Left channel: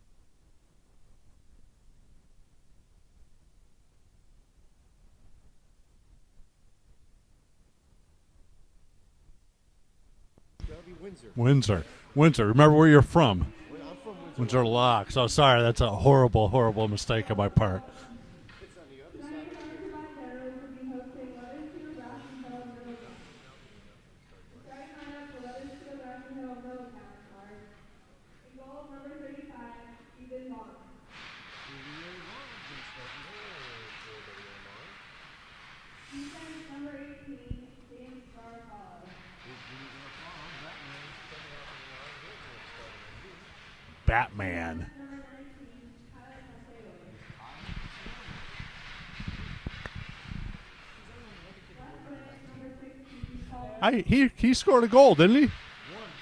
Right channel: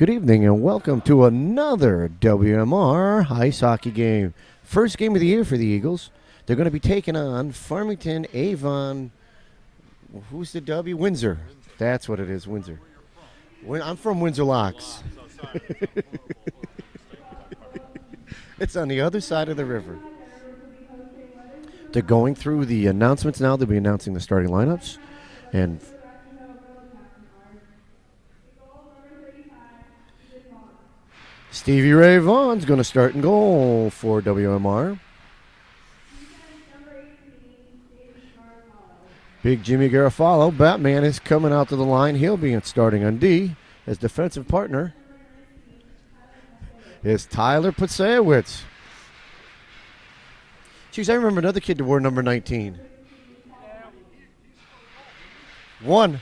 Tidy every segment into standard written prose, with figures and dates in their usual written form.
Good evening and welcome to another WMR ice hockey game. First game of the year for the Eagles. They're going to be taking on Farmington Avon. Who's the W? Windsor. Windsor. That's what Windsor. it is. Remember where you're from. I'm from Windsor Windsor Locks. So sorry, that's a horrible, horrible mistake on my part. It's on the other side of the river. They're going through the announcements now. They'll be announcing the starting lineups. And Stevie Ray Vaughn's going to start and goal for WMR. Big Jimmy Garofalo, Batman, is coming out to the line. He'll be starting on D as defensive Batman. partner is Tyler Putsewicz. Jeez, I remember another kid that wore number 19. He scored a goal, didn't he? One.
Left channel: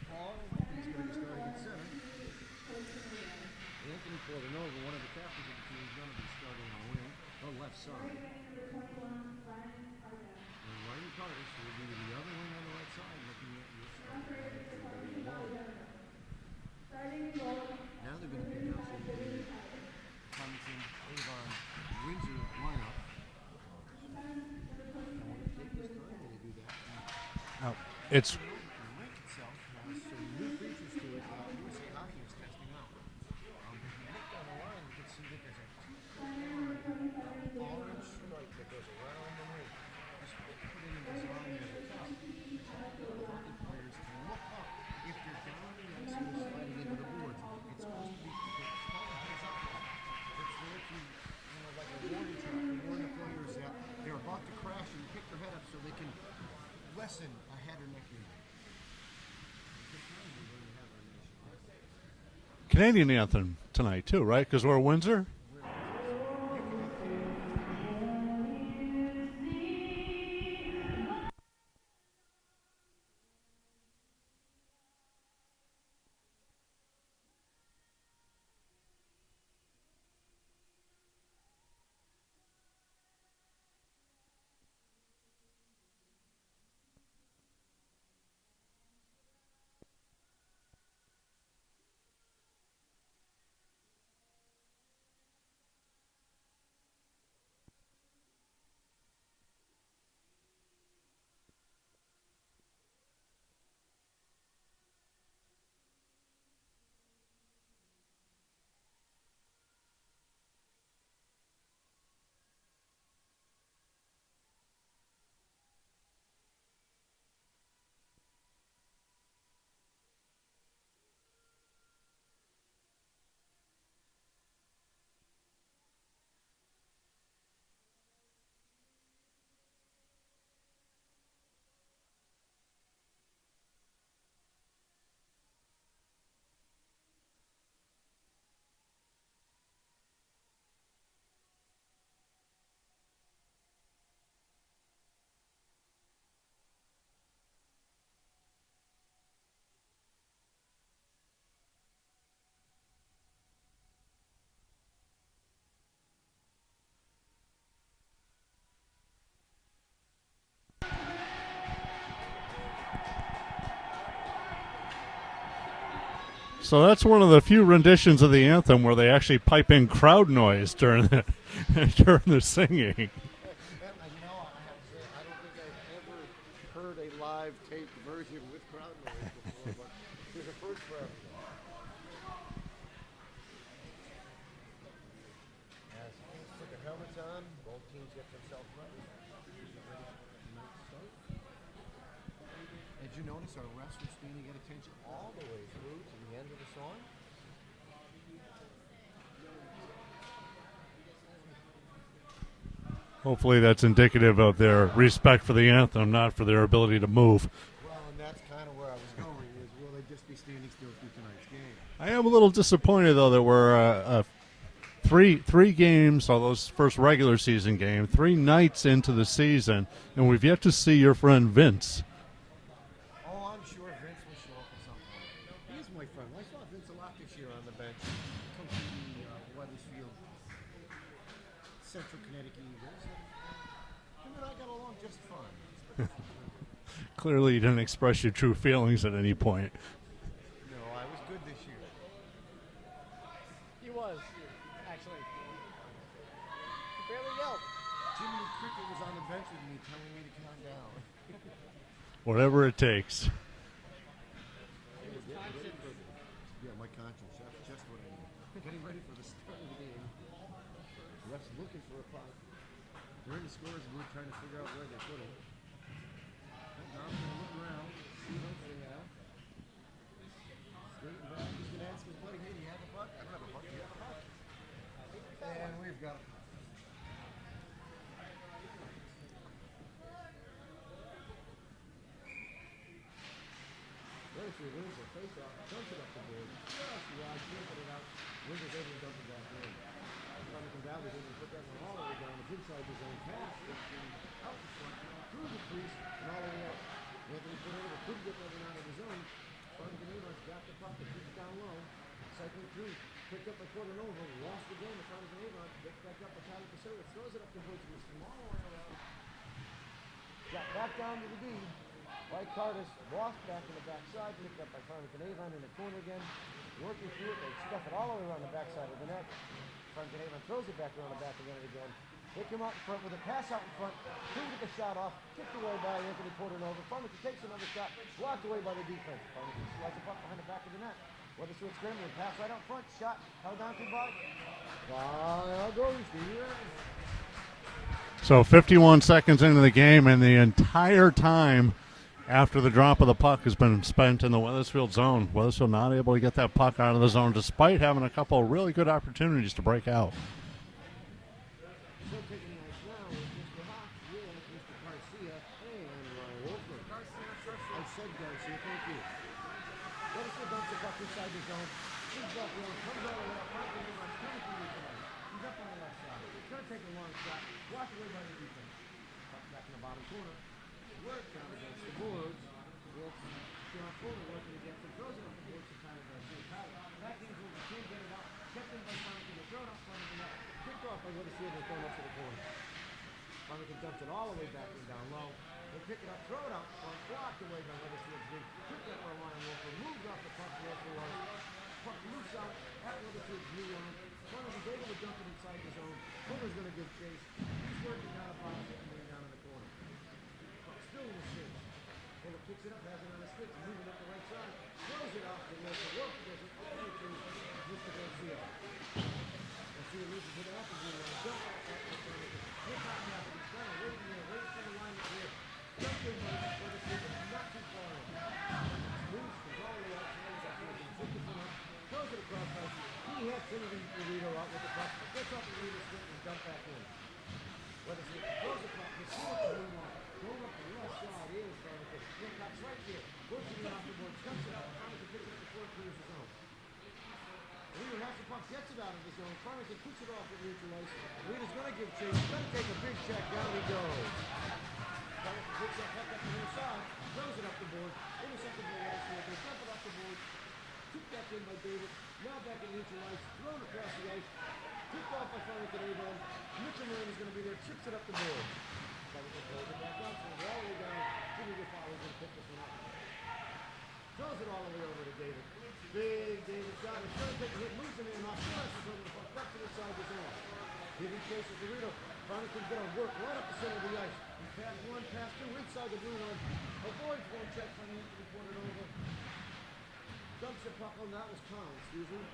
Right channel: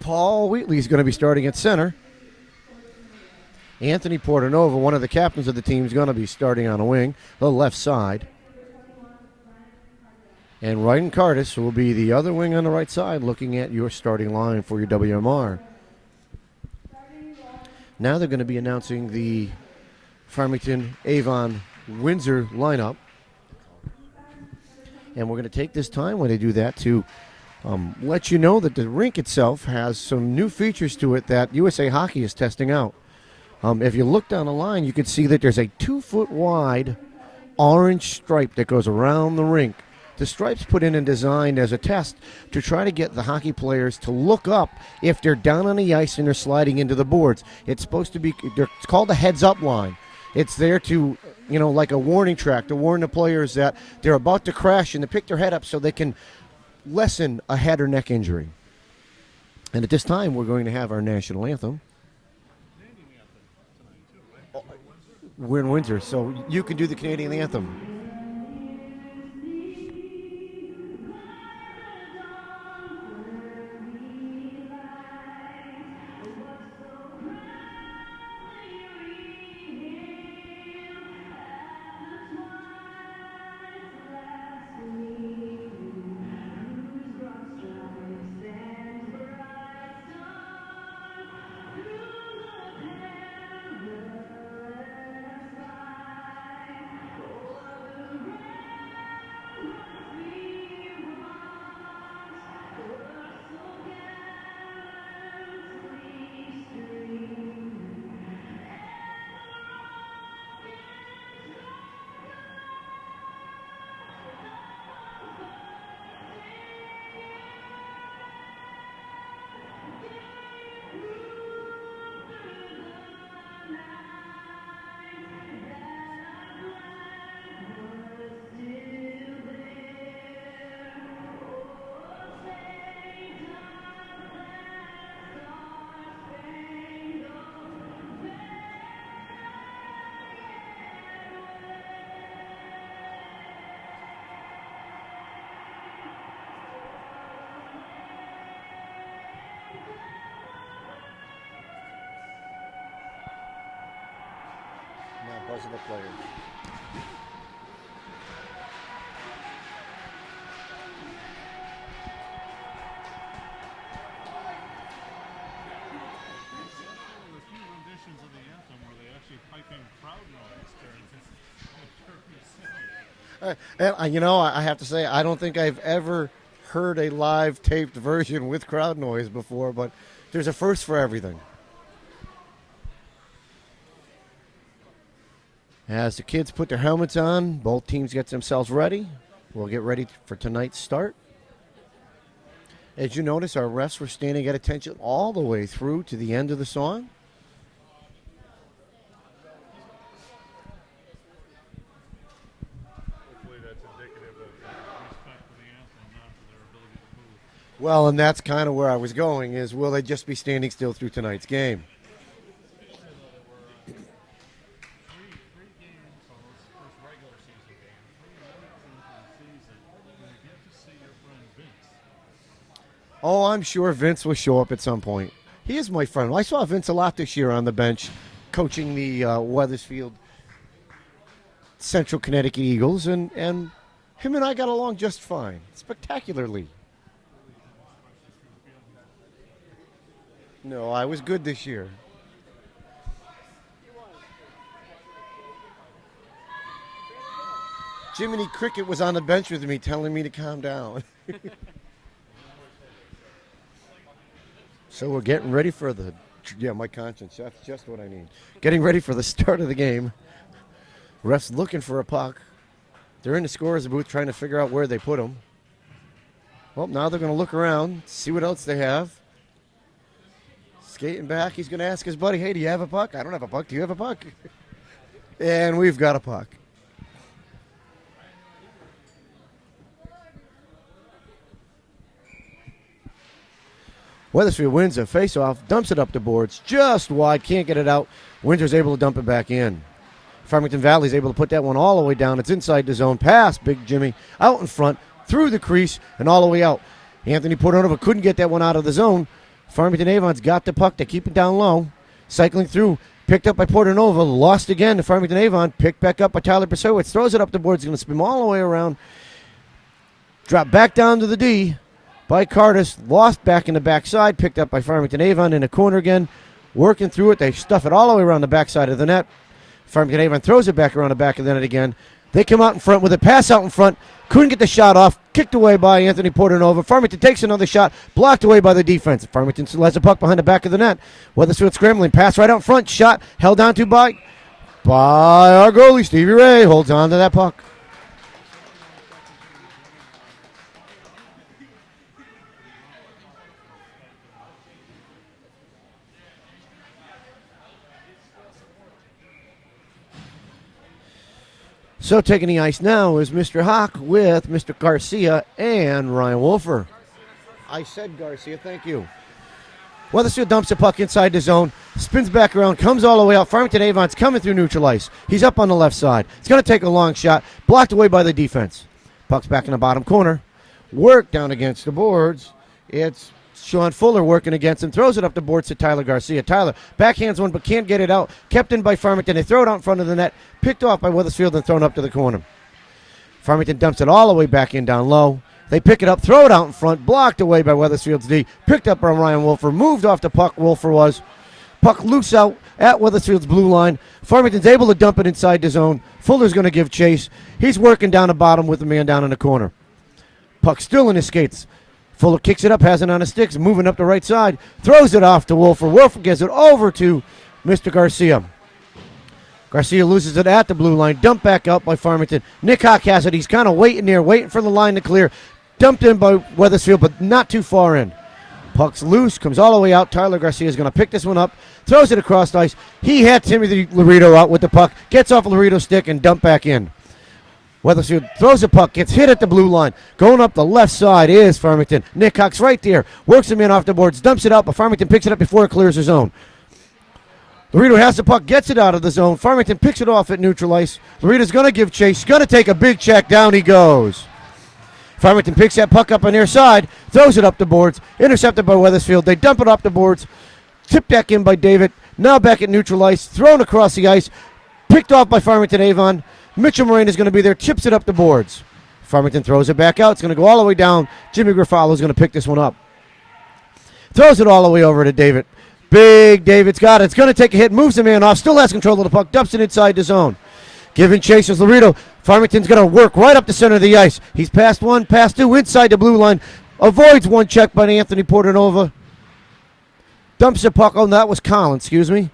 Paul Wheatley's going to be starting at center. Anthony Portanova, one of the captains of the team, is going to be starting on a wing, the left side. And Ryan Curtis will be the other wing on the right side, looking at your starting line for your WMR. Now they're going to be announcing the Farmington Avon Windsor lineup. And we're going to take this time when they do that to let you know that the rink itself has some new features to it that USA Hockey is testing out. If you look down the line, you can see that there's a 2-foot wide orange stripe that goes around the rink. The stripe's put in and designed as a test to try to get the hockey players to look up if they're down on the ice and they're sliding into the boards. It's supposed to be, it's called a heads-up line. It's there to, like a warning track to warn the players that they're about to crash and to pick their head up so they can lessen a head or neck injury. And at this time, we're going to have our national anthem. Canadian anthem tonight, too, right? Because we're in Windsor? We're in Windsor, so you can do the Canadian anthem. Now buzz the players. So that's one of the few renditions of the anthem where they actually pipe in crowd noise during the singing. I have to say, I don't think I've ever heard a live taped version with crowd noise before, but there's a first for everything. As the kids put their helmets on, both teams get themselves ready. We'll get ready for tonight's start. As you notice, our refs were standing at attention all the way through to the end of the song. Hopefully that's indicative of their respect for the anthem, not for their ability to move. Well, and that's kind of where I was going, is will they just be standing still through tonight's game? I am a little disappointed, though, that we're three games, all those first regular season game, 3 nights into the season, and we've yet to see your friend Vince. Oh, I'm sure Vince will show up at some point. He is my friend. I saw Vince a lot this year on the bench coaching the Weathersfield Central Connecticut Eagles, and him and I got along just fine, spectacularly. Clearly you didn't express your true feelings at any point. No, I was good this year. He was, actually. Jiminy Cricket was on the bench with me telling me to calm down. Whatever it takes. So we're getting ready for the, my conscience, that's just what I need. Getting ready for the start of the game. Refs looking for a puck. They're in the scorer's booth trying to figure out where they put them. Well, now they're going to look around, see what else they have. Skating back, he's going to ask his buddy, hey, do you have a puck? I don't have a puck. Do you have a puck? And we've got a puck. Weathersfield wins a face-off, dumps it up the boards, just wide, can't get it out. Windsor's able to dump it back in. Farmington Valley's able to put that one all the way down. It's inside the zone, past Big Jimmy, out in front, through the crease, and all the way out. Anthony Portonova couldn't get that one out of the zone. Farmington Avon's got the puck. They keep it down low. Cycling through, picked up by Portonova, lost again to Farmington Avon, picked back up by Tyler Persowitz, throws it up the boards, going to spin all the way around. Drop back down to the D by Cardis, lost back in the backside, picked up by Farmington Avon in the corner again, working through it. They stuff it all the way around the backside of the net. Farmington Avon throws it back around the back of the net again. They come out in front with a pass out in front. Couldn't get the shot off. Kicked away by Anthony Portonova. Farmington takes another shot. Blocked away by the defense. Farmington still has a puck behind the back of the net. Weathersfield scrambling. Pass right out front. Shot held on to by our goalie, Stevie Ray. Holds on to that puck. So 51 seconds into the game, and the entire time after the drop of the puck has been spent in the Weathersfield zone. Weathersfield not able to get that puck out of the zone despite having a couple of really good opportunities to break out. So taking the ice now is Mr. Hawk with Mr. Garcia and Ryan Wolfer. I said Garcia, thank you. Weathersfield dumps the puck inside the zone, spins back around, comes all the way out. Farmington Avon's coming through neutral ice. He's up on the left side. He's going to take a long shot, blocked away by the defense. Puck's back in the bottom corner. Work down against the boards. It's Sean Fuller working against him. Throws it up the boards to Tyler Garcia. Tyler backhands one but can't get it out. Kept in by Farmington. They throw it out in front of the net. Picked off by Weathersfield and thrown up to the corner. Farmington dumps it all the way back in down low. They pick it up, throw it out in front. Blocked away by Weathersfield's D. Picked up by Ryan Wolfer. Moved off the puck. Wolfer was. Puck loose out at Weathersfield's blue line. Farmington's able to dump it inside the zone. Fuller's going to give chase. He's working down the bottom with the man down in the corner. Puck still in his skates. Fuller kicks it up, has it on his sticks, moving up the right side, throws it off to Wolfer. Wolfer gets it over to Mr. Garcia. Garcia loses it at the blue line, dumped back out by Farmington. Nick Hawk has it. He's kind of waiting there, waiting for the line to clear. Dumped in by Weathersfield, but not too far in. Puck's loose, comes all the way out. Tyler Garcia is going to pick this one up, throws it across the ice. He had Timothy Laredo out with the puck, gets off Laredo's stick and dumped back in. Weathersfield throws the puck, gets hit at the blue line. Going up the left side is Farmington. Nick Hawk's right there, works him in off the boards, dumps it out, but Farmington picks it up before it clears the zone. Laredo has the puck, gets it out of the zone. Farmington picks it off at neutral ice. Laredo's going to give chase, going to take a big check, down he goes. Farmington picks that puck up on their side, throws it up the boards, intercepted by Weathersfield. They dump it off the boards, tipped back in by David, now back at neutral ice, thrown across the ice, picked off by Farmington Avon. Mitchell Moraine is going to be there, chips it up the boards. Farmington throws it back out. It's going to go all the way down. Jimmy Griffalo is going to pick this one up. Throws it all the way over to David. Big David's got it. It's going to take a hit, moves the man off, still has control of the puck, dumps it inside the zone. Giving chase is Laredo. Farmington's going to work right up the center of the ice. He's past one, past two, inside the blue line. Avoids one check by Anthony Portonova. Dumps the puck. Oh, no, that was Colin, excuse me.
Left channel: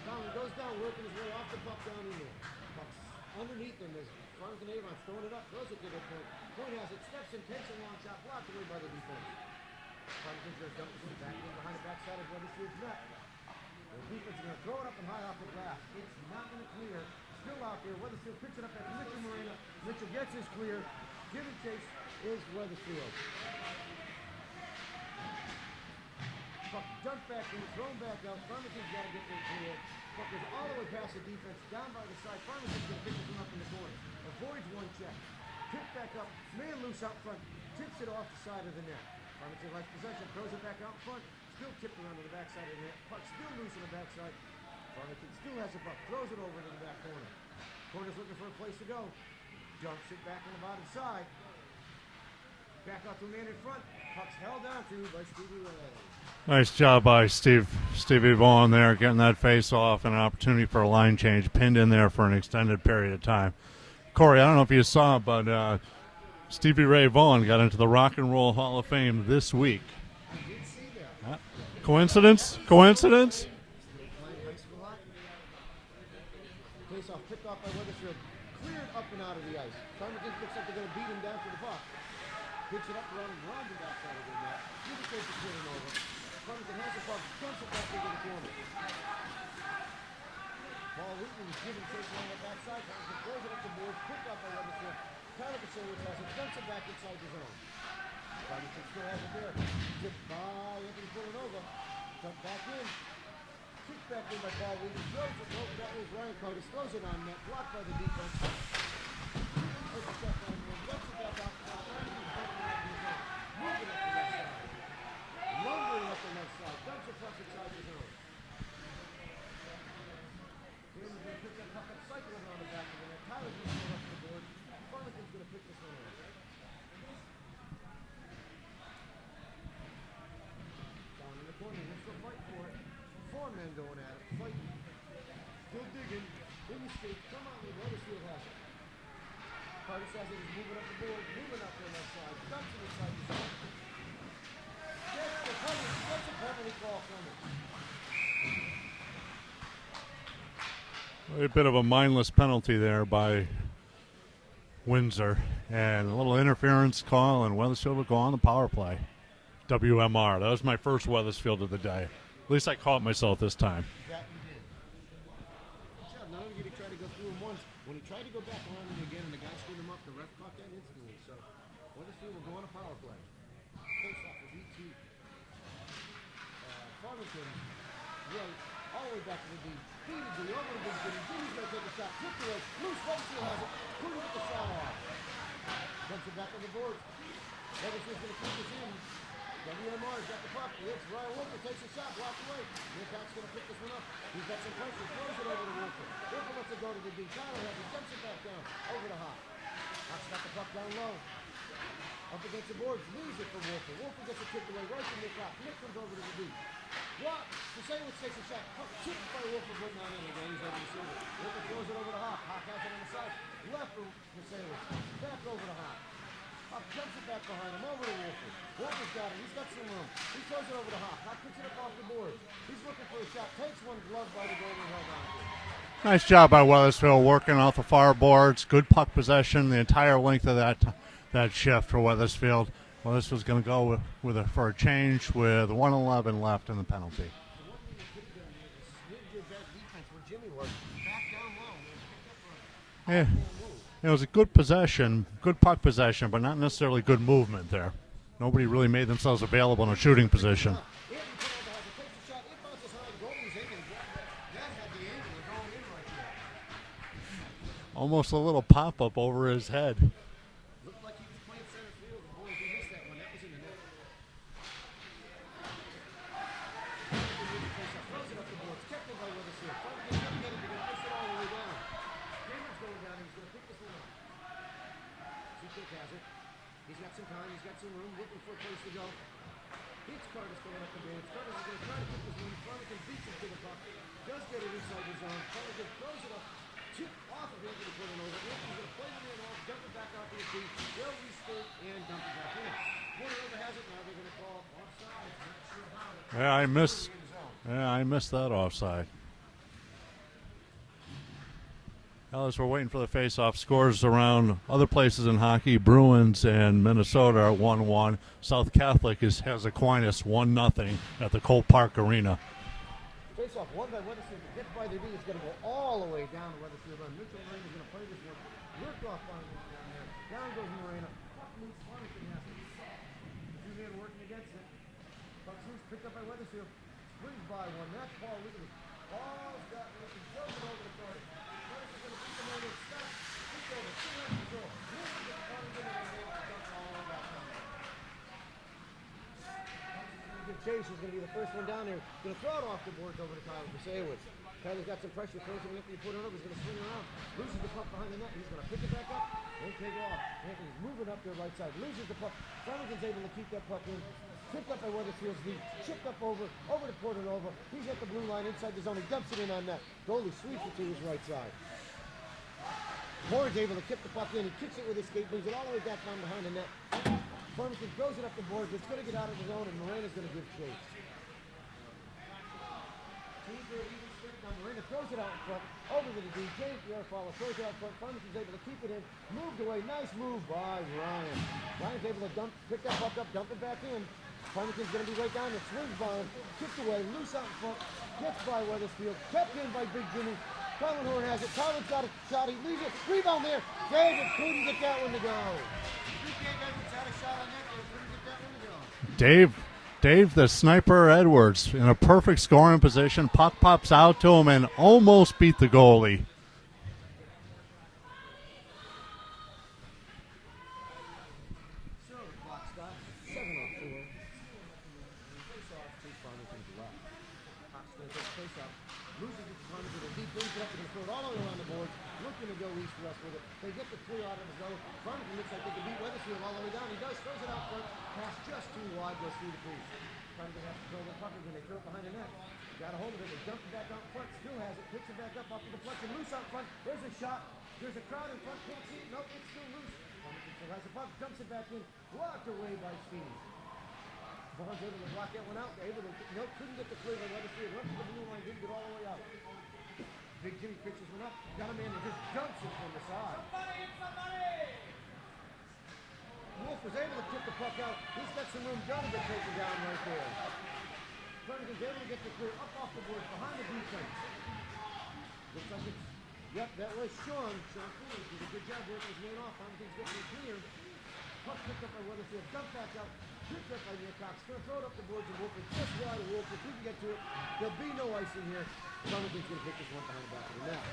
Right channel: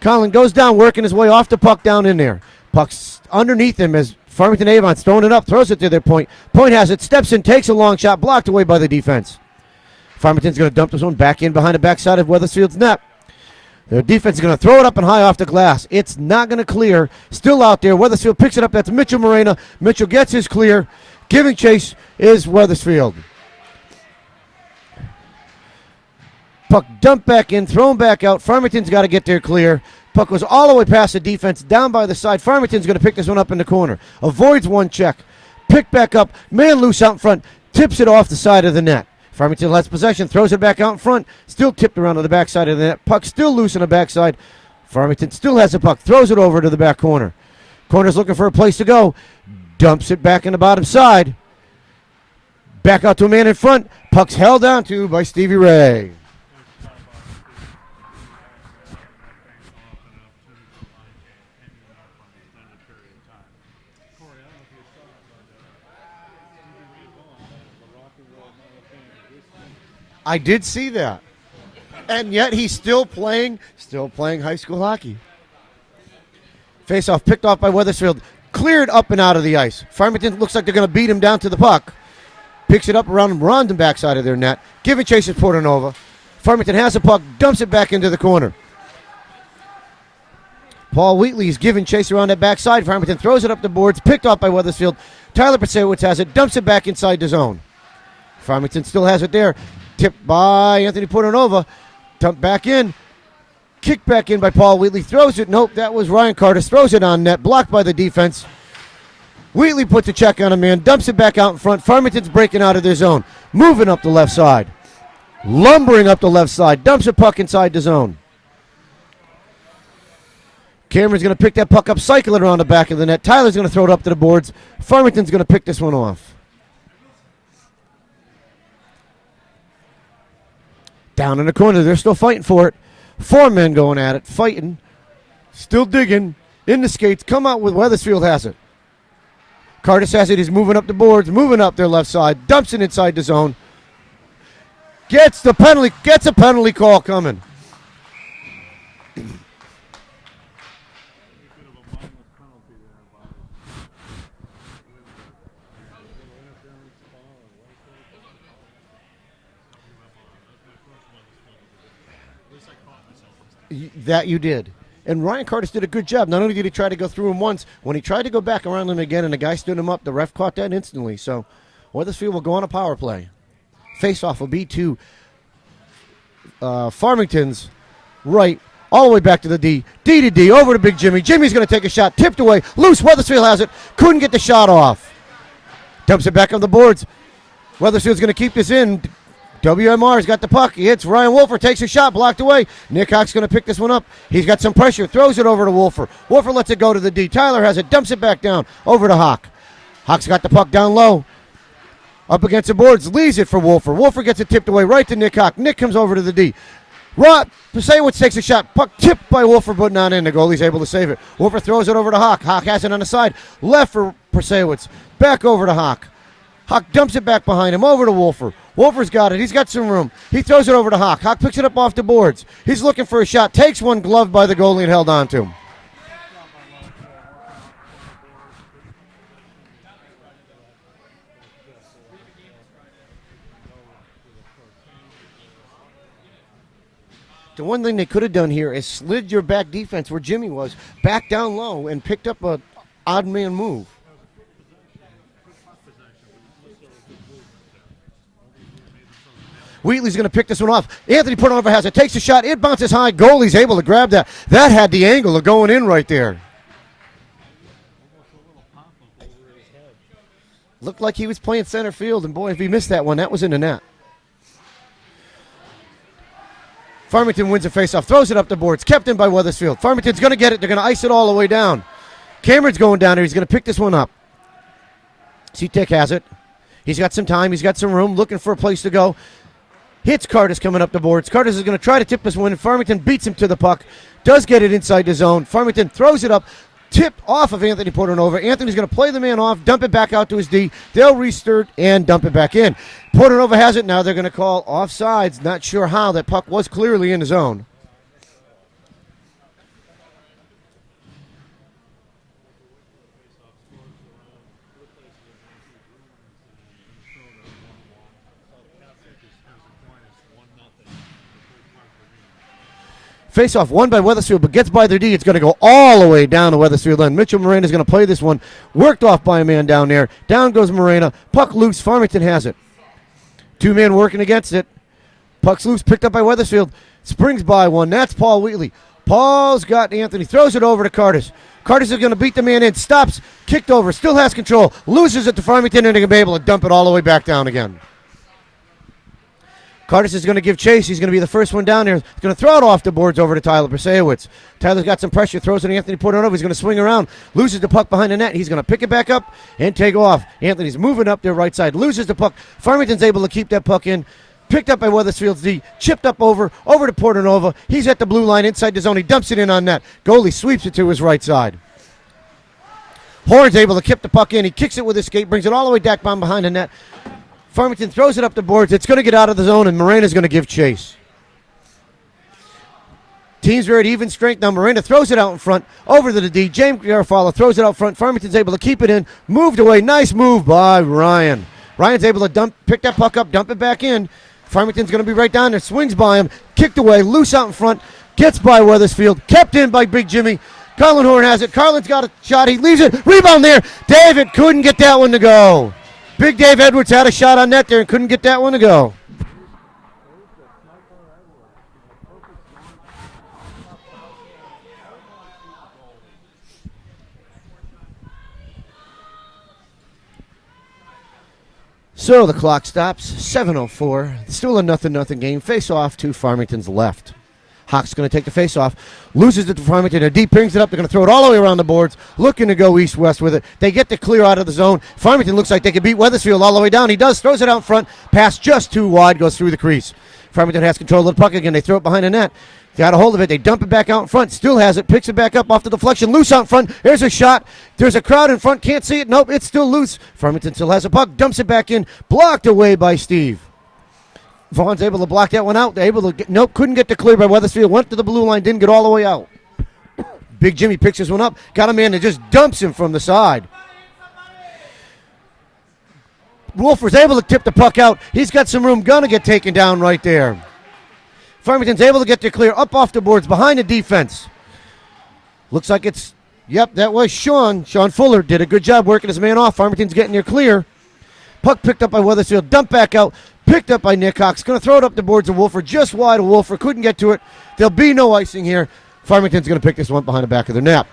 Colin goes down, working his way off the puck down in there. Puck's underneath him as Farmington Avon's throwing it up, throws it to their point. Point has it, steps in, takes a long shot, blocked away by the defense. Farmington's going to dump this one back in behind the backside of Weathersfield's net. Their defense is going to throw it up and high off the glass. It's not going to clear. Still out there. Weathersfield picks it up. That's Mitchell Morena. Mitchell gets his clear. Giving chase is Weathersfield. Puck dumped back in, thrown back out. Farmington's got to get their clear. Puck goes all the way past the defense, down by the side. Farmington's going to pick this one up in the corner. Avoids one check. Picked back up. Man loose out in front. Tips it off the side of the net. Farmington lets possession, throws it back out in front. Still tipped around to the backside of the net. Puck still loose on the backside. Farmington still has the puck. Throws it over to the back corner. Corner's looking for a place to go. Dumps it back in the bottom side. Back out to a man in front. Puck's held down to by Stevie Ray. Nice job by Stevie Vaughan there, getting that face off and an opportunity for a line change, pinned in there for an extended period of time. Corey, I don't know if you saw, but Stevie Ray Vaughan got into the Rock and Roll Hall of Fame this week. I did see that. Coincidence? And yet he's still playing high school hockey. Face-off picked off by Weathersfield, cleared up and out of the ice. Farmington looks like they're going to beat him down to the puck. Picks it up around the backside of their net. Giving chase to Portanova. Farmington has the puck, dumps it back into the corner. Paul Wheatley's giving chase around that backside. Farmington throws it up the boards, picked off by Weathersfield. Tyler Prasewicz has it, dumps it back inside the zone. Farmington still has it there. Tipped by Anthony Portanova. Dumped back in. Kicked back in by Paul Wheatley. Throws it. Nope, that was Ryan Curtis. Throws it on net. Blocked by the defense. Wheatley puts a check on a man. Dumps it back out in front. Farmington's breaking out of their zone. Moving up the left side. Lumbering up the left side. Dumps a puck inside the zone. Cameron's going to pick that puck up, cycle it around the back of the net. Tyler's going to throw it up to the boards. Farmington's going to pick this one off. Down in the corner, they're still fighting for it. 4 men going at it, fighting, still digging, in the skates, come out with Weathersfield has it. Curtis has it, he's moving up the boards, moving up their left side, dumps it inside the zone. Gets a penalty call coming. A bit of a mindless penalty there by Windsor. And a little interference call, and Weathersfield will go on the power play. WMR. That was my first Weathersfield of the day. At least I caught myself this time. That you did. And Ryan Curtis did a good job. Not only did he try to go through him once, when he tried to go back around him again and the guy stood him up, the ref caught that instantly. So Weathersfield will go on a power play. Face-off will be to Farmington's right, all the way back to the D. D to D, over to Big Jimmy. Jimmy's going to take a shot, tipped away, loose. Weathersfield has it, couldn't get the shot off. Dumps it back on the boards. Weathersfield's going to keep this in. WMR's got the puck. He hits Ryan Wolfer, takes a shot, blocked away. Nick Hawk's going to pick this one up. He's got some pressure, throws it over to Wolfer. Wolfer lets it go to the D. Tyler has it, dumps it back down, over to Hawk. Hawk's got the puck down low. Up against the boards, leaves it for Wolfer. Wolfer gets it tipped away right to Nick Hawk. Nick comes over to the D. Prasewicz takes a shot. Puck tipped by Wolfer, but not in. The goalie's able to save it. Wolfer throws it over to Hawk. Hawk has it on the side. Left for Prasewicz. Back over to Hawk. Hawk dumps it back behind him, over to Wolfer. Wolfer's got it. He's got some room. He throws it over to Hawk. Hawk picks it up off the boards. He's looking for a shot. Takes one, gloved by the goalie and held on to him. Nice job by Weathersfield working off the far boards. Good puck possession the entire length of that shift for Weathersfield. Weathersfield's going to go for a change with 1:11 left in the penalty. The one thing they could have done here is slid your back defense where Jimmy was back down low and picked up a odd man move. It was a good possession, good puck possession, but not necessarily good movement there. Nobody really made themselves available. Wheatley's going to pick this one off. Anthony Portanova has it, takes a shot. It bounces high. Goalie's able to grab that. That had the angle of going in right there. Almost a little pop-up over his head. Looked like he was playing center field, and boy, if he missed that one, that was in the net. Farmington wins a faceoff, throws it up the boards, kept in by Weathersfield. Farmington's going to get it. They're going to ice it all the way down. Cameron's going down there. He's going to pick this one up. C-Tech has it. He's got some time. He's got some room, looking for a place to go. Hits Curtis coming up the boards. Curtis is going to try to tip this one, and Farmington beats him to the puck. Does get it inside the zone. Farmington throws it up. Tipped off of Anthony Portanova. Anthony's going to play the man off, dump it back out to his D. They'll restart and dump it back in. Portanova has it. Now they're going to call offsides. Not sure how. That puck was clearly in the zone. Yeah, I missed that offside. Well, as we're waiting for the face-off, scores around other places in hockey. Bruins and Minnesota are 1-1. South Catholic has Aquinas 1-0 at the Cole Park Arena. Face-off won by Weathersfield, but gets by their D. It's going to go all the way down to Weathersfield end. Mitchell Moreno is going to play this one. Worked off by a man down there. Down goes Moreno. Puck loose. Farmington has it. 2 men working against it. Puck's loose. Picked up by Weathersfield. Springs by one. That's Paul Wheatley. Paul's got Anthony. Throws it over to Curtis. Curtis is going to beat the man in. Stops. Kicked over. Still has control. Loses it to Farmington, and they're going to be able to dump it all the way back down again. Curtis is going to give chase. He's going to be the first one down there. He's going to throw it off the boards over to Tyler Prasewicz. Tyler's got some pressure. Throws it to Anthony Portanova. He's going to swing around. Loses the puck behind the net. He's going to pick it back up and take off. Anthony's moving up their right side. Loses the puck. Farmington's able to keep that puck in. Picked up by Weathersfield's D. Chipped up over to Portanova. He's at the blue line inside the zone. He dumps it in on net. Goalie sweeps it to his right side. Horn's able to kick the puck in. He kicks it with his skate, brings it all the way back behind the net. Farmington throws it up the boards. It's going to get out of the zone, and Morena's going to give chase. Teams are at even strength now. Morena throws it out in front, over to the D. James Garofalo throws it out front. Farmington's able to keep it in. Moved away. Nice move by Ryan. Ryan's able to pick that puck up, dump it back in. Farmington's going to be right down there. Swings by him. Kicked away. Loose out in front. Gets by Weathersfield. Kept in by Big Jimmy. Carlin Horn has it. Carlin's got a shot. He leaves it. Rebound there. David couldn't get that one to go. Big Dave Edwards had a shot on net there and couldn't get that one to go. Dave, the sniper Edwards, in a perfect scoring position. Puck pops out to him and almost beat the goalie. So the clock stops. 7:04. Still a 0-0 game. Face off to Farmington's left. Hawks going to take the face off. Loses it to Farmington. A deep brings it up. They're going to throw it all the way around the boards. Looking to go east-west with it. They get the clear out of the zone. Farmington looks like they could beat Weathersfield all the way down. He does. Throws it out front. Pass just too wide. Goes through the crease. Farmington has control of the puck again. They throw it behind the net. Got a hold of it. They dump it back out in front. Still has it. Picks it back up off the deflection. Loose out in front. There's a shot. There's a crowd in front. Can't see it. Nope. It's still loose. Farmington still has a puck. Dumps it back in. Blocked away by Steve. Vaughn's able to block that one out. They're able to nope, couldn't get the clear by Weathersfield. Went to the blue line, didn't get all the way out. Big Jimmy picks this one up. Got a man that just dumps him from the side. Wolfer's able to tip the puck out. He's got some room. Gonna get taken down right there. Farmington's able to get their clear up off the boards behind the defense. Looks like it's, yep, that was Sean. Sean Fuller did a good job working his man off. Farmington's getting their clear. Puck picked up by Weathersfield. Dumped back out. Picked up by Nick Cox. Going to throw it up the boards of Wolfer. Just wide of Wolfer. Couldn't get to it. There'll be no icing here. Farmington's going to pick this one behind the back of their net.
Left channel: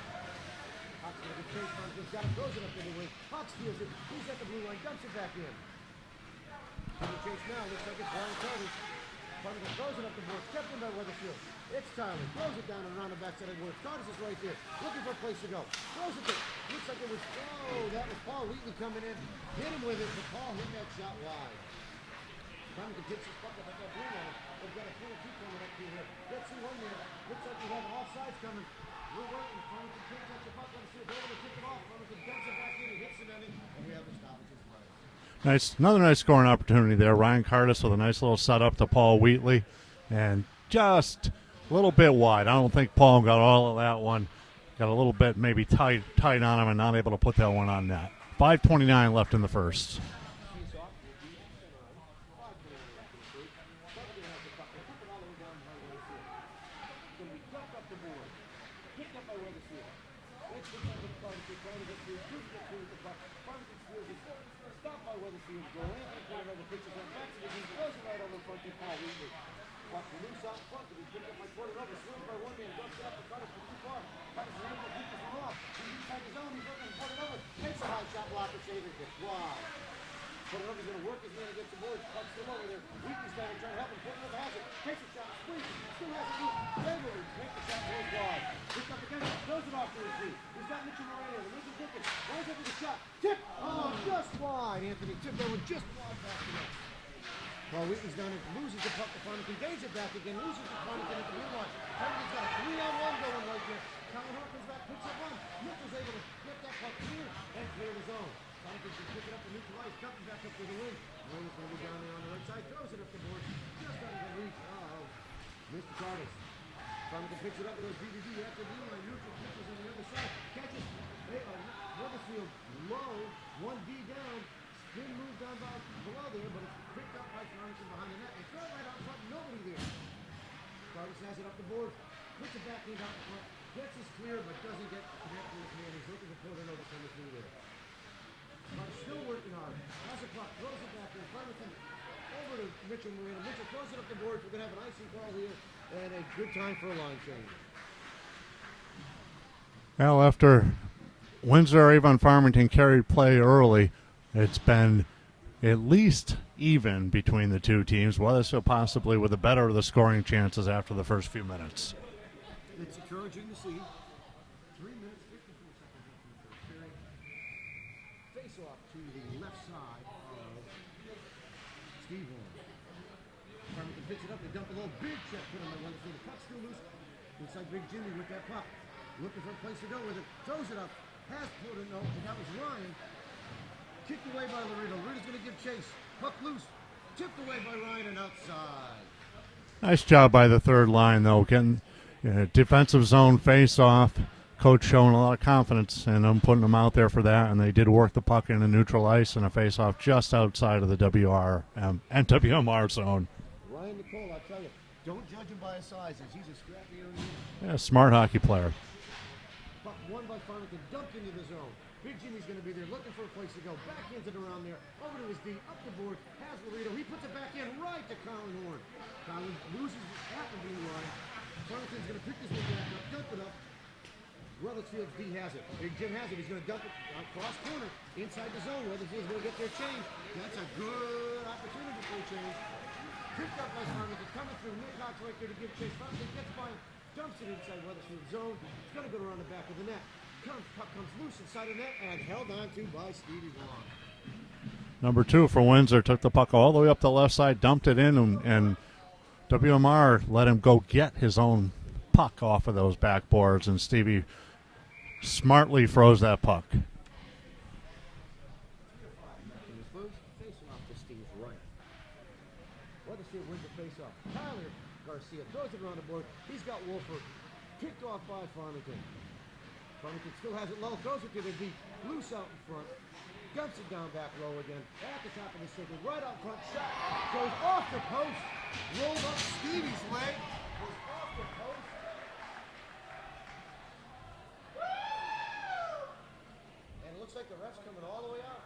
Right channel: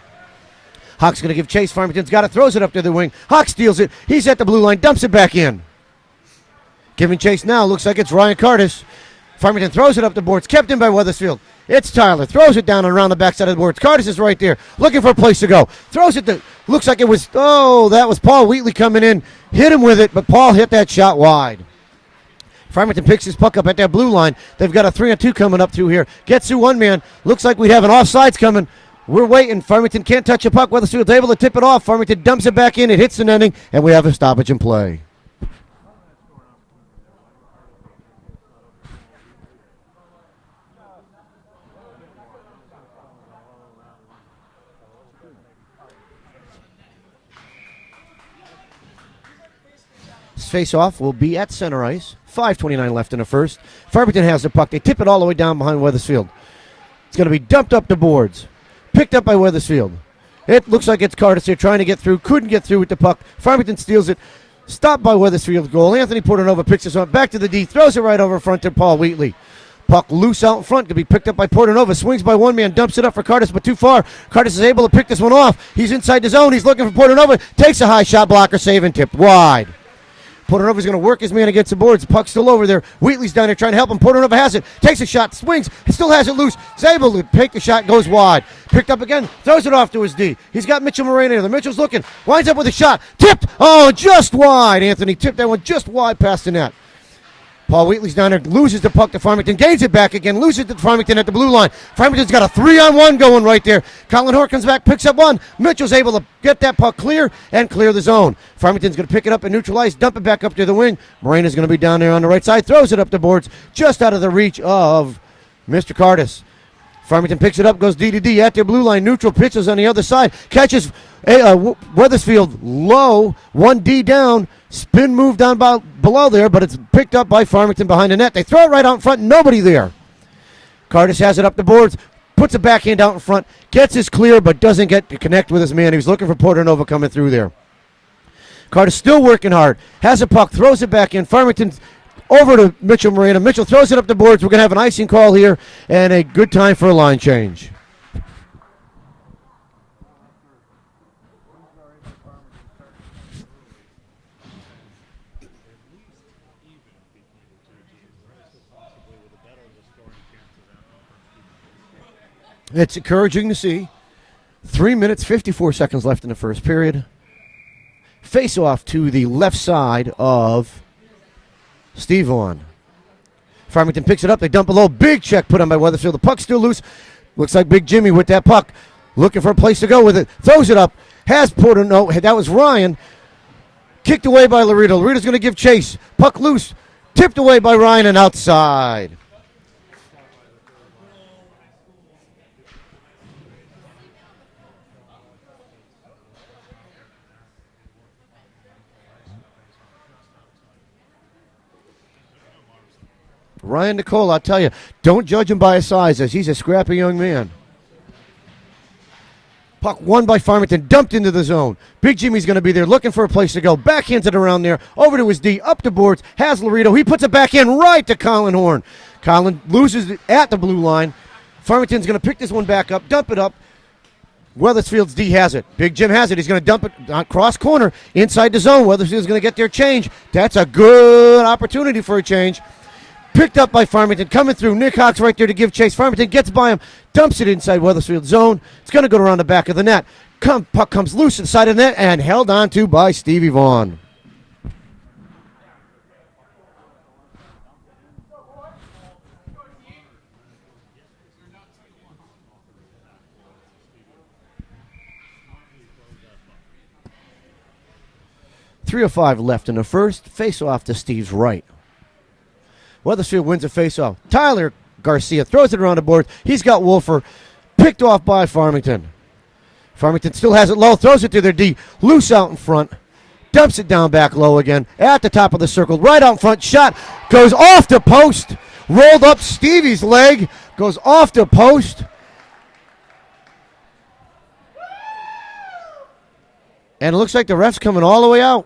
Hawk's going to give chase. Farmington's got it. Throws it up to the wing. Hawk steals it. He's at the blue line. Dumps it back in. Giving chase now. Looks like it's Ryan Curtis. Farmington throws it up the boards. Kept in by Weathersfield. It's Tyler. Throws it down and around the backside of the boards. Curtis is right there. Looking for a place to go. Throws it to, looks like it was, that was Paul Wheatley coming in. Hit him with it, but Paul hit that shot wide. Farmington picks his puck up at that blue line. They've got a 3-on-2 coming up through here. Gets through one man. Looks like we'd have an offsides coming. We're waiting. Farmington can't touch a puck. Weathersfield's able to tip it off. Farmington dumps it back in. It hits the netting, and we have a stoppage in play. Nice, another nice scoring opportunity there. Ryan Curtis with a nice little setup to Paul Wheatley, and just a little bit wide. I don't think Paul got all of that one. Got a little bit maybe tight on him and not able to put that one on net. 5:29 left in the first. This face-off will be at center ice. 5:29 left in the first. Farmington has the puck. They tip it all the way down behind Weathersfield. It's going to be dumped up the boards. Picked up by Weathersfield. It looks like it's Curtis here trying to get through. Couldn't get through with the puck. Farmington steals it. Stopped by Weathersfield's goal. Anthony Portanova picks this one back to the D. Throws it right over front to Paul Wheatley. Puck loose out in front. Could be picked up by Portanova. Swings by one man. Dumps it up for Curtis, but too far. Curtis is able to pick this one off. He's inside the zone. He's looking for Portanova. Takes a high shot blocker. Save and tipped wide. Portanova's going to work his man against the boards. Puck's still over there. Wheatley's down there trying to help him. Portanova has it. Takes a shot. Swings. He still has it loose. He's able to take the shot. Goes wide. Picked up again. Throws it off to his D. He's got Mitchell Moreno there. Mitchell's looking. Winds up with a shot. Tipped. Oh, just wide. Anthony tipped that one just wide past the net. Paul Wheatley's down there, loses the puck to Farmington, gains it back again, loses it to Farmington at the blue line. Farmington's got a 3-on-1 going right there. Colin Horn comes back, picks up one. Mitchell's able to get that puck clear and clear the zone. Farmington's going to pick it up and neutralize, dump it back up to the wing. Morena's going to be down there on the right side, throws it up the boards, just out of the reach of Mr. Curtis. Farmington picks it up, goes D to D at their blue line, neutral, pitches on the other side, catches Weathersfield low, 1D down. Spin move down below there, but it's picked up by Farmington behind the net. They throw it right out in front, nobody there. Curtis has it up the boards, puts a backhand out in front, gets his clear, but doesn't get to connect with his man. He was looking for Portanova coming through there. Curtis still working hard, has a puck, throws it back in. Farmington over to Mitchell Moreno. Mitchell throws it up the boards. We're going to have an icing call here and a good time for a line change. Well, after Windsor Avon Farmington carried play early, it's been at least even between the two teams. Weathersfield possibly with the better of the scoring chances after the first few minutes. It's encouraging to see. 3 minutes, 54 seconds left in the first period. Face off to the left side of Steve Vaughn. Farmington picks it up. They dump below. Big check put on by Weathersfield. The puck's still loose. Looks like Big Jimmy with that puck. Looking for a place to go with it. Throws it up. Has Porter. No, that was Ryan. Kicked away by Laredo. Laredo's going to give chase. Puck loose. Tipped away by Ryan and outside. Nice job by the third line, though, getting defensive zone face-off. Coach showing a lot of confidence in them, putting them out there for that, and they did work the puck in a neutral ice and a face-off just outside of the WR and WMR zone. Ryan Nicole, I'll tell you, don't judge him by his size, as he's a scrappy young man. Yeah, smart hockey player. Puck won by Farmington, dumped into the zone. Big Jimmy's going to be there looking for a place to go. Backhands it around there, over to his D, up the boards, has Laredo. He puts it back in right to Colin Horn. Colin loses it at the blue line. Farmington's going to pick this one back up, dump it up. Weathersfield's D has it. Big Jim has it. He's going to dump it on cross corner inside the zone. Weathersfield's going to get their change. That's a good opportunity for a change. Picked up by Farmington, coming through. Nick Hawks right there to give chase. Farmington gets by him, dumps it inside Weathersfield's zone. It's going to go around the back of the net. Puck comes loose inside of the net and held on to by Stevie Vaughn. Number 2 for Windsor took the puck all the way up the left side, dumped it in, and WMR let him go get his own puck off of those backboards, and Stevie smartly froze that puck. 3:05 left in the first. Face off to Steve's right. Weathersfield wins a face-off. Tyler Garcia throws it around the board. He's got Wolfer. Picked off by Farmington. Farmington still has it low. Throws it to their D. Loose out in front. Dumps it down back low again. At the top of the circle. Right out in front. Shot goes off the post. Rolled up Stevie's leg. Goes off the post. And it looks like the ref's coming all the way out.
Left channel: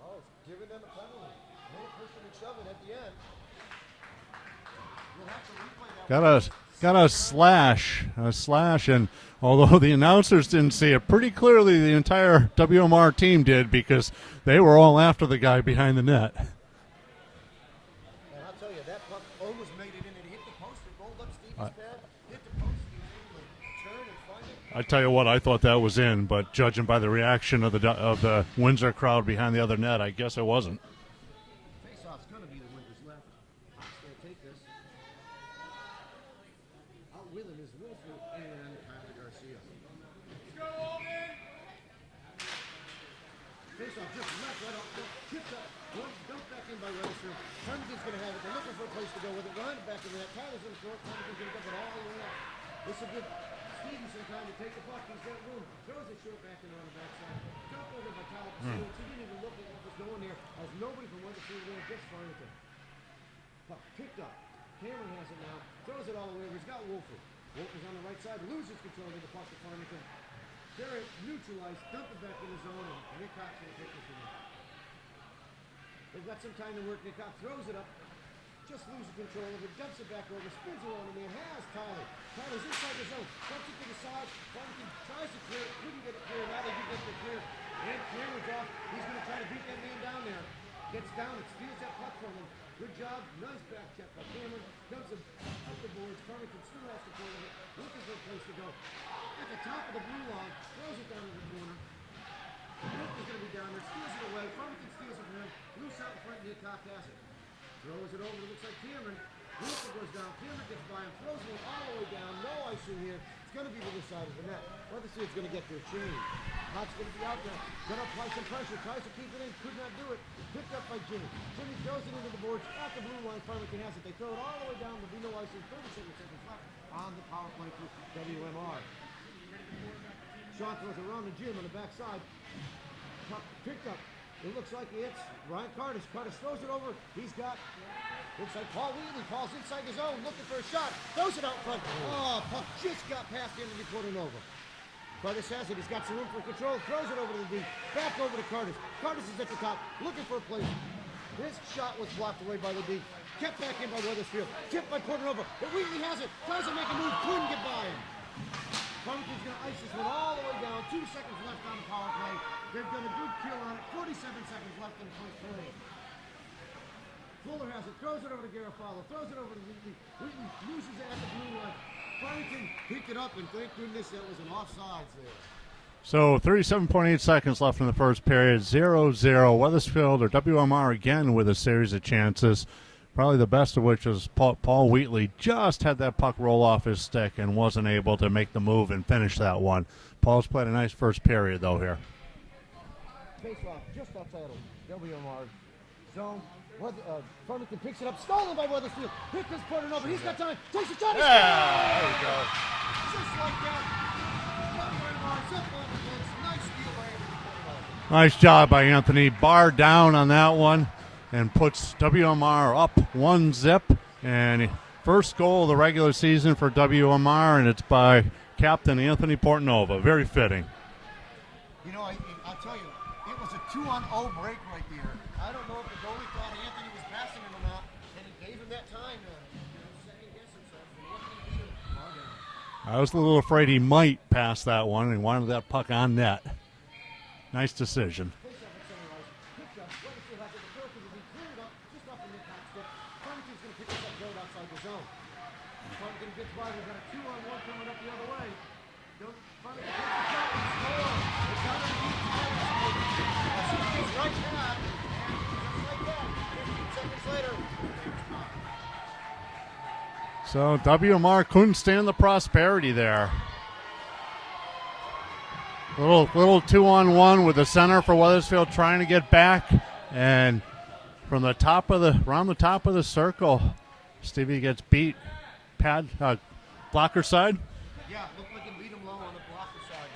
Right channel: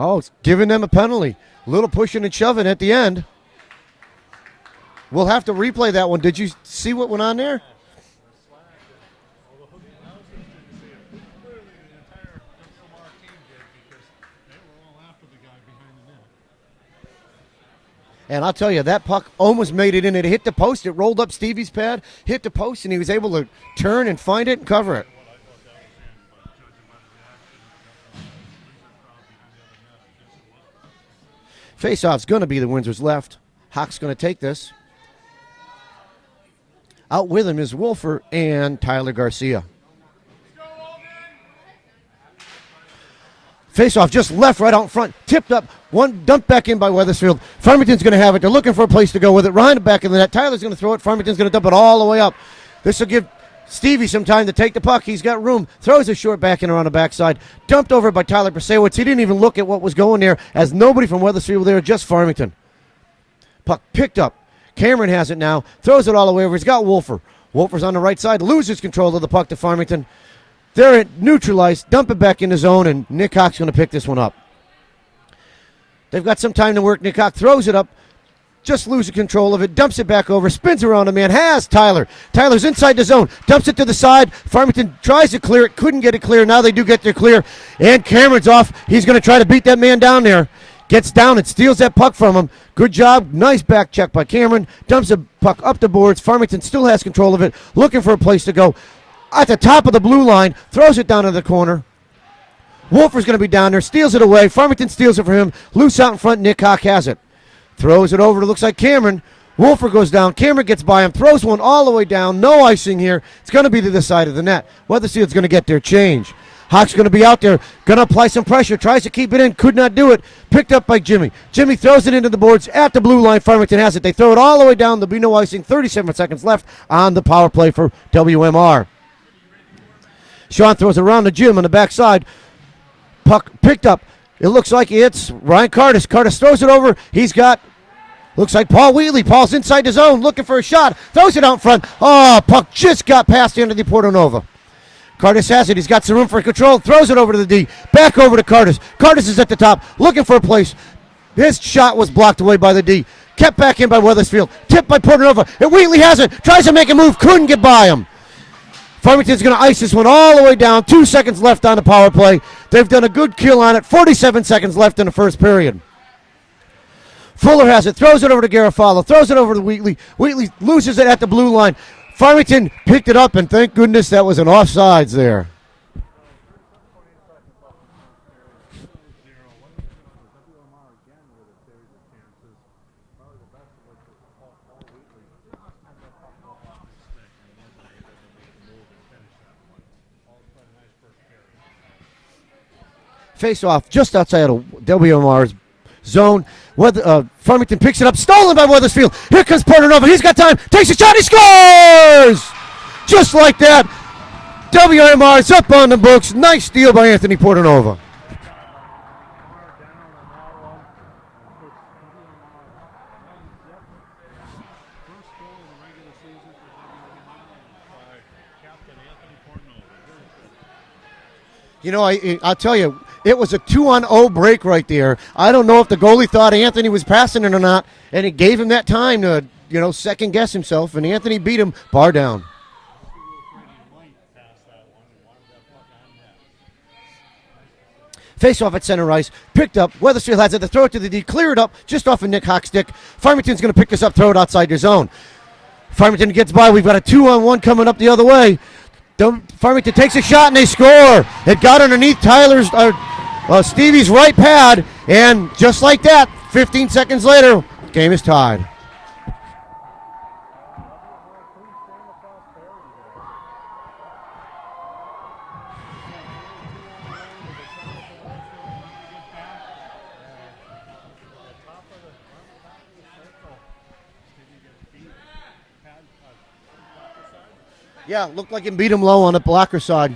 Oh, it's giving them a penalty. A little pushing and shoving at the end. We'll have to replay that one. Did you see what went on there? A slash, and although the announcers didn't see it, pretty clearly the entire WMR team did, because they were all after the guy behind the net. And I'll tell you, that puck almost made it in. It hit the post. It rolled up Stevie's pad, hit the post, and he was able to turn and find it and cover it. I'll tell you what, I thought that was in, but judging by the reaction of the Windsor crowd behind the other net, I guess it wasn't. Face-off's going to be the Windsor's left. Hawk's going to take this. Out with him is Wolfer and Tyler Garcia. Face-off just left right out in front. Tipped up. One dumped back in by Weathersfield. Farmington's going to have it. They're looking for a place to go with it. Ryan back in the net. Tyler's going to throw it. Farmington's going to dump it all the way up. This will give Stevie some time to take the puck. He's got room. Throws a short back in around the backside. Dumped over by Tyler Prasewicz. He didn't even look at what was going there, as nobody from Weathersfield was there, just Farmington. Puck picked up. Cameron has it now. Throws it all the way over. He's got Wolfer. Wolfer's on the right side. Loses control of the puck to Farmington. They're neutralized. Dump it back in the zone, and Nick Hawk's going to pick this one up. They've got some time to work. Nick Hawk throws it up. Just loses control of it. Dumps it back over. Spins around a man. Has Tyler. Tyler's inside the zone. Dumps it to the side. Farmington tries to clear it. Couldn't get it clear. Now they do get their clear. And Cameron's off. He's going to try to beat that man down there. Gets down and steals that puck from him. Good job. Nice back check by Cameron. Dumps the puck up the boards. Farmington still has control of it. Looking for a place to go. At the top of the blue line. Throws it down to the corner. Wolfer's going to be down there. Steals it away. Farmington steals it for him. Loose out in front. Nick Hawk has it. Throws it over to, looks like Cameron. Wolfer goes down. Cameron gets by him. Throws one all the way down. No icing here. It's going to be to the side of the net. Weathersfield's going to get their change. Hawk's going to be out there. Going to apply some pressure. Tries to keep it in. Could not do it. Picked up by Jimmy. Jimmy throws it into the boards at the blue line. Farmington has it. They throw it all the way down. There'll be no icing. 37 seconds left on the power play for WMR. Sean throws it around the Jim on the backside. Puck picked up. It looks like it's Ryan Curtis. Curtis throws it over. He's got, looks like Paul Wheatley. Paul's inside the zone looking for a shot. Throws it out in front. Oh, puck just got past Anthony Portonova. Curtis has it. He's got some room for control. Throws it over to the D. Back over to Curtis. Curtis is at the top looking for a place. His shot was blocked away by the D. Kept back in by Weathersfield. Tipped by Portonova. And Wheatley has it. Tries to make a move. Couldn't get by him. Farmington's going to ice this one all the way down. 2 seconds left on the power play. They've done a good kill on it. 47 seconds left in the first period. Fuller has it. Throws it over to Garofalo. Throws it over to Wheatley. Wheatley loses it at the blue line. Farmington picked it up, and thank goodness that was an offsides there. So 37.8 seconds left in the first period, 0-0. Weathersfield or WMR again with a series of chances, probably the best of which is Paul Wheatley just had that puck roll off his stick and wasn't able to make the move and finish that one. Paul's played a nice first period, though, here. Face off just outside of WMR's zone. Farmington picks it up, stolen by Weathersfield. Here comes Portanova. He's got time, takes a shot, he scores! Just like that. WMR's up on the books. Nice steal by Anthony Portanova. Nice job by Anthony. Bar down on that one and puts WMR up 1-0. And first goal of the regular season for WMR, and it's by Captain Anthony Portanova. Very fitting. You know, I'll tell you, it was a 2-on-0 break right there. I don't know if the goalie thought Anthony was passing it or not, and it gave him that time to, second guess himself, and Anthony beat him bar down. I was a little afraid he might pass that one and wanted that puck on net. Nice decision. Face off at center ice, picked up. Weathersfield has it to throw it to the D, clear it up just off of Nick Hawk's stick. Farmington's going to pick this up, throw it outside their zone. Farmington gets by. We've got a 2-on-1 coming up the other way. Farmington takes a shot and they score. It got underneath Stevie's right pad, and just like that, 15 seconds later, game is tied. So WMR couldn't stand the prosperity there. Little 2-on-1 with the center for Weathersfield trying to get back, and from the top of the circle, Stevie gets beat. Blocker side. Yeah, looked like he beat him low on the blocker side.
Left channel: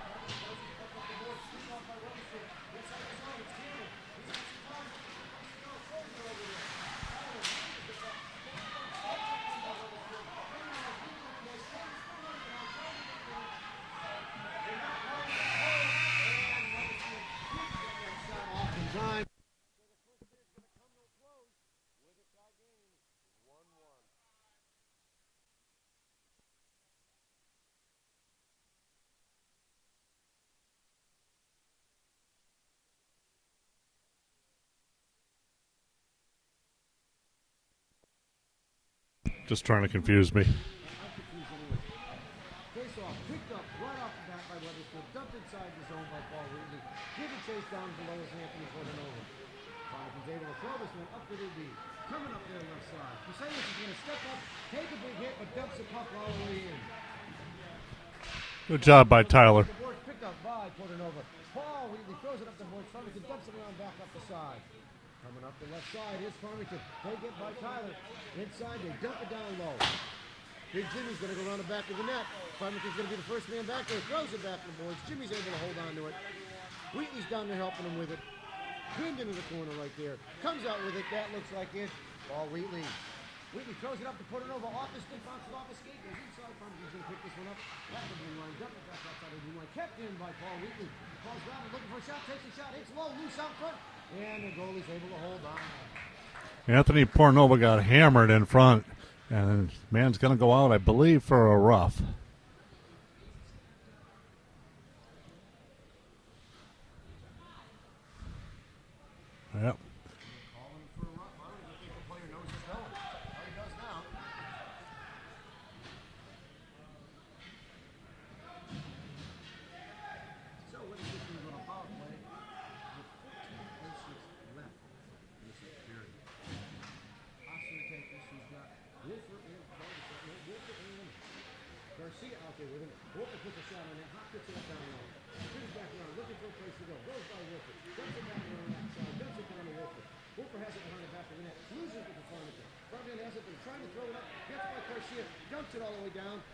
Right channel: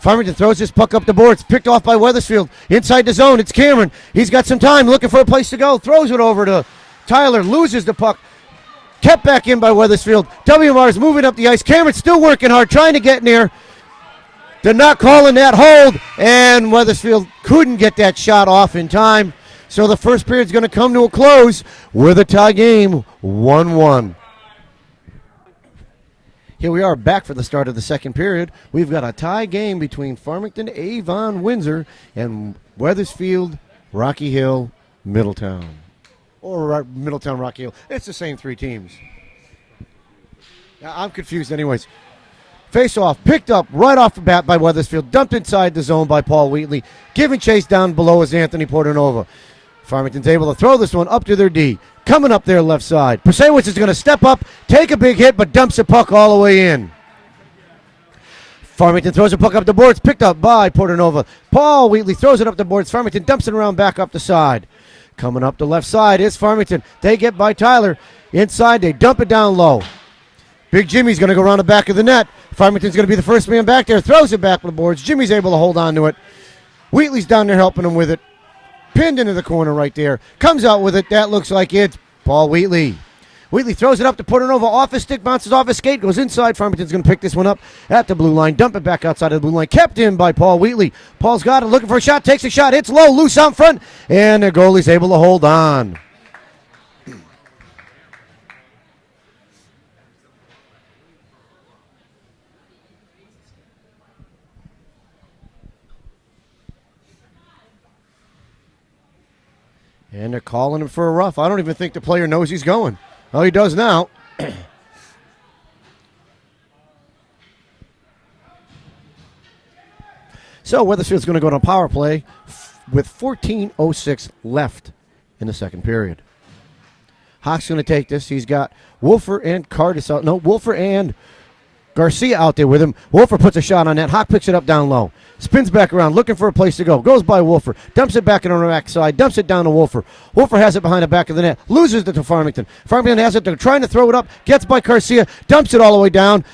Farmington throws this puck up the boards, picked off by Weathersfield. Inside the zone, it's Cameron. He's got some time, looking for a place to go. Throws it over to Tyler, loses the puck. Kept back in by Weathersfield. WMR is moving up the ice. Cameron's still working hard, trying to get near. They're not calling that hold, and Weathersfield couldn't get that shot off in time. So the first period's going to come to a close with a tie game, 1-1. Here we are back for the start of the second period. We've got a tie game between Farmington Avon Windsor and Weathersfield Rocky Hill Middletown. Or Middletown Rocky Hill. It's the same three teams. Just trying to confuse me. I'm confused anyways. Face off, picked up right off the bat by Weathersfield, dumped inside the zone by Paul Wheatley. Giving chase down below is Anthony Portanova. Farmington's able to throw this one up to their D. Coming up their left side. Persewicz is going to step up, take a big hit, but dumps the puck all the way in. Farmington throws the puck up the boards, picked up by Portanova. Paul Wheatley throws it up the boards. Farmington dumps it around back up the side. Coming up the left side is Farmington. They get by Tyler. Inside, they dump it down low. Big Jimmy's going to go around the back of the net. Farmington's going to be the first man back there. Throws it back to the boards. Jimmy's able to hold on to it. Wheatley's down there helping him with it. Pinned into the corner right there. Comes out with it. That looks like it's Paul Wheatley. Wheatley throws it up to Portanova. Off his stick, bounces off his skate, goes inside. Farmington's going to pick this one up at the blue line. Dump it back outside of the blue line. Kept in by Paul Wheatley. Paul's got it, looking for a shot. Takes a shot. Hits low, loose out front. And the goalie's able to hold on. Anthony Portanova got hammered in front. And man's going to go out, I believe, for a rough. Yep. And they're calling him for a rough. I don't even think the player knows he's going. Oh, he does now. So Weathersfield's going to go to power play with 14:06 left in the second period. Hawk's going to take this. He's got Wolfer and Cardis out. No, Wolfer and Garcia out there with him. Wolfer puts a shot on that. Hawk picks it up down low. Spins back around, looking for a place to go. Goes by Wolfer. Dumps it back in on the back side. Dumps it down to Wolfer. Wolfer has it behind the back of the net. Loses it to Farmington. Farmington has it. They're trying to throw it up. Gets by Garcia. Dumps it all the way down.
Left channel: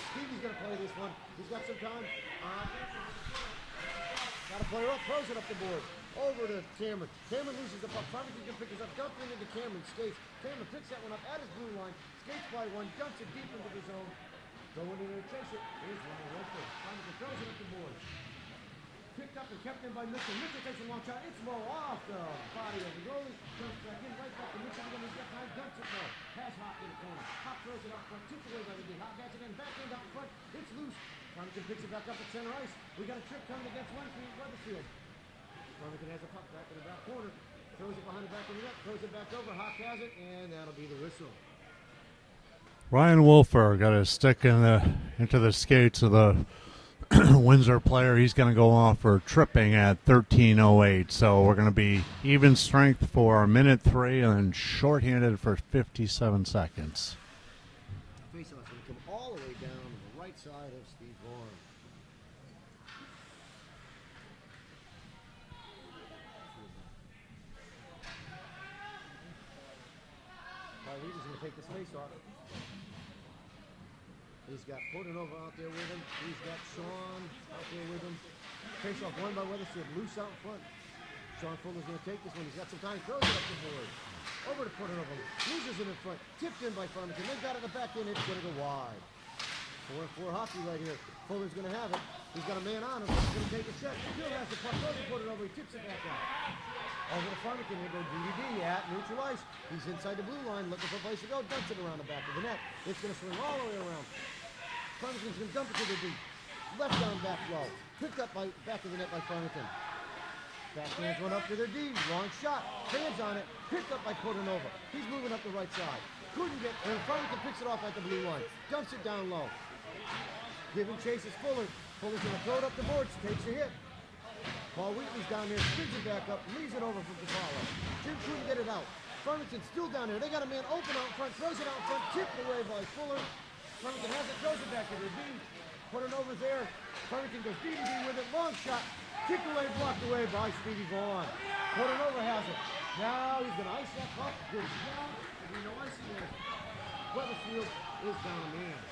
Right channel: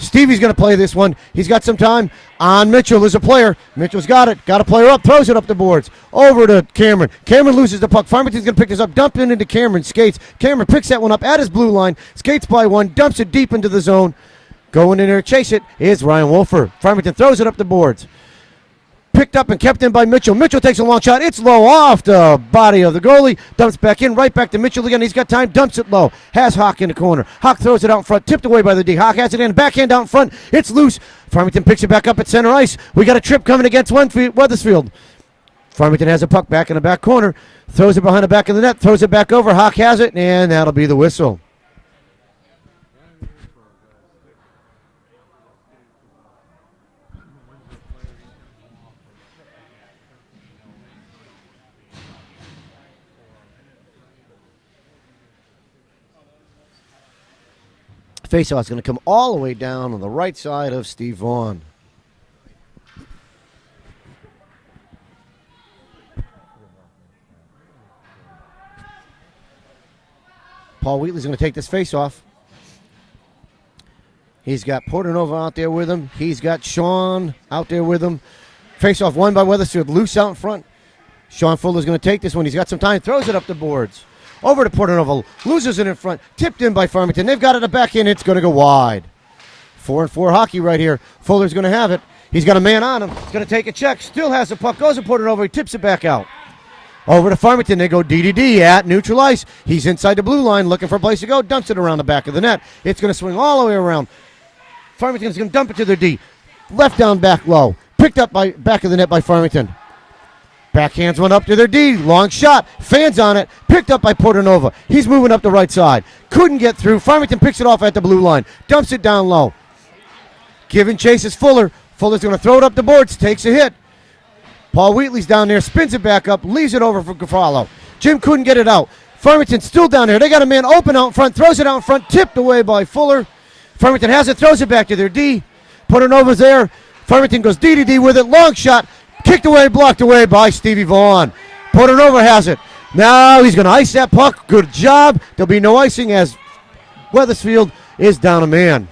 Stevie's going to play this one. He's got some time on Mitchell as a player. Mitchell's got it. Got a player up. Throws it up the boards. Over to Cameron. Cameron loses the puck. Farmington's going to pick this up. Dump it into Cameron. Skates. Cameron picks that one up at his blue line. Skates by one. Dumps it deep into the zone. Going in there to chase it is Ryan Wolfer. Farmington throws it up the boards. Picked up and kept in by Mitchell. Mitchell takes a long shot. It's low off the body of the goalie. Dumps back in. Right back to Mitchell again. He's got time. Dumps it low. Has Hawk in the corner. Hawk throws it out in front. Tipped away by the D. Hawk has it in. Backhand out in front. It's loose. Farmington picks it back up at center ice. We got a trip coming against Weathersfield. Farmington has a puck back in the back corner. Throws it behind the back of the net. Throws it back over. Hawk has it, and that'll be the whistle. Ryan Wolfer got a stick in into the skates of the Windsor player. He's going to go off for tripping at 13:08. So we're going to be even strength for minute 3 and then shorthanded for 57 seconds. Faceoff is going to come all the way down on the right side of Steve Vaughn. Paul Wheatley's going to take this faceoff. He's got Portanova out there with him. He's got Sean out there with him. Faceoff won by Weathersfield. Loose out in front. Sean Fuller's going to take this one. He's got some time. Throws it up the boards. Over to Portanova. Loses it in front. Tipped in by Farmington. They've got it at the back end. It's going to go wide. 4-4 hockey right here. Fuller's going to have it. He's got a man on him. He's going to take a check. Still has the puck. Goes to Portanova. He tips it back out. Over to Farmington. They go DDD at neutral ice. He's inside the blue line looking for a place to go. Dumps it around the back of the net. It's going to swing all the way around. Farmington's going to dump it to their D. Left down, back low. Picked up by back of the net by Farmington. Backhands one up to their D. Long shot. Fans on it. Picked up by Portanova. He's moving up the right side. Couldn't get through. Farmington picks it off at the blue line. Dumps it down low. Giving chase is Fuller. Fuller's going to throw it up the boards. Takes a hit. Paul Wheatley's down there. Spins it back up. Leaves it over for Garofalo. Jim couldn't get it out. Farmington's still down there. They got a man open out in front. Throws it out in front. Tipped away by Fuller. Farmington has it, throws it back to their D. Portanova's there. Farmington goes D with it. Long shot. Kicked away, blocked away by Stevie Vaughn. Portanova has it. Now he's going to ice that puck. Good job. There'll be no icing as Weathersfield is down a man.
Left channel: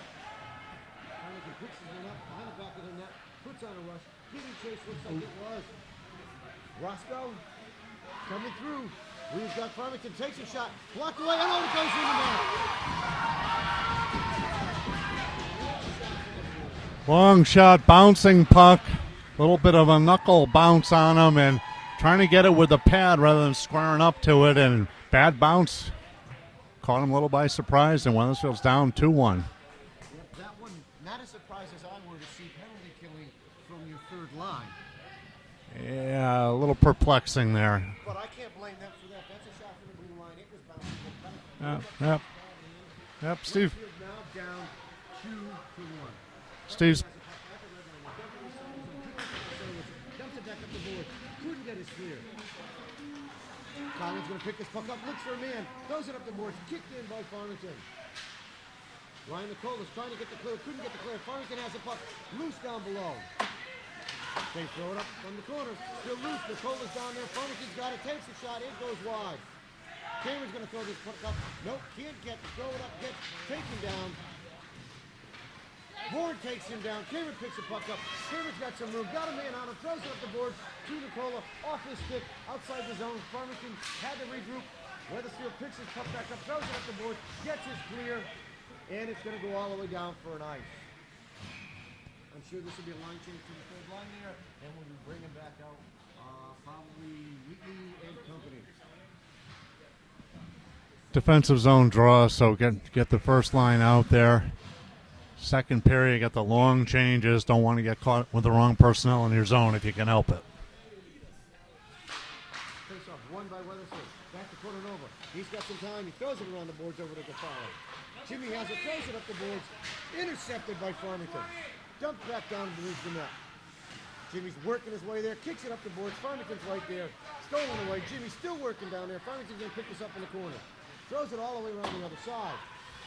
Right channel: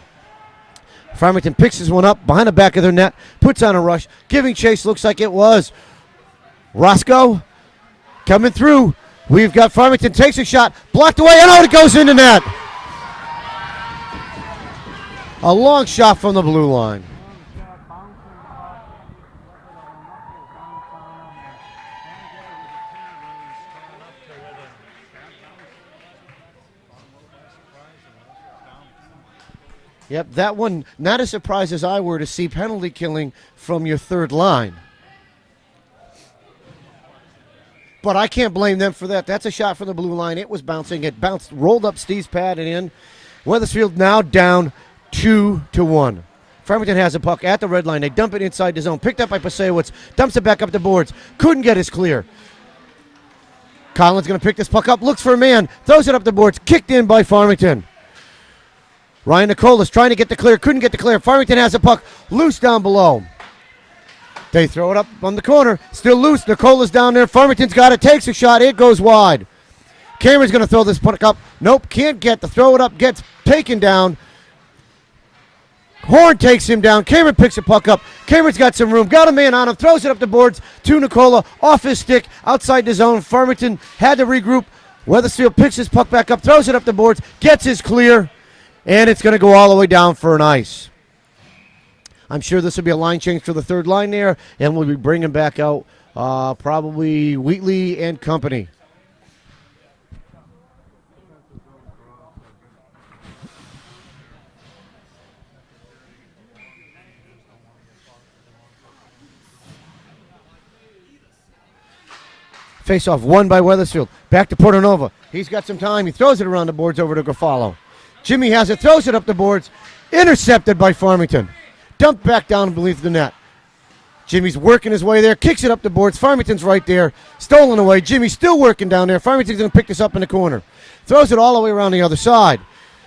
Farmington picks this one up behind the back of their net. Puts on a rush. Giving chase, looks like it was Roscoe coming through. We've got Farmington takes a shot. Blocked away, and out it goes into net. A long shot from the blue line. Long shot, bouncing puck. A little bit of a knuckle bounce on him and trying to get it with the pad rather than squaring up to it. And bad bounce. Caught him a little by surprise, and Weathersfield's down 2-1. Yep, that one, not as surprised as I were to see penalty killing from your third line. Yeah, a little perplexing there. But I can't blame them for that. That's a shot from the blue line. It was bouncing. It bounced, rolled up Steve's pad and in. Yep, Weathersfield now down 2-1. Farmington has a puck at the red line. They dump it inside the zone. Picked up by Pasewicz. Dumps it back up the boards. Couldn't get his clear. Collins going to pick this puck up. Looks for a man. Throws it up the boards. Kicked in by Farmington. Ryan Nicolas trying to get the clear. Couldn't get the clear. Farmington has a puck. Loose down below. They throw it up on the corner. Still loose. Nicolas down there. Farmington's got it. Takes a shot. It goes wide. Cameron's going to throw this puck up. Nope. Can't get the throw it up. Gets taken down. Horn takes him down. Cameron picks the puck up. Cameron's got some room. Got a man on him. Throws it up the boards to Nicola. Off his stick. Outside the zone. Farmington had to regroup. Weathersfield picks his puck back up. Throws it up the boards. Gets his clear. And it's going to go all the way down for an ice. I'm sure this will be a line change for the third line there. And we'll be bringing back out probably Wheatley and company. Defensive zone draw, so get the first line out there. Second period, get the long changes. Don't want to get caught with the wrong personnel in your zone if you can help it. Face-off won by Weathersfield. Back to Portanova. He's got some time. He throws it around the boards over to Garofalo. Jimmy has it, throws it up the boards. Intercepted by Farmington. Dumped back down beneath the net. Jimmy's working his way there. Kicks it up the boards. Farmington's right there. Stolen away. Jimmy's still working down there. Farmington's going to pick this up in the corner. Throws it all the way around the other side.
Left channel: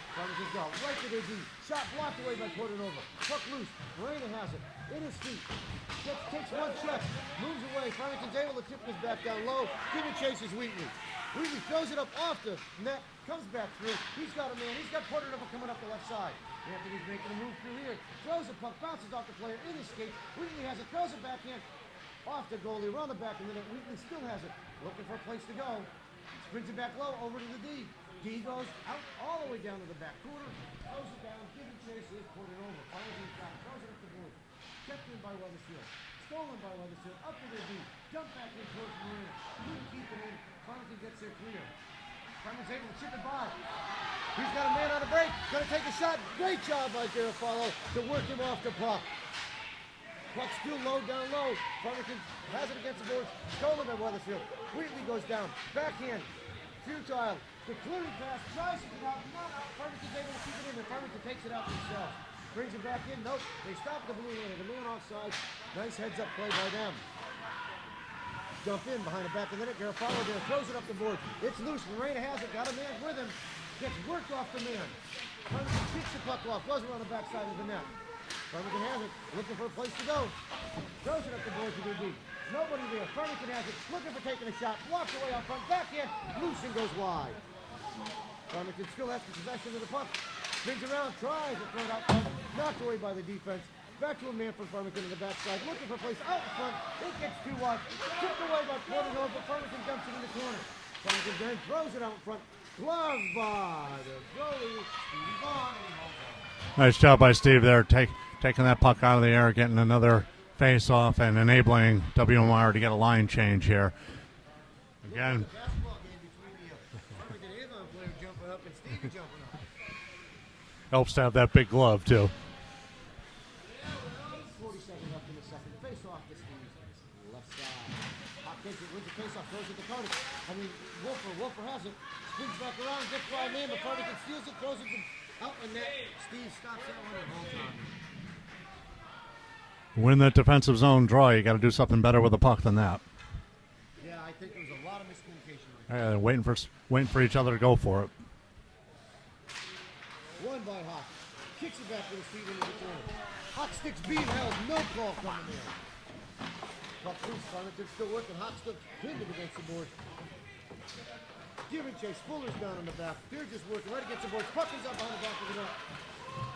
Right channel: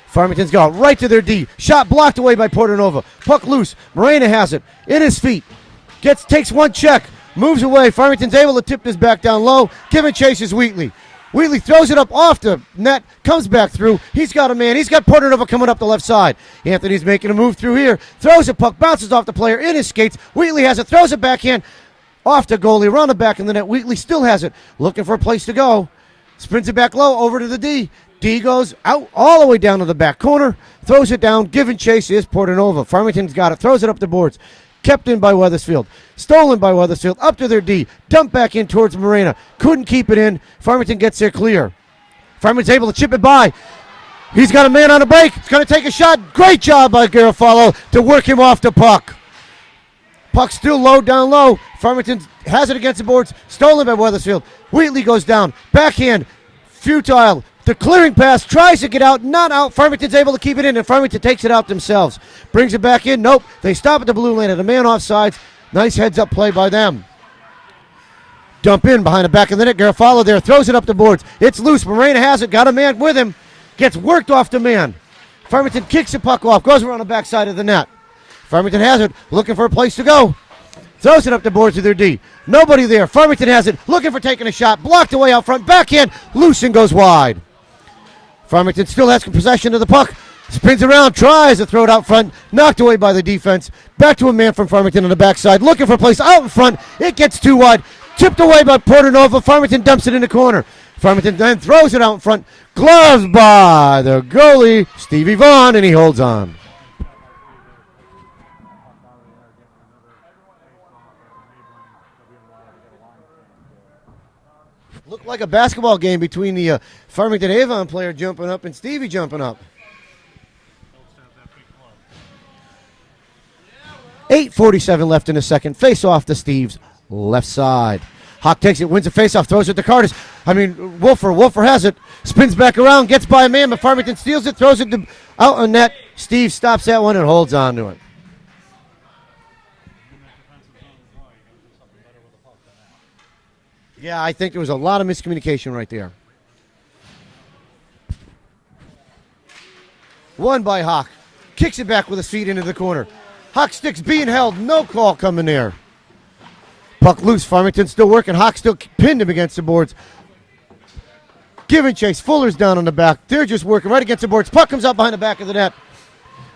Farmington's got right to their D. Shot blocked away by Portanova. Puck loose. Morena has it. In his feet. Takes one check. Moves away. Farmington's able to tip this back down low. Giving chase is Wheatley. Wheatley throws it up off the net. Comes back through. He's got a man. He's got Portanova coming up the left side. Anthony's making a move through here. Throws a puck. Bounces off the player in his skates. Wheatley has it. Throws it backhand. Off the goalie. Around the back of the net. Wheatley still has it. Looking for a place to go. Spins it back low. Over to the D. D goes out all the way down to the back corner. Throws it down. Giving chase is Portanova. Farmington's got it. Throws it up the boards. Kept in by Weathersfield. Stolen by Weathersfield. Up to their D. Dumped back in towards Morena. Couldn't keep it in. Farmington gets there clear. Farmington's able to chip it by. He's got a man on a break. He's going to take a shot. Great job by Garofalo to work him off the puck. Puck still low, down low. Farmington has it against the boards. Stolen by Weathersfield. Wheatley goes down. Backhand. Futile. The clearing pass tries to get out, not out. Farmington's able to keep it in, and Farmington takes it out themselves. Brings it back in. Nope. They stop at the blue lane at a man offsides. Nice heads-up play by them. Dump in behind the back of the net. Garofalo there. Throws it up the boards. It's loose. Morena has it. Got a man with him. Gets worked off the man. Farmington kicks the puck off. Goes around the backside of the net. Farmington has it. Looking for a place to go. Throws it up the boards with their D. Nobody there. Farmington has it. Looking for taking a shot. Blocked away out front. Backhand. Loose and goes wide. Farmington still has possession of the puck. Spins around. Tries to throw it out front. Knocked away by the defense. Back to a man from Farmington on the backside. Looking for a place out in front. It gets too wide. Tipped away by Portanova. Farmington dumps it in the corner. Farmington then throws it out in front. Gloves by the goalie, Stevie Vaughn, and he holds on. Nice job by Steve there, taking that puck out of the air, getting another face-off, and enabling WMR to get a line change here. Looked like a basketball game between the Farmington Avon player jumping up and Stevie jumping up. Helps to have that big glove, too. 8:47 left in the second. Face off to Steve's left side. Hawk takes it, wins the face-off, throws it to Curtis. Wolfer has it, spins back around, gets by a man, but Farmington steals it, throws it out on net. Steve stops that one and holds on to it. Win that defensive zone draw, you got to do something better with the puck than that. Yeah, I think there was a lot of miscommunication right there. Waiting for each other to go for it. Won by Hawk. Kicks it back with his feet into the corner. Hawk sticks being held, no call coming there. Puck loose, Farmington still working. Hawk still pinned him against the boards. Give and chase, Fuller's down on the back. They're just working right against the boards. Puck comes out behind the back of the net.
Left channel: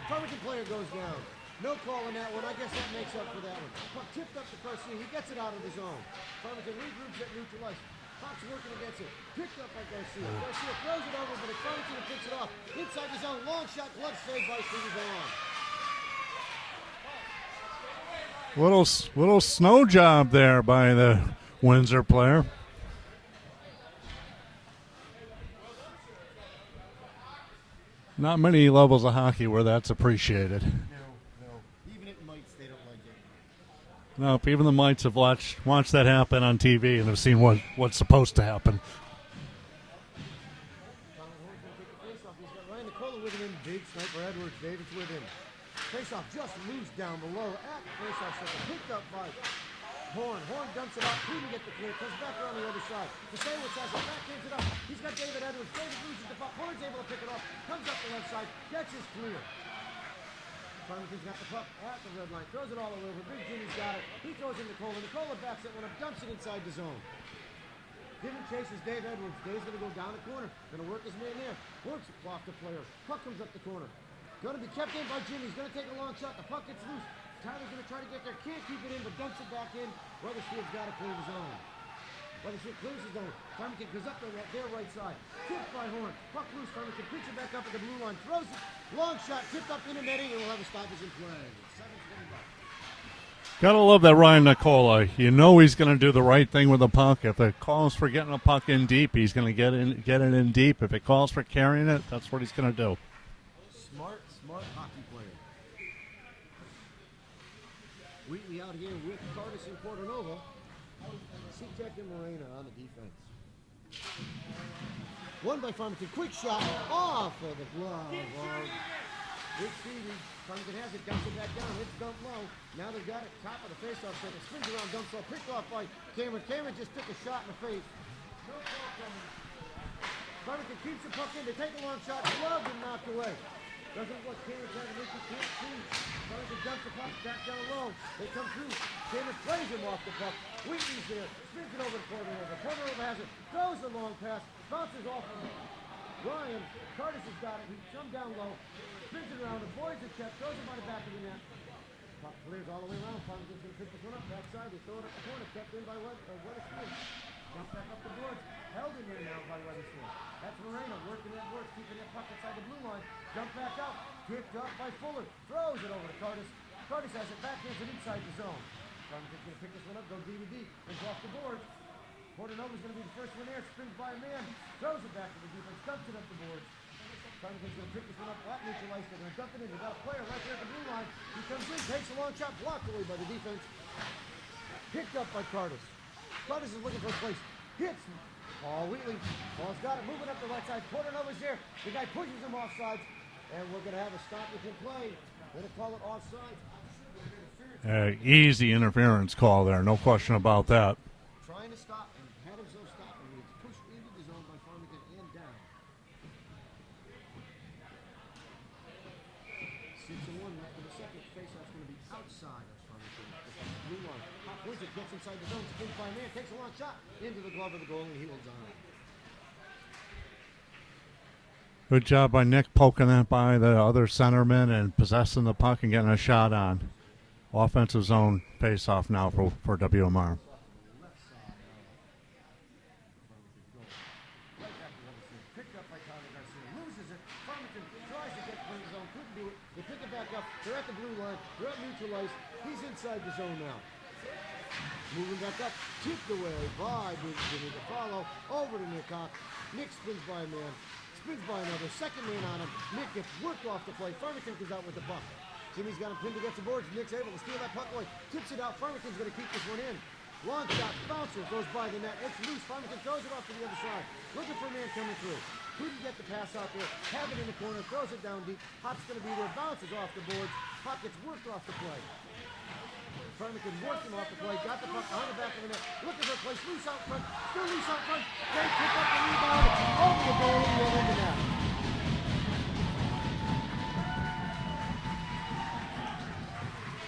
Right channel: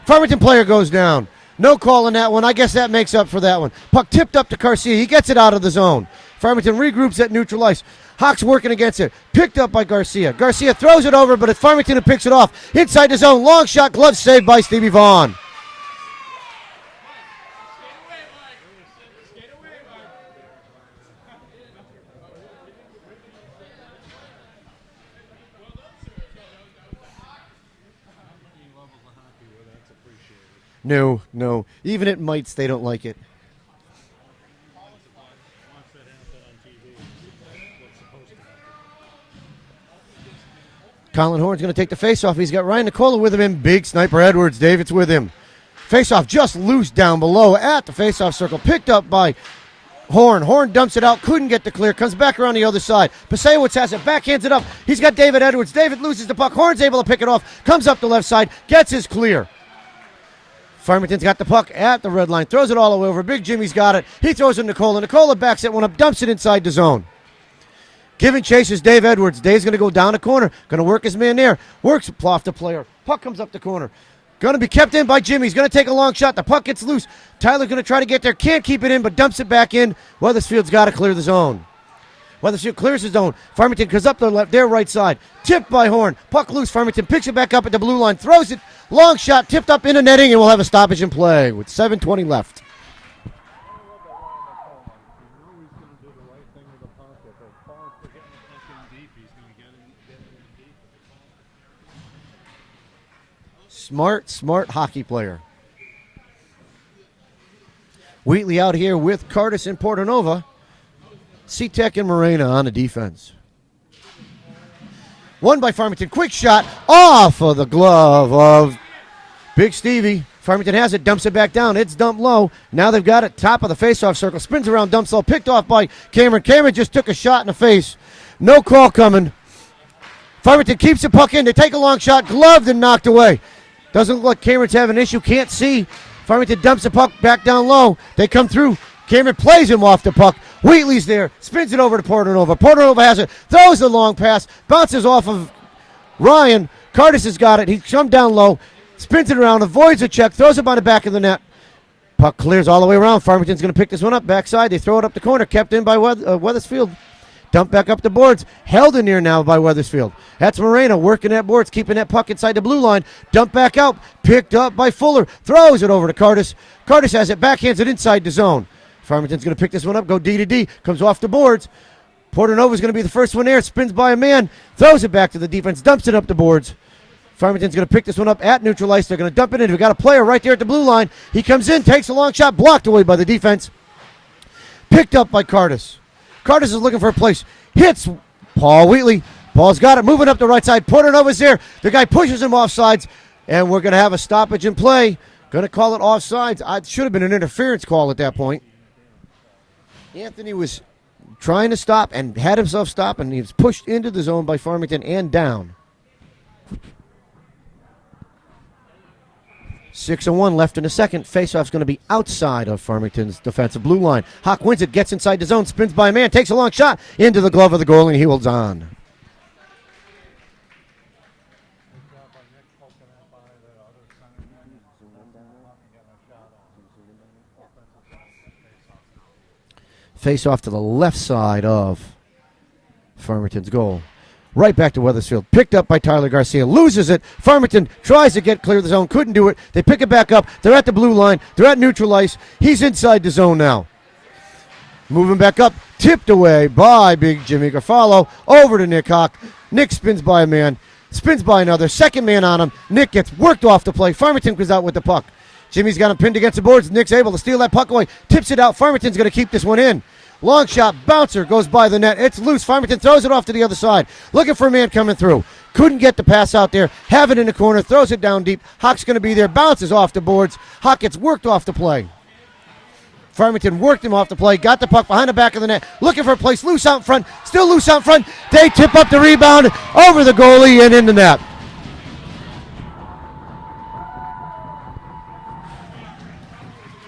Farmington player goes down. No call on that one. I guess that makes up for that one. Puck tipped up to Garcia. He gets it out of the zone. Farmington regroups at neutral ice. Hawk's working against it. Picked up by Garcia. Garcia throws it over, but it's Farmington who picks it off. Inside the zone. Long shot, glove saved by Stevie Vaughn. Little snow job there by the Windsor player. Not many levels of hockey where that's appreciated. No. Even at Mites, they don't like it. Nope, even the Mites have watched that happen on TV and have seen what's supposed to happen. Colin Horn's going to take the faceoff. He's got Ryan Nicola with him and big Sniper Edwards. David's with him. Faceoff just loose down below at the faceoff circle. Picked up by Horn. Horn dumps it out. Couldn't get the clear. Comes back around the other side. Pasewicz has it. Backhands it up. He's got David Edwards. David loses the puck. Horn's able to pick it off. Comes up the left side. Gets his clear. Farmington's got the puck at the red line. Throws it all the way over. Big Jimmy's got it. He throws it to Nicola. Nicola backs that one up. Dumps it inside the zone. Giving chases Dave Edwards. Dave's going to go down the corner. Going to work his man there. Works off the player. Puck comes up the corner. Going to be kept in by Jimmy. He's going to take a long shot. The puck gets loose. Tyler's going to try to get there. Can't keep it in, but dumps it back in. Weathersfield's got to clear the zone. Weathersfield clears the zone. Farmington goes up their right side. Tipped by Horn. Puck loose. Farmington picks it back up at the blue line. Throws it. Long shot. Tipped up into netting, and we'll have a stoppage in play with 7:20 left. Gotta love that Ryan Nicola. You know he's going to do the right thing with the puck. If it calls for getting a puck in deep, he's going to get it in deep. If it calls for carrying it, that's what he's going to do. Smart hockey player. Wheatley out here with Curtis and Portanova. C-Tech and Morena on the defense. Won by Farmington. Quick shot off of the glove of Big Stevie. Farmington has it, dumps it back down. It's dumped low. Now they've got it top of the faceoff circle. Spins around, dumps low. Picked off by Cameron. Cameron just took a shot in the face. No call coming. Farmington keeps the puck in. They take a long shot. Gloved and knocked away. Doesn't look like Cameron's having an issue. Can't see. Farmington dumps the puck back down low. They come through. Cameron plays him off the puck. Wheatley's there. Spins it over to Portanova. Portanova has it. Throws the long pass. Bounces off of Ryan. Curtis has got it. He jumped down low. Spins it around. Avoids a check. Throws it by the back of the net. Puck clears all the way around. Farmington's going to pick this one up. Backside. They throw it up the corner. Kept in by Weathersfield. Dump back up the boards. Held in there now by Weathersfield. That's Moreno working that boards, keeping that puck inside the blue line. Dump back out. Picked up by Fuller. Throws it over to Curtis. Curtis has it. Backhands it inside the zone. Farmington's going to pick this one up. Go D to D. Comes off the boards. Portanova's going to be the first one there. Spins by a man. Throws it back to the defense. Dumps it up the boards. Farmington's going to pick this one up at neutral ice. They're going to dump it in. We've got a player right there at the blue line. He comes in, takes a long shot. Blocked away by the defense. Picked up by Curtis. Curtis is looking for a place. Hits Paul Wheatley. Ball's got it, moving up the right side. Portanova's there. The guy pushes him offsides, and we're going to have a stoppage in play. Going to call it offsides. It should have been an interference call at that point. Easy interference call there, no question about that. Trying to stop and had himself stop, and he was pushed into the zone by Farmington and down. 6:01 left in the second. Faceoff's going to be outside of Farmington's defensive blue line. Hawk wins it, gets inside the zone, spins by a man, takes a long shot into the glove of the goalie, and he holds on. Good job by Nick poking that by the other centerman and possessing the puck and getting a shot on. Offensive zone face-off now for WMR. Face-off to the left side of Farmington's goal. Right back to Weathersfield. Picked up by Tyler Garcia. Loses it. Farmington tries to get clear of the zone. Couldn't do it. They pick it back up. They're at the blue line. They're at neutral ice. He's inside the zone now. Moving back up. Tipped away by big Jimmy Garfalo. Over to Nick Hawk. Nick spins by a man. Spins by another. Second man on him. Nick gets worked off the play. Farmington goes out with the puck. Jimmy's got him pinned against the boards. Nick's able to steal that puck away. Tips it out. Farmington's going to keep this one in. Long shot. Bouncer goes by the net. It's loose. Farmington throws it off to the other side. Looking for a man coming through. Couldn't get the pass out there. Have it in the corner. Throws it down deep. Hawk's going to be there. Bounces off the boards. Hawk gets worked off the play. Farmington worked him off the play. Got the puck behind the back of the net. Looking for a place. Loose out in front. Still loose out in front. They tip up the rebound over the goalie and in the net.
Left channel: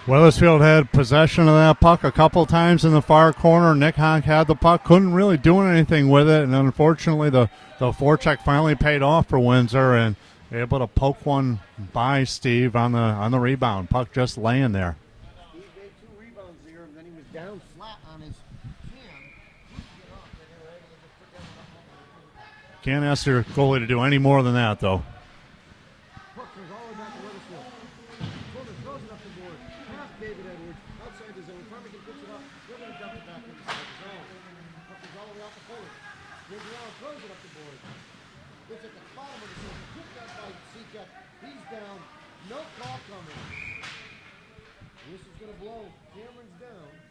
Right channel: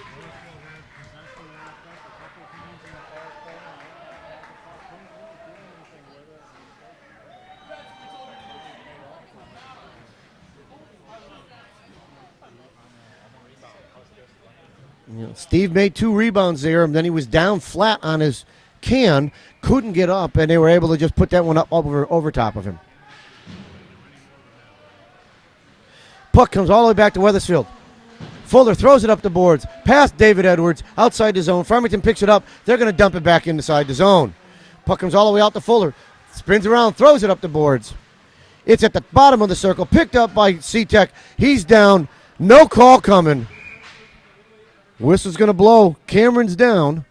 Weathersfield had possession of that puck a couple times in the far corner. Nick Hawk had the puck, couldn't really do anything with it, and unfortunately the forecheck finally paid off for Windsor and able to poke one by Steve on the rebound. Puck just laying there. Yeah, Steve made 2 rebounds there, and then he was down flat on his can, couldn't get up, and they were able to just put that one up over top of him. Can't ask your goalie to do any more than that, though. Puck comes all the way back to Weathersfield. Fuller throws it up the boards, past David Edwards, outside the zone. Farmington picks it up. They're going to dump it back inside the zone. Puck comes all the way out to Fuller. Spins around, throws it up the boards. It's at the bottom of the circle, picked up by C-Tech. He's down. No call coming. Whistle's going to blow. Cameron's down.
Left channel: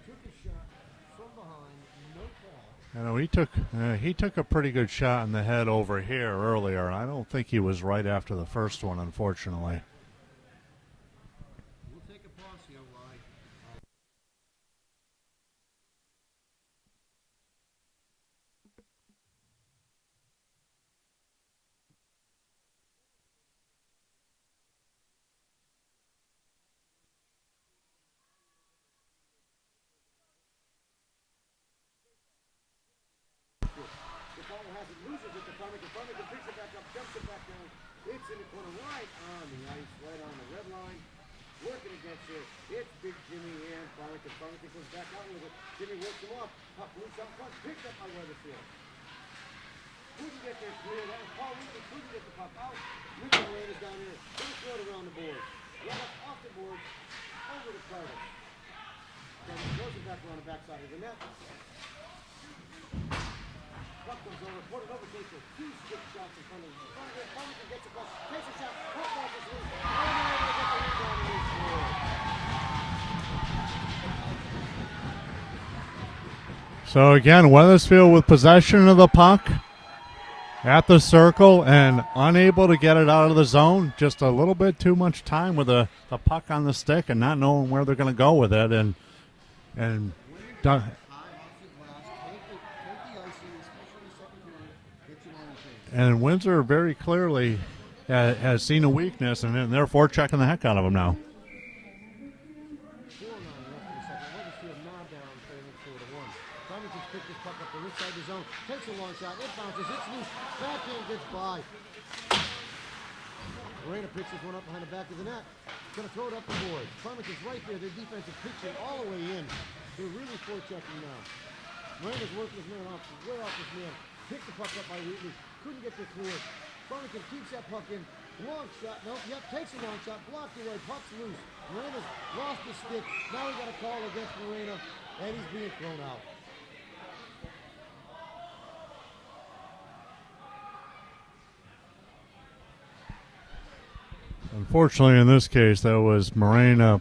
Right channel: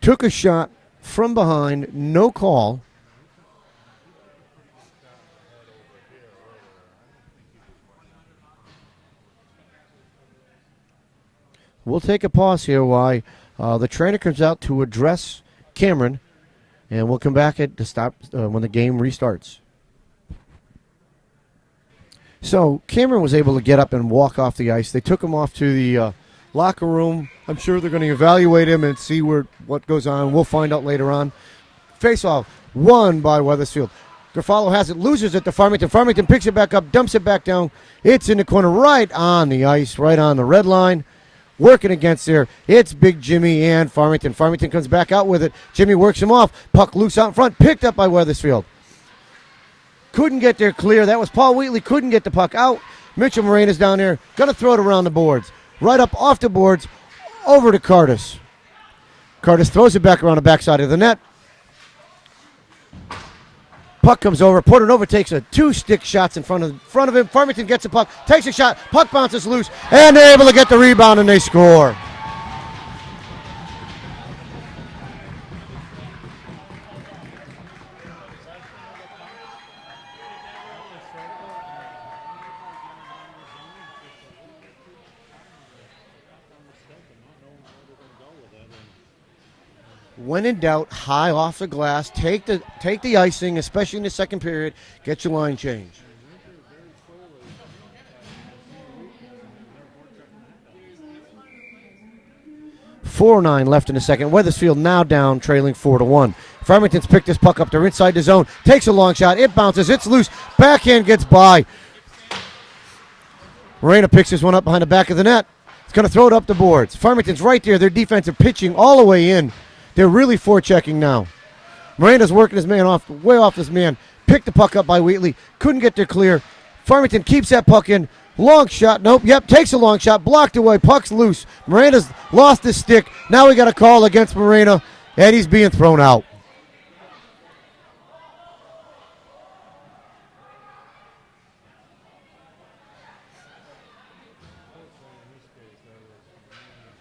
Took a shot from behind. No call. I know he took a pretty good shot in the head over here earlier. I don't think he was right after the first one, unfortunately. We'll take a pause here while the trainer comes out to address Cameron, and we'll come back to stop when the game restarts. So Cameron was able to get up and walk off the ice. They took him off to the locker room. I'm sure they're going to evaluate him and see what goes on. We'll find out later on. Face-off won by Weathersfield. Garfalo has it, loses it to Farmington. Farmington picks it back up, dumps it back down. It's in the corner right on the ice, right on the red line. Working against there. It's Big Jimmy and Farmington. Farmington comes back out with it. Jimmy works him off. Puck loose out in front. Picked up by Weathersfield. Couldn't get there clear. That was Paul Wheatley. Couldn't get the puck out. Mitchell Morena's down there. Going to throw it around the boards. Right up off the boards. Over to Curtis. Curtis throws it back around the backside of the net. Puck comes over. Portanova takes a 2-stick shots in front of him. Farmington gets the puck, takes a shot. Puck bounces loose, and they're able to get the rebound, and they score. So again, Weathersfield with possession of the puck at the circle and unable to get it out of the zone. Just a little bit too much time with the puck on the stick and not knowing where they're going to go with it. And when in doubt, high off the glass, take the icing, especially in the second period, get your line changed. And Windsor very clearly has seen a weakness, and they're forechecking the heck out of them now. 4:09 left in the second. Weathersfield now down, trailing 4-1. Farmington's picked this puck up. They're inside the zone. Takes a long shot. It bounces. It's loose. Backhand gets by. Morena picks this one up behind the back of the net. He's going to throw it up the boards. Farmington's right there. Their defensive pitching all the way in. They're really forechecking now. Morena's working his man off, way off his man. Picked the puck up by Wheatley. Couldn't get there clear. Farmington keeps that puck in. Long shot. Nope. Yep. Takes a long shot. Blocked away. Puck's loose. Morena's lost his stick. Now we got a call against Morena, and he's being thrown out. Unfortunately, in this case, that was Morena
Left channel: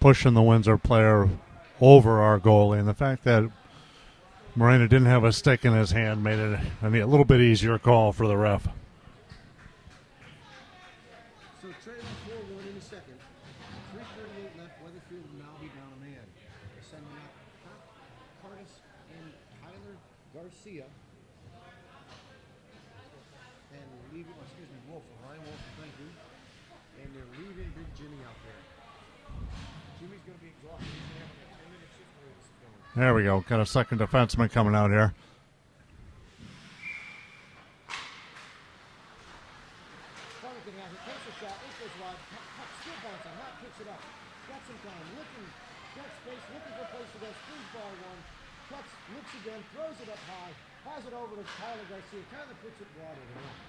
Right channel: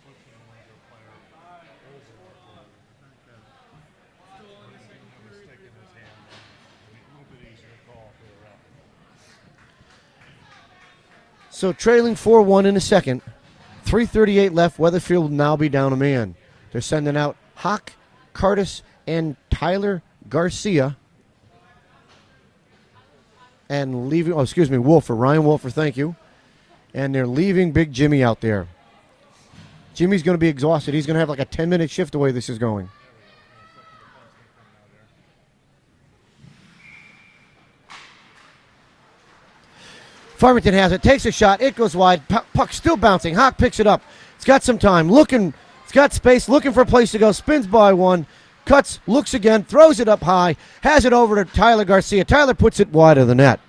pushing the Windsor player over our goalie, and the fact that Moreno didn't have a stick in his hand, made it a little bit easier call for the ref. So trailing 4-1 in the second. 3:38 left. Weathersfield will now be down a man. They're sending out Hawk, Curtis, and Tyler Garcia. And leaving, Wolfer, Ryan Wolfer, thank you. And they're leaving Big Jimmy out there. Jimmy's going to be exhausted. He's going to have like a 10-minute shift the way this is going. There we go. Got a second defenseman coming out here. Farmington has it, takes a shot, it goes wide, puck still bouncing, Hawk picks it up, it's got some time, it's got space, looking for a place to go, spins by one, cuts, looks again, throws it up high, has it over to Tyler Garcia, Tyler puts it wide of the net.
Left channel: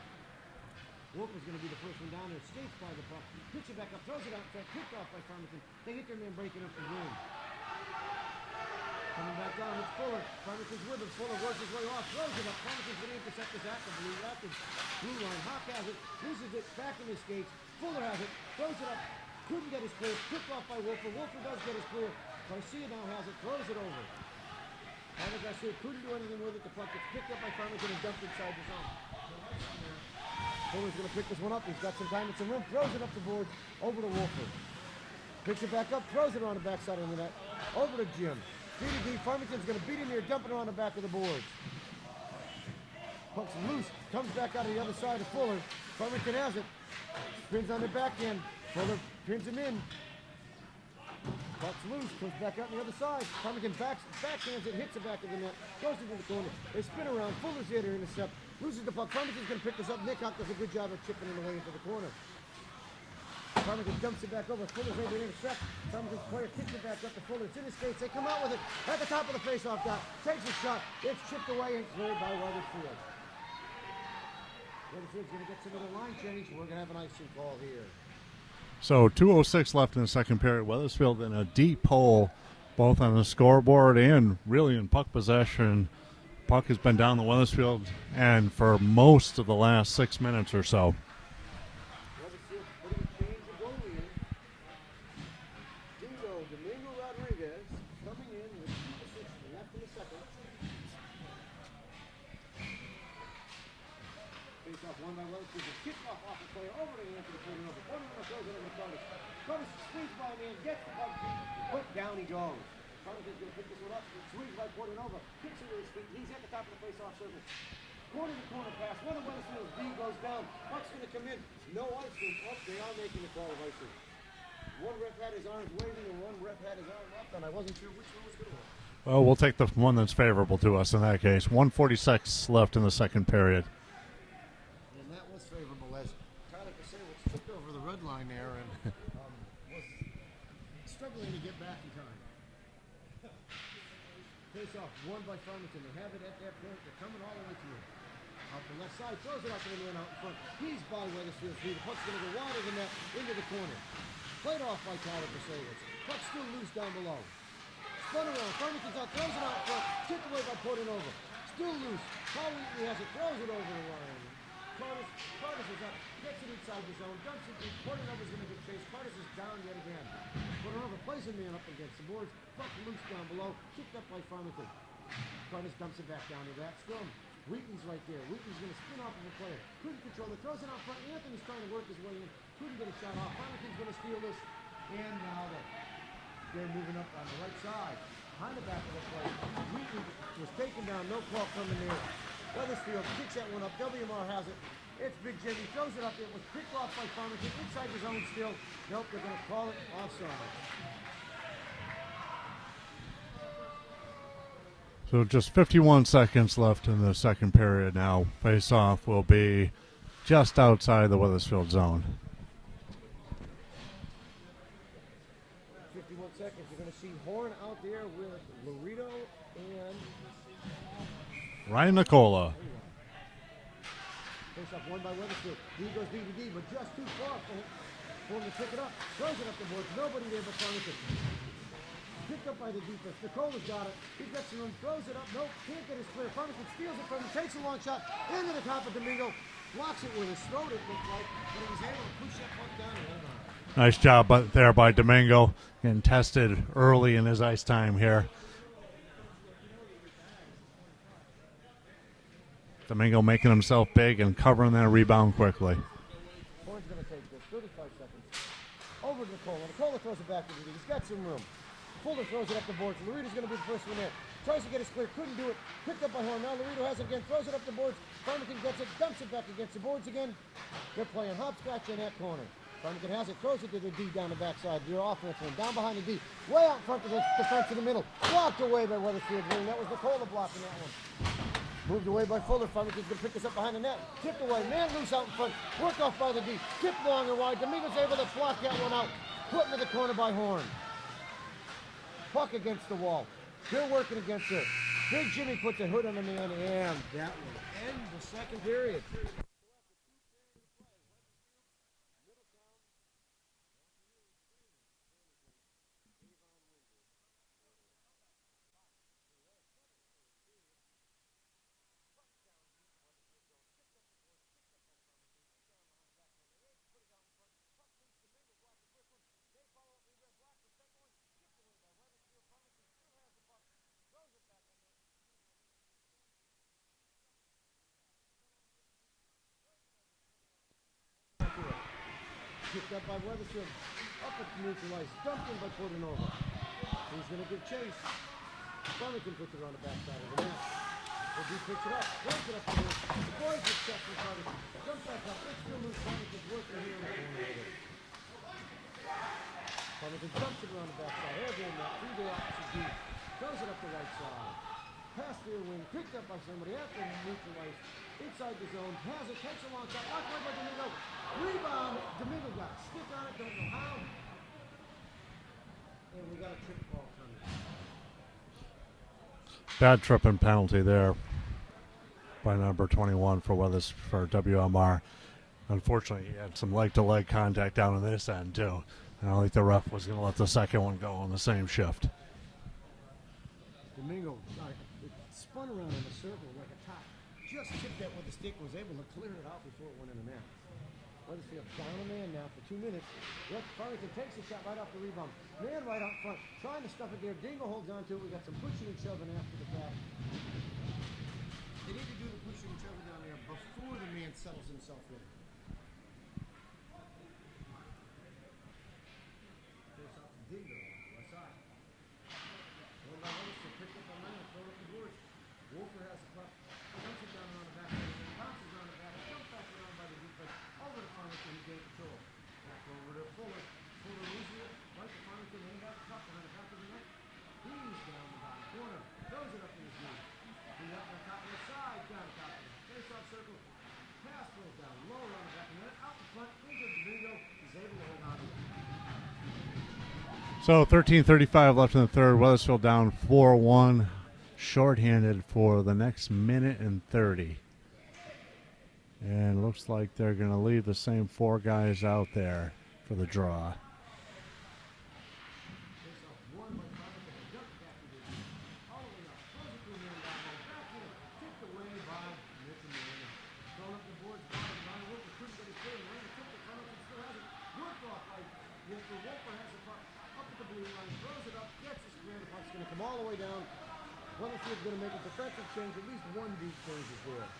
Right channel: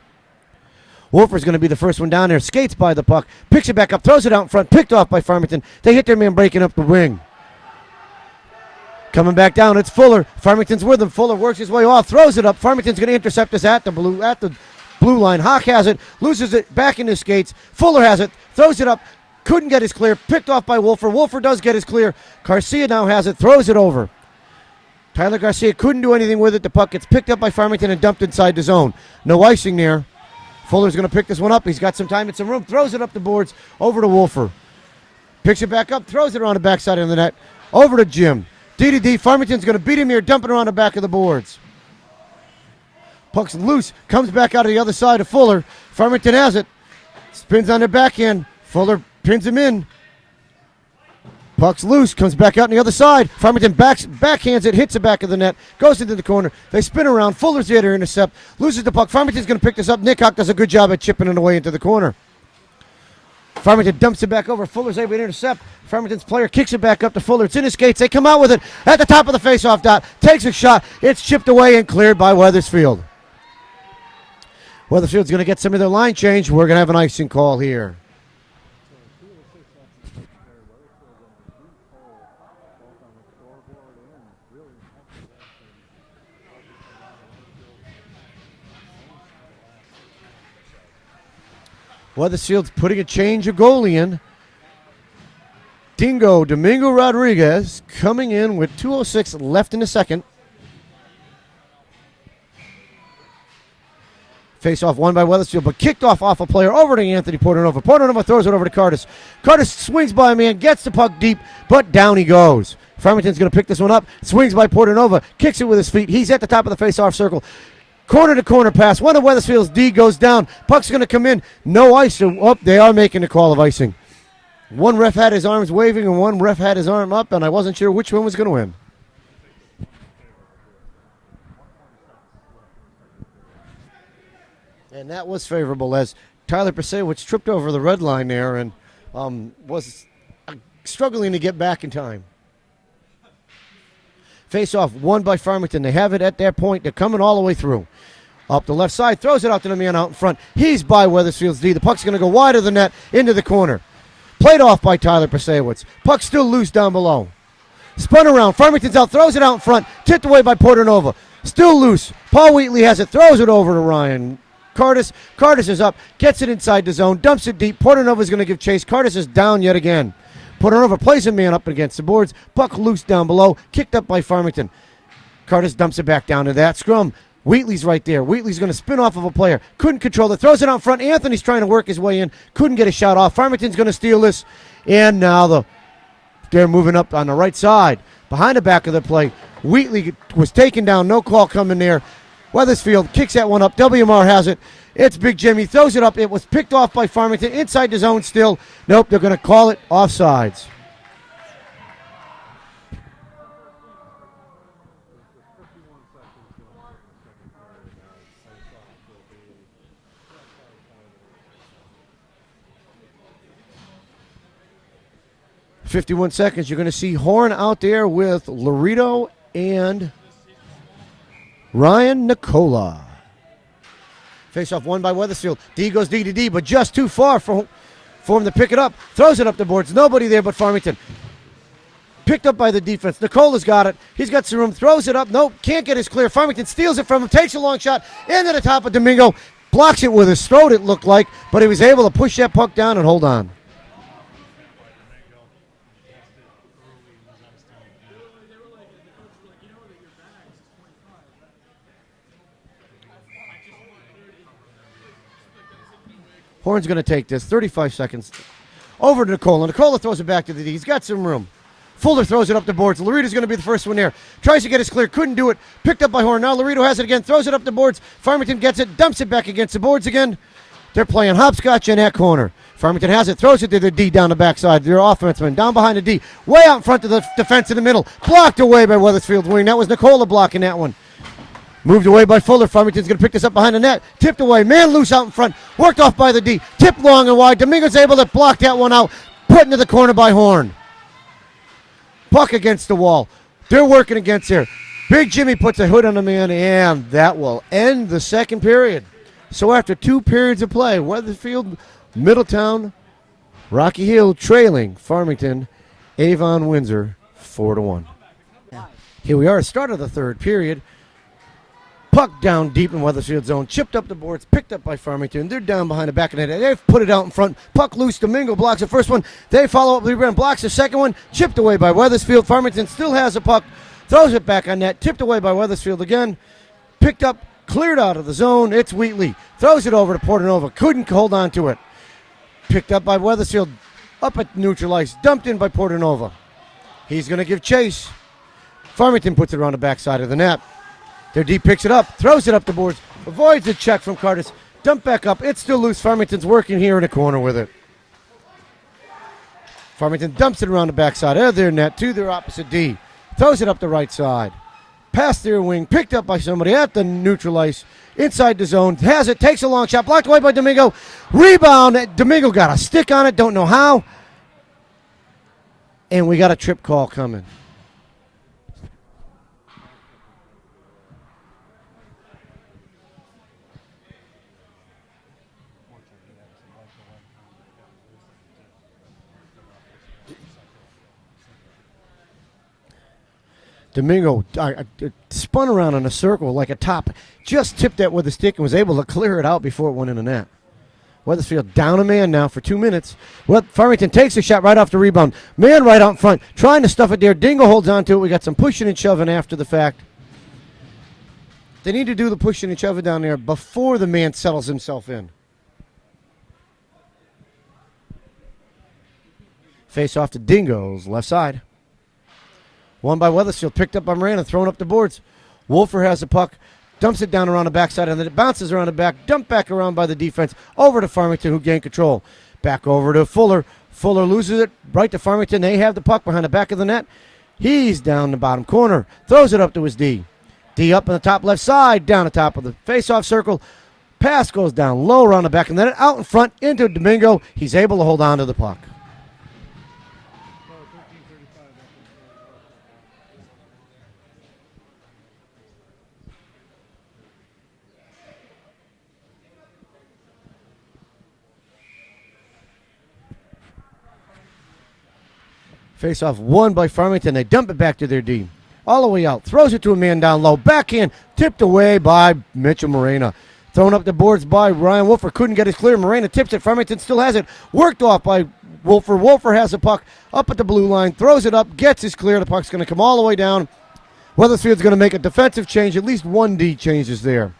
Wolfer's going to be the first one down there, skates by the puck, picks it back up, throws it out in front, picked off by Farmington, they hit their man breaking up the wing. Coming back down, it's Fuller, Farmington's with him, Fuller works his way off, throws it up, Farmington's going to intercept us at the blue line. Hawk has it, loses it back in his skates. Fuller has it, throws it up, couldn't get his clear, picked off by Wolfer. Wolfer does get his clear. Garcia now has it, throws it over. Tyler Garcia couldn't do anything with it. The puck gets picked up by Farmington and dumped inside the zone. No icing there. Fuller's going to pick this one up. He's got some time and some room. Throws it up the boards over to Wolfer. Picks it back up, throws it around the backside of the net. Over to Jim. D. Farmington's going to beat him here, dump it around the back of the boards. Puck's loose, comes back out of the other side of Fuller. Farmington has it. Spins on their backhand. Fuller pins him in. Puck's loose, comes back out on the other side. Farmington backhands it, hits the back of the net, goes into the corner. They spin around. Fuller's there to intercept. Loses the puck. Farmington's going to pick this up. Nick Hawk does a good job at chipping it away into the corner. Farmington dumps it back over. Fuller's able to intercept. Farmington's player kicks it back up to Fuller. It's in his skates. They come out with it at the top of the faceoff dot. Takes a shot. It's chipped away and cleared by Weathersfield. Weathersfield's going to get some of their line change. We're going to have an icing call here. So 2:06 left in the second period. Weathersfield in a deep hole, both on the scoreboard and really in puck possession. Puck has been down the Weathersfield and for most of the last 6 minutes or so. Weathersfield's putting a change of goalie in. Domingo Rodriguez coming in with 2:06 left in the second. Face-off won by Weathersfield, but kicked off a player over to Anthony Portanova. Portanova throws it over to Curtis. Curtis swings by a man, gets the puck deep, but down he goes. Farmington's going to pick this one up. Swings by Portanova, kicks it with his feet. He's at the top of the face-off circle. Corner-to-corner pass. One of Weathersfield's D goes down. Puck's going to come in. No ice. Oh, they are making a call of icing. One ref had his arms waving, and one ref had his arm up, and I wasn't sure which one was going to win. Well, we'll take the one that's favorable to us in that case. 1:46 left in the second period. And that was favorable as Tyler Pasewicz tripped over the red line there and was struggling to get back in time. Face-off won by Farmington. They have it at that point. They're coming all the way through. Up the left side, throws it out to the man out in front. He's by Weathersfield's D. The puck's going to go wide of the net into the corner. Played off by Tyler Pasewicz. Puck still loose down below. Spun around. Farmington's out, throws it out in front. Tipped away by Portanova. Still loose. Paul Wheatley has it, throws it over to Ryan Curtis. Curtis is up, gets it inside the zone, dumps it deep. Portanova's going to give chase. Curtis is down yet again. Portanova plays a man up against the boards. Puck loose down below, kicked up by Farmington. Curtis dumps it back down to that scrum. Wheatley's right there. Wheatley's going to spin off of a player. Couldn't control it. Throws it out front. Anthony's trying to work his way in. Couldn't get a shot off. Farmington's going to steal this. And now they're moving up on the right side. Behind the back of the play. Wheatley was taken down. No call coming there. Weathersfield kicks that one up. WMR has it. It's Big Jimmy. Throws it up. It was picked off by Farmington. Inside the zone still. Nope, they're going to call it offsides. So just 51 seconds left in the second period now. Face-off will be just outside the Weathersfield zone. 51 seconds. You're going to see Horn out there with Laredo and Ryan Nicola. Face-off won by Weathersfield. D goes D to D, but just too far for him to pick it up. Throws it up the boards. Nobody there but Farmington. Picked up by the defense. Nicola's got it. He's got some room. Throws it up. Nope, can't get his clear. Farmington steals it from him. Takes a long shot into the top of Domingo. Blocks it with his throat, it looked like, but he was able to push that puck down and hold on. Nice job there by Domingo. Getting tested early in his ice time here. Domingo making himself big and covering that rebound quickly. Horn's going to take this. 35 seconds. Over to Nicola. Nicola throws it back to the D. He's got some room. Fuller throws it up the boards. Laredo's going to be the first one there. Tries to get his clear. Couldn't do it. Picked up by Horn. Now Laredo has it again. Throws it up the boards. Farmington gets it. Dumps it back against the boards again. They're playing hopscotch in that corner. Farmington has it. Throws it to the D down the backside. Their offenseman down behind the D. Way out in front of the defense in the middle. Blocked away by Weathersfield's wing. That was Nicola blocking that one. Moved away by Fuller. Farmington's going to pick this up behind the net. Tipped away. Man loose out in front. Worked off by the D. Tipped long and wide. Domingo's able to block that one out. Put into the corner by Horn. Puck against the wall. They're working against there. Big Jimmy puts a hood on the man, and that will end the second period. So after 2 periods of play, Weathersfield, Middletown, Rocky Hill trailing Farmington, Avon Windsor 4-1. Here we are, start of the third period. Puck down deep in Weathersfield zone, chipped up the boards, picked up by Farmington. They're down behind the back of the net. They've put it out in front. Puck loose. Domingo blocks the first one. They follow up. Rebound blocks the second one. Chipped away by Weathersfield. Farmington still has the puck. Throws it back on net. Tipped away by Weathersfield again. Picked up, cleared out of the zone. It's Wheatley. Throws it over to Portanova. Couldn't hold on to it. Picked up by Weathersfield. Up at neutral ice. Dumped in by Portanova. He's going to give chase. Farmington puts it around the backside of the net. Their D picks it up, throws it up the boards, avoids the check from Curtis. Dump back up. It's still loose. Farmington's working here in the corner with it. Farmington dumps it around the backside of their net to their opposite D. Throws it up the right side. Past their wing, picked up by somebody at the neutral ice. Inside the zone, has it, takes a long shot, blocked away by Domingo. Rebound, Domingo got a stick on it, don't know how. And we got a trip call coming. Bad tripping penalty there by number 21 for WMR. Unfortunately, he had some leg-to-leg contact down on this end, too. I don't think the ref was going to let the second one go on the same shift. Domingo spun around in a circle like a top, just tipped that with a stick and was able to clear it out before it went in the net. Weathersfield down a man now for 2 minutes. Well, Farmington takes a shot right off the rebound. Man right out in front, trying to stuff it there. Dingo holds on to it. We got some pushing and shoving after the fact. They need to do the pushing and shoving down there before the man settles himself in. Face off to Dingo's left side. Won by Weathersfield, picked up by Miranda, thrown up the boards. Wolfer has the puck. Dumps it down around the backside, and then it bounces around the back, dumped back around by the defense, over to Farmington, who gained control. Back over to Fuller. Fuller loses it right to Farmington. They have the puck behind the back of the net. He's down the bottom corner, throws it up to his D. D up on the top left side, down the top of the face-off circle. Pass goes down low around the back of the net, out in front into Domingo. He's able to hold on to the puck. So 13:35 left in the third. Weathersfield down 4-1. Shorthanded for the next minute and 30. And looks like they're going to leave the same 4 guys out there for the draw. Face-off won by Farmington. They dump it back to their D. All the way out. Throws it to a man down low. Backhand. Tipped away by Mitchell Morena. Thrown up the boards by Ryan Wolfer. Couldn't get it clear. Morena tips it. Farmington still has it. Worked off by Wolfer. Wolfer has the puck up at the blue line. Throws it up. Gets his clear. The puck's going to come all the way down. Weathersfield's going to make a defensive change. At least one D changes there.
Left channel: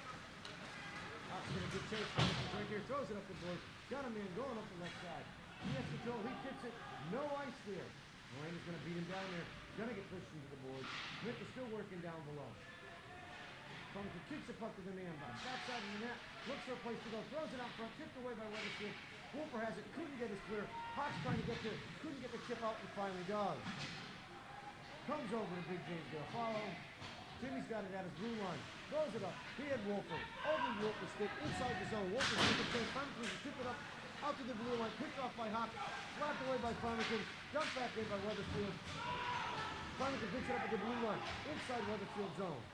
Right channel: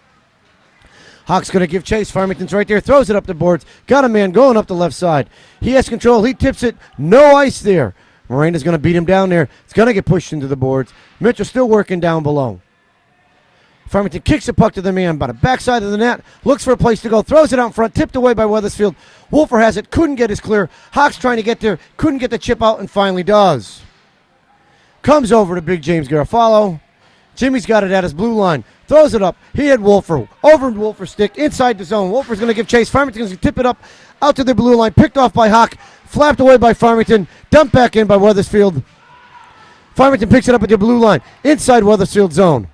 Hawk's going to give chase. Farmington's right there. Throws it up the boards. Got a man going up the left side. He has control. He tips it. No ice there. Morena's going to beat him down there. It's going to get pushed into the boards. Mitchell still working down below. Farmington kicks the puck to the man by the backside of the net. Looks for a place to go. Throws it out in front. Tipped away by Weathersfield. Wolfer has it. Couldn't get his clear. Hawk's trying to get there. Couldn't get the chip out and finally does. Comes over to Big James Garofalo. Jimmy's got it at his blue line. Throws it up. He had Wolfer. Over in Wolfer's stick. Inside the zone. Wolfer's going to give chase. Farmington's going to tip it up out to the blue line. Picked off by Hawk. Flapped away by Farmington. Dumped back in by Weathersfield. Farmington picks it up at the blue line. Inside Weathersfield zone.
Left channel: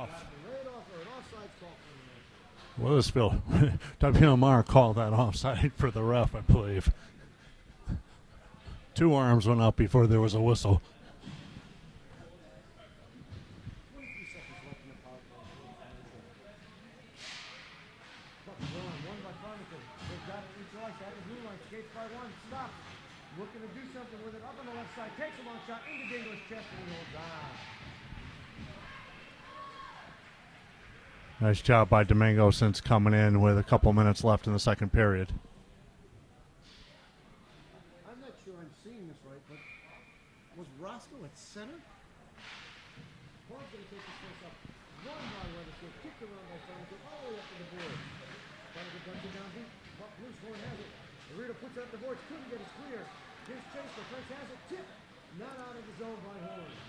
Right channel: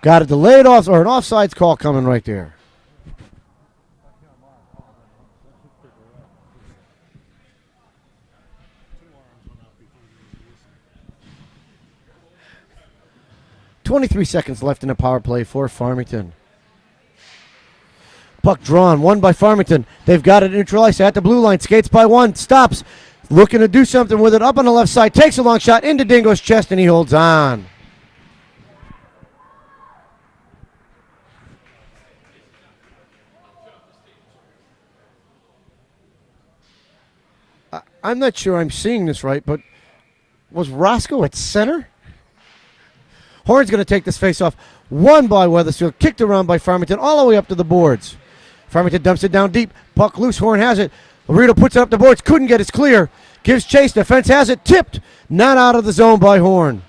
Got a delayed off or an offsides call coming right there. Weathersfield. WMR called that offside for the ref, I believe. 2 arms went up before there was a whistle. 23 seconds left in the power play for Farmington. Puck drawn, won by Farmington. They've got it neutralized at the blue line. Skates by one, stops. Looking to do something with it up on the left side. Takes a long shot into Dingo's chest, and he holds on. Nice job by Domingo since coming in with a couple minutes left in the second period. I'm not sure I'm seeing this right, but was Roscoe at center? Horn's going to take this face-off. Won by Weathersfield, kicked around by Farmington all the way up to the boards. Farmington dumps it down deep. Puck loose, Horn has it. Laredo puts it up the boards, couldn't get it clear. Gives chase, defense has it, tipped. Not out of the zone by Horn.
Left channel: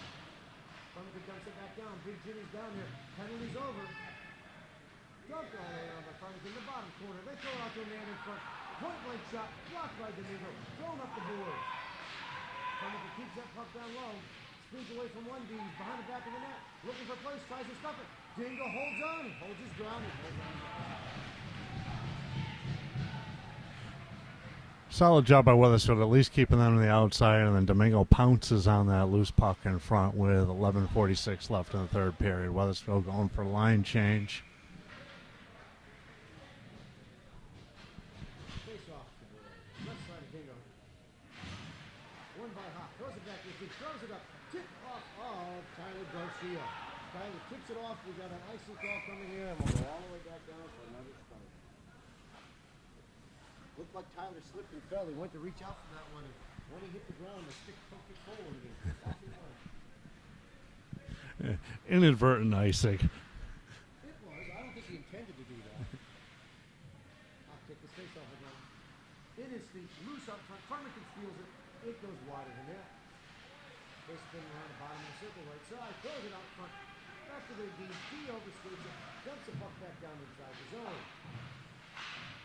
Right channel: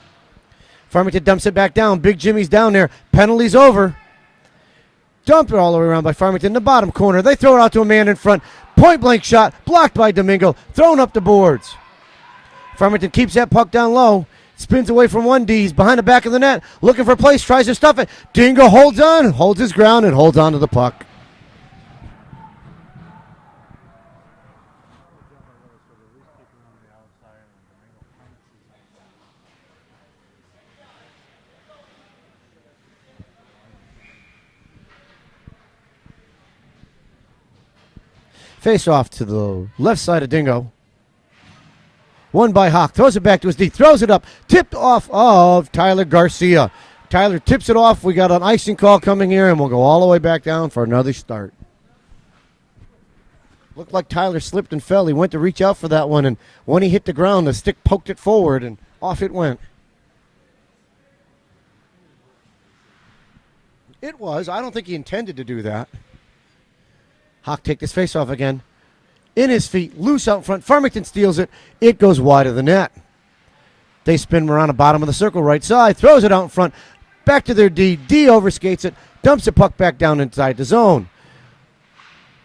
Farmington dumps it back down. Big Jimmy's down there. Penalty's over. Dumped it all the way around by Farmington in the bottom corner. They throw it out to a man in front. Point blank shot, blocked by Domingo, thrown up the boards. Farmington keeps that puck down low. Spins away from one D. He's behind the back of the net. Looking for a place. Tries to stuff it. Dingo holds on. Holds his ground and holds on to the puck. Solid job by Weathersfield, at least keeping them on the outside, and then Domingo pounces on that loose puck in front with 11:46 left in the third period. Weathersfield going for line change. Face off to the left side of Dingo. Won by Hawk. Throws it back to his D. Throws it up. Tipped off of Tyler Garcia. Tyler tips it off. We got an icing call coming here, and we'll go all the way back down for another start. Looked like Tyler slipped and fell. He went to reach out for that one, and when he hit the ground, the stick poked it forward, and off it went. Inadvertent icing. It was. I don't think he intended to do that. Hawk take this face off again. In his feet, loose out front. Farmington steals it. It goes wide of the net. They spin around the bottom of the circle, right side. Throws it out in front. Back to their D. D overskates it. Dumps the puck back down inside the zone.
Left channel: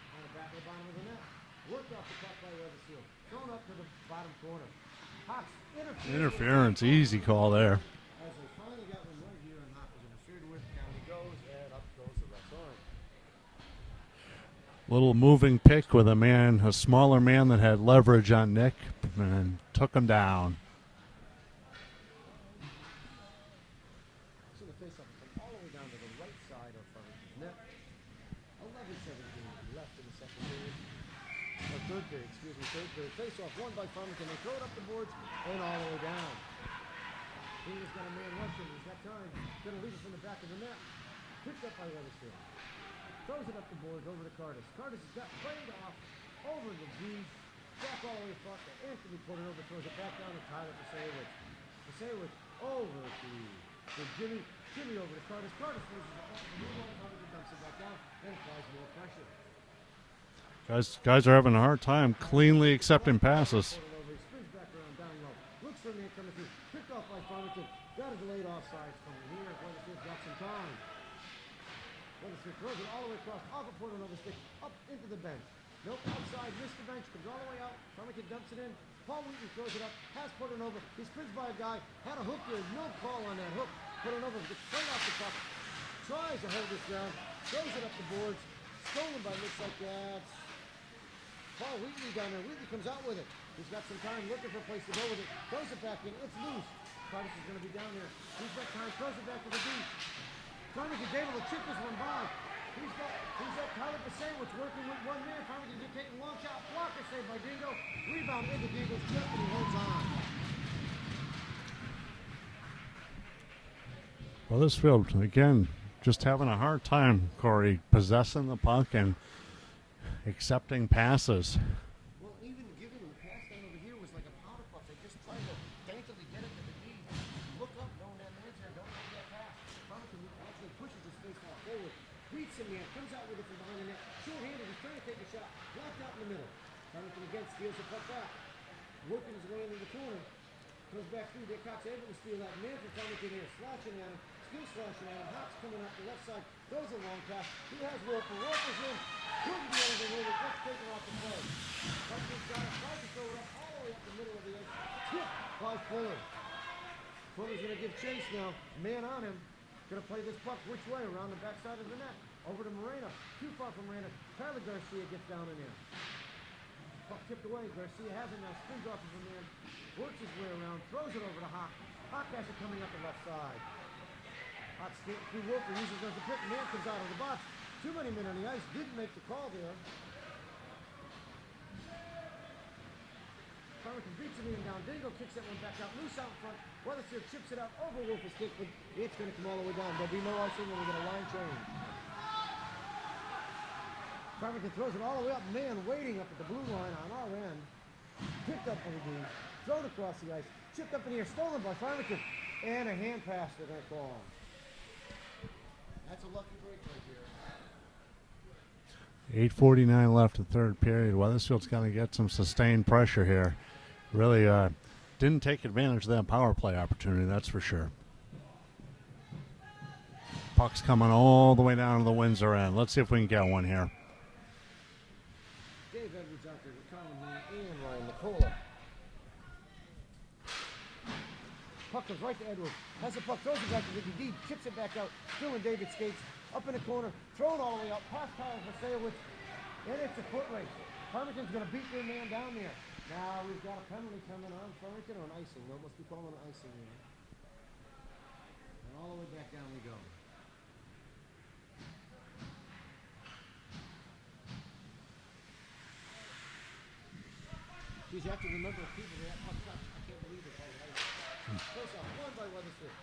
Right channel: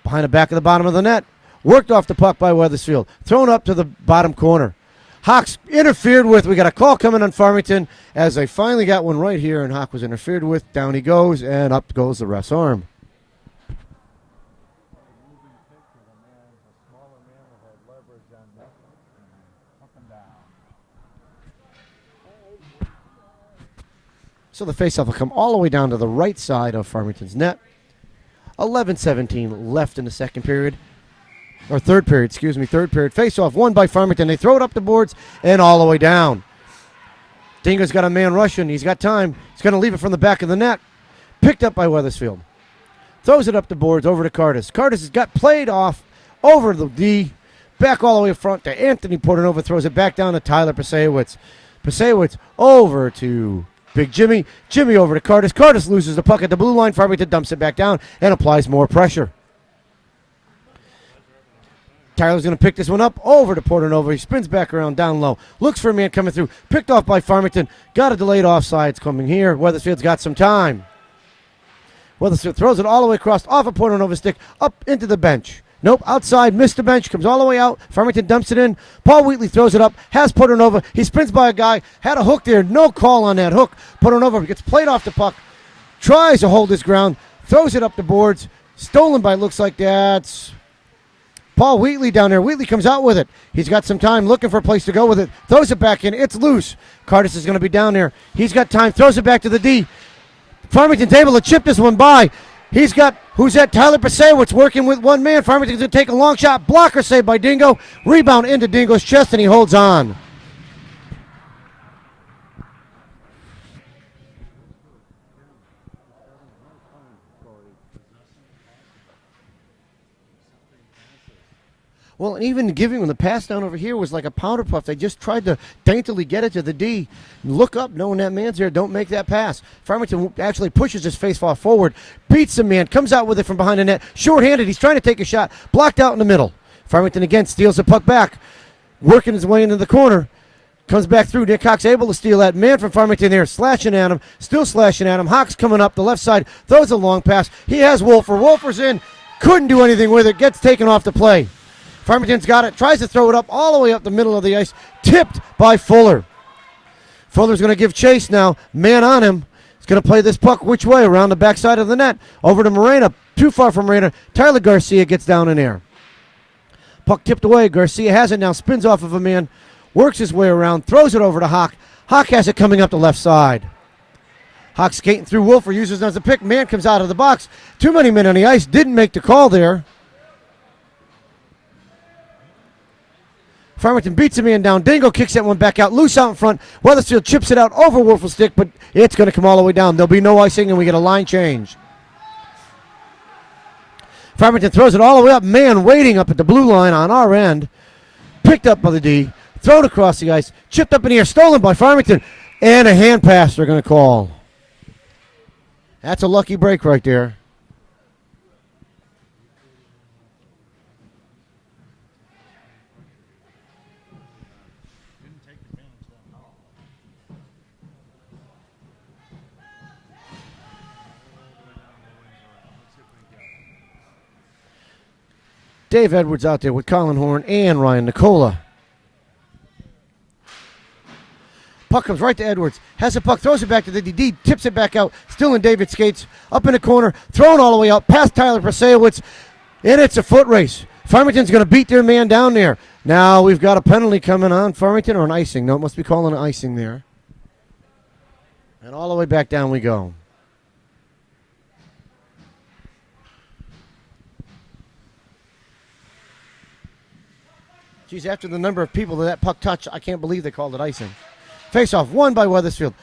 Behind the back of the bottom of the net. Worked off the puck by Weathersfield. Thrown up to the bottom corner. Hawks interfered with. We got a call coming on Farmington as they finally got one right here, and Hawk was interfered with. Down he goes, and up goes the ref's arm. Little moving pick with a smaller man that had leverage on Nick, and took him down. So the faceoff will come all the way down to the right side of Farmington's net. 11:17 left in the second period. Or third period, excuse me. Third period. Faceoff won by Farmington. They throw it up the boards and all the way down. Dingo's got a man rushing. He's got time. He's going to leave it from the back of the net. Picked up by Weathersfield. Throws it up the boards over to Cardis. Cardis has got played off over the D. Back all the way up front to Anthony Portanova. Throws it back down to Tyler Pasewicz. Pasewicz over to Big Jimmy. Jimmy over to Cardis. Cardis loses the puck at the blue line. Farmington dumps it back down and applies more pressure. Guys are having a hard time. Tyler's going to pick this one up over to Portanova. He spins back around down low. Looks for a man coming through. Picked off by Farmington. Got a delayed offsides coming here. Weathersfield's got some time. Weathersfield throws it all the way across, off a Portanova's stick, up into the bench. Nope, outside, missed the bench, comes all the way out. Farmington dumps it in. Paul Wheatley throws it up, has Portanova. He spins by a guy, had a hook there, no call on that hook. Portanova gets played off the puck, tries to hold his ground, throws it up the boards. Stolen by, looks like that's Paul Wheatley down there. Wheatley comes out with it. He's got some time, looking for a place to go with it. Throws it back in, it's loose. Cardis is going to be down there. He's got time, throws it back to the D. Farmington's able to chip this one by. He's got, who's that? Tyler Pasewicz working with one man. Farmington's going to take a long shot. Blocker saved by Dingo. Rebound into Dingo's chest, and he holds on. Weathersfield, again, just having a hard time, Corey, possessing the puck and accepting passes. Well, and even giving him the pass down over here was like a powder puff. They just tried to daintily get it to the D. Look up, knowing that man's there. Don't make that pass. Farmington actually pushes his face-off forward, beats the man, comes out with it from behind the net. Short-handed, he's trying to take a shot. Blocked out in the middle. Farmington again steals the puck back, working his way into the corner. Comes back through. Nick Hawk's able to steal that. Man from Farmington there, slashing at him. Still slashing at him. Hawk's coming up the left side. Throws a long pass. He has Wolfer. Wolfer's in. Couldn't do anything with it. Gets taken off the play. Farmington's got it, tries to throw it up all the way up the middle of the ice, tipped by Fuller. Fuller's going to give chase now, man on him. He's going to play this puck which way? Around the backside of the net, over to Morena, too far from Morena. Tyler Garcia gets down in there. Puck tipped away, Garcia has it now, spins off of a man, works his way around, throws it over to Hawk. Hawk has it coming up the left side. Hawk skating through Wolfer, uses it as a pick, man comes out of the box. Too many men on the ice, didn't make the call there. Farmington beats a man down. Dingo kicks that one back out. Loose out in front. Weathersfield chips it out over Wolfer's stick, but it's going to come all the way down. There'll be no icing, and we get a line change. Farmington throws it all the way up. Man waiting up at the blue line on our end. Picked up by the D. Thrown across the ice. Chipped up in the air. Stolen by Farmington. And a hand pass they're going to call. That's a lucky break right there. 8:49 left in third period. Weathersfield's going to get some sustained pressure here. Really didn't take advantage of that power play opportunity, that's for sure. Puck's coming all the way down to the Windsor end. Let's see if we can get one here. Dave Edwards out there with Colin Horn and Ryan Nicola. Puck comes right to Edwards. Has the puck, throws it back to the DD, tips it back out. Still in David skates. Up in the corner, thrown all the way out, past Tyler Prasewicz. And it's a foot race. Farmington's going to beat their man down there. Now we've got a penalty coming on Farmington, or an icing. No, it must be calling an icing there. And all the way back down we go. Geez, after the number of people that puck touched, I can't believe they called it icing. Face-off, won by Weathersfield.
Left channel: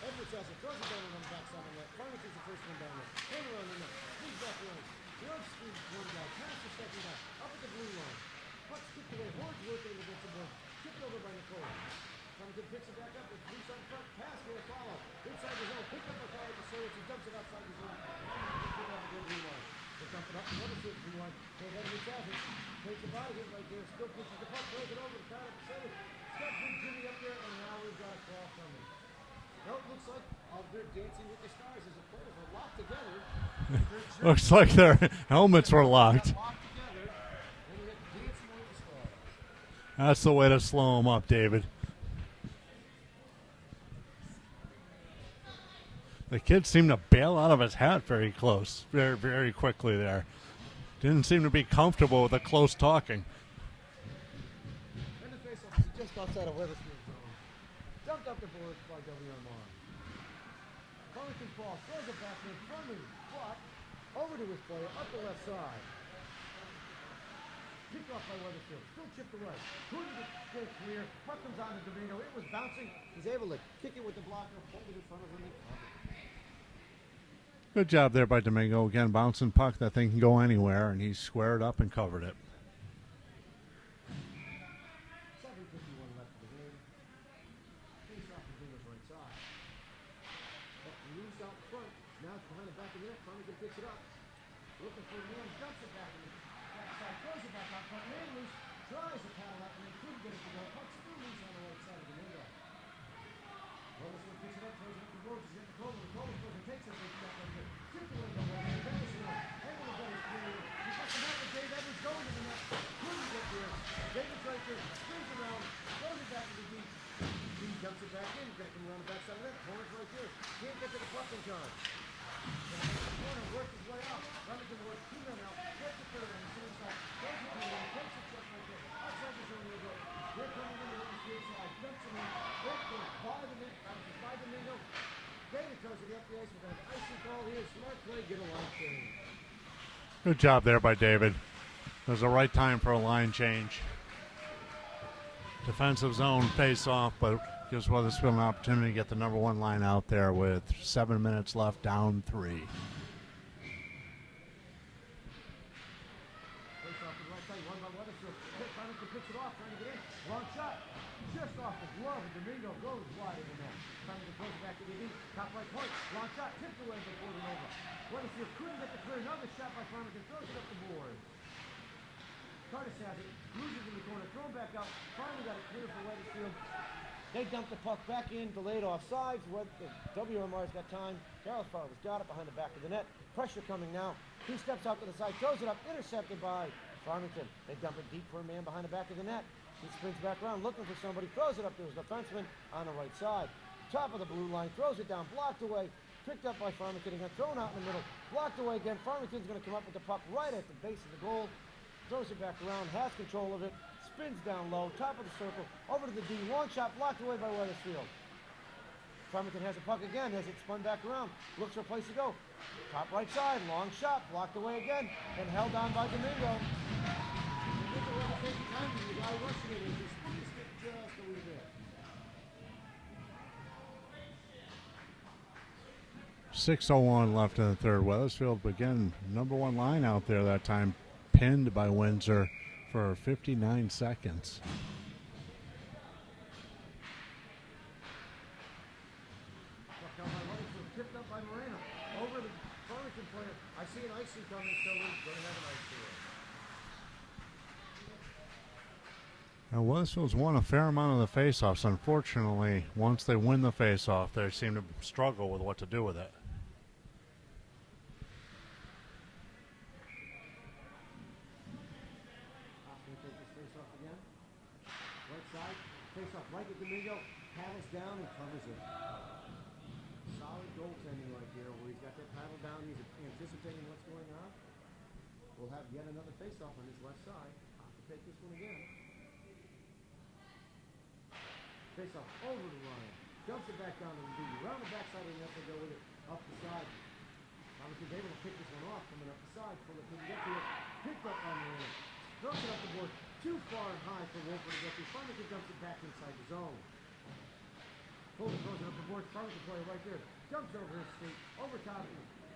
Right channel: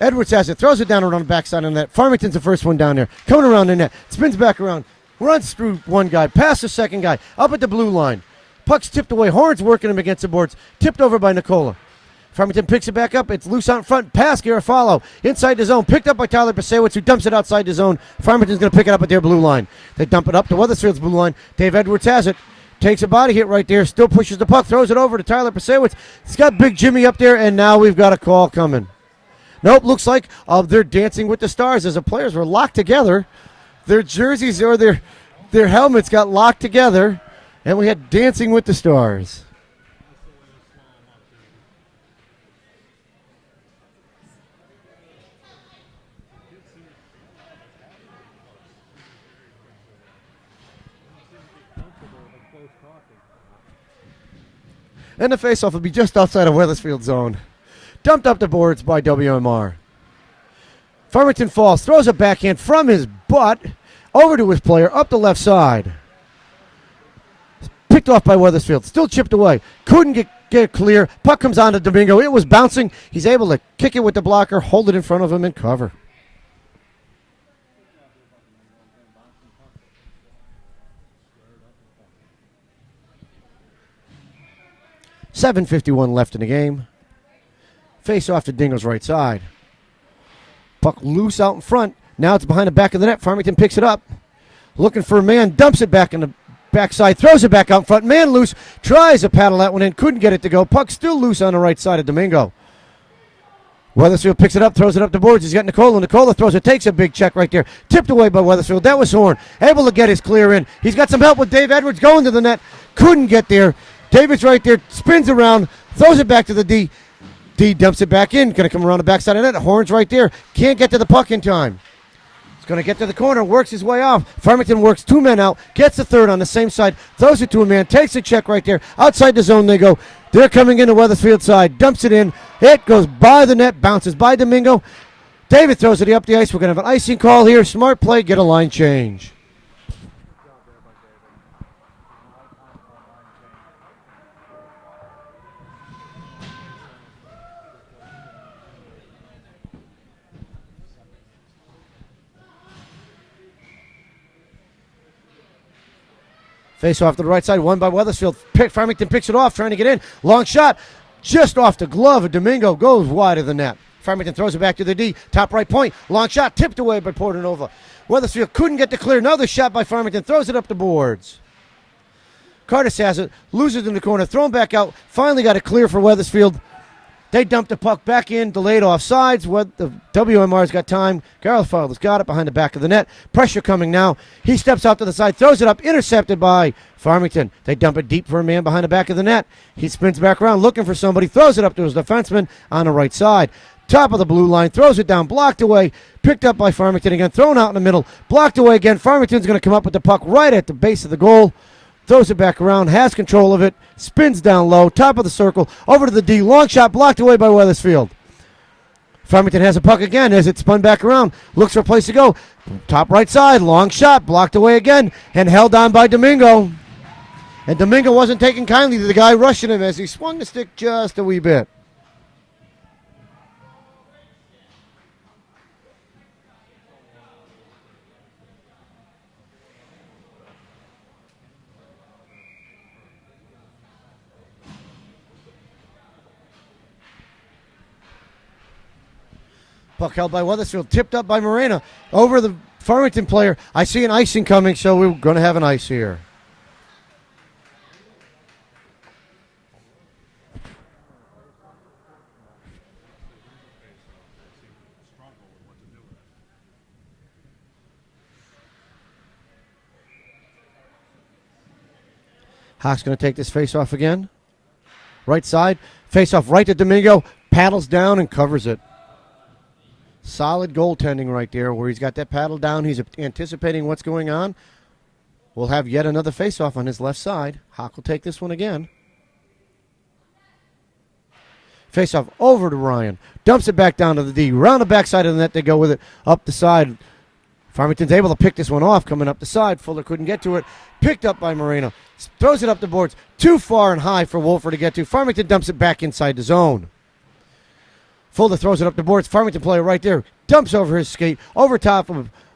Edwards has it, throws it down around the backside of the net. Farmington's the first one down there. Coming around the net, spins back around, runs through one guy, past the second guy, up at the blue line. Puck's tipped away, Horns working him against the boards, tipped over by Nicola. Farmington picks it back up, it's loose out in front, pass Garofalo, inside the zone, picked up by Tyler Pasewicz, who dumps it outside the zone. Farmington's going to pick it up at their blue line. They dump it up to Weathersfield's blue line. Dave Edwards has it. Takes a body hit right there, still pushes the puck, throws it over to Tyler Pasewicz. He's got Big Jimmy up there, and now we've got a call coming. Nope, looks like they're dancing with the stars as the players were locked together. Their jerseys like or their helmets got locked together, and we had Dancing with the Stars. That's the way to slow them up, David. The kid seemed to bail out of his hat very close, very, very quickly there. Didn't seem to be comfortable with the close talking. And the faceoff will be just outside of Weathersfield zone. Dumped up the boards by WMR. Farmington falls, throws a backhand from his butt over to his player, up the left side. Picked off by Weathersfield, still chipped away. Couldn't get it clear. Puck comes on to Domingo. It was bouncing. He's able to kick it with the blocker, hold it in front of him, and cover. Good job there by Domingo. Again, bouncing puck. That thing can go anywhere, and he squared up and covered it. 7:51 left in the game. Face off to Dingo's right side. Puck loose out in front. Now it's behind the back of the net. Farmington picks it up. Looking for a man. Dumps it back in the backside. Throws it back out in front. Man loose. Tries to paddle that one in. Couldn't get it to go. Puck still loose on the right side of Domingo. Weathersfield picks it up, throws it up the boards. He's got Nicola. Nicola throws it, takes a big check right there. Tipped away by Weathersfield. That was Horn. Able to get his clear in. He's got some help with Dave Edwards going to the net. Couldn't get there. David's right there, spins around, throws it back to the D. D dumps it back in. Going to come around the backside of the net. Horn's right there. Can't get to the puck in time. He's going to get to the corner, works his way off. Farmington works two men out, gets the third on the same side, throws it to a man, takes a check right there. Outside the zone they go. They're coming into Weathersfield side, dumps it in. It goes by the net, bounces by Domingo. David throws it up the ice. We're going to have an icing call here. Smart play, get a line change. Good job there by David. It was the right time for a line change. Defensive zone face off, but gives Weathersfield an opportunity to get the number one line out there with 7 minutes left, down 3. Face off to the right side, won by Weathersfield. Farmington picks it off, trying to get in. Long shot, just off the glove of Domingo, goes wide of the net. Farmington throws it back to the D, top right point. Long shot, tipped away by Portanova. Weathersfield couldn't get the clear. Another shot by Farmington, throws it up the boards. Curtis has it, loses in the corner, thrown back out. Finally got it clear for Weathersfield. They dumped the puck back in, delayed offsides. The WMR's got time. Garofalo's got it behind the back of the net. Pressure coming now. He steps out to the side, throws it up, intercepted by Farmington. They dump it deep for a man behind the back of the net. He spins back around looking for somebody, throws it up to his defenseman on the right side. Top of the blue line, throws it down, blocked away, picked up by Farmington again, thrown out in the middle, blocked away again. Farmington's going to come up with the puck right at the base of the goal. Throws it back around, has control of it, spins down low, top of the circle, over to the D. Long shot blocked away by Weathersfield. Farmington has a puck again as it spun back around, looks for a place to go. Top right side, long shot, blocked away again, and held on by Domingo. And Domingo wasn't taking kindly to the guy rushing him as he swung the stick just a wee bit. 6:01 left in the third. Weathersfield, again, number one line out there that time, pinned by Windsor for 59 seconds. Puck held by Weathersfield, tipped up by Morena over the Farmington player. I see an icing coming, so we're going to have an ice here. Now, Weathersfield's won a fair amount of the faceoffs. Unfortunately, once they win the faceoff, they seem to struggle with what to do with it. Hawks going to take this faceoff again. Right side, faceoff right to Domingo, paddles down and covers it. Solid goaltending right there where he's got that paddle down. He's anticipating what's going on. We'll have yet another faceoff on his left side. Hawk will take this one again. Faceoff over to Ryan. Dumps it back down to the D. Round the backside of the net, they go with it up the side. Farmington's able to pick this one off coming up the side. Fuller couldn't get to it. Picked up by Moreno. Throws it up the boards. Too far and high for Wolfer to get to. Farmington dumps it back inside the zone. Fuller throws it up the boards. Farmington player right there. Dumps over his skate. Over top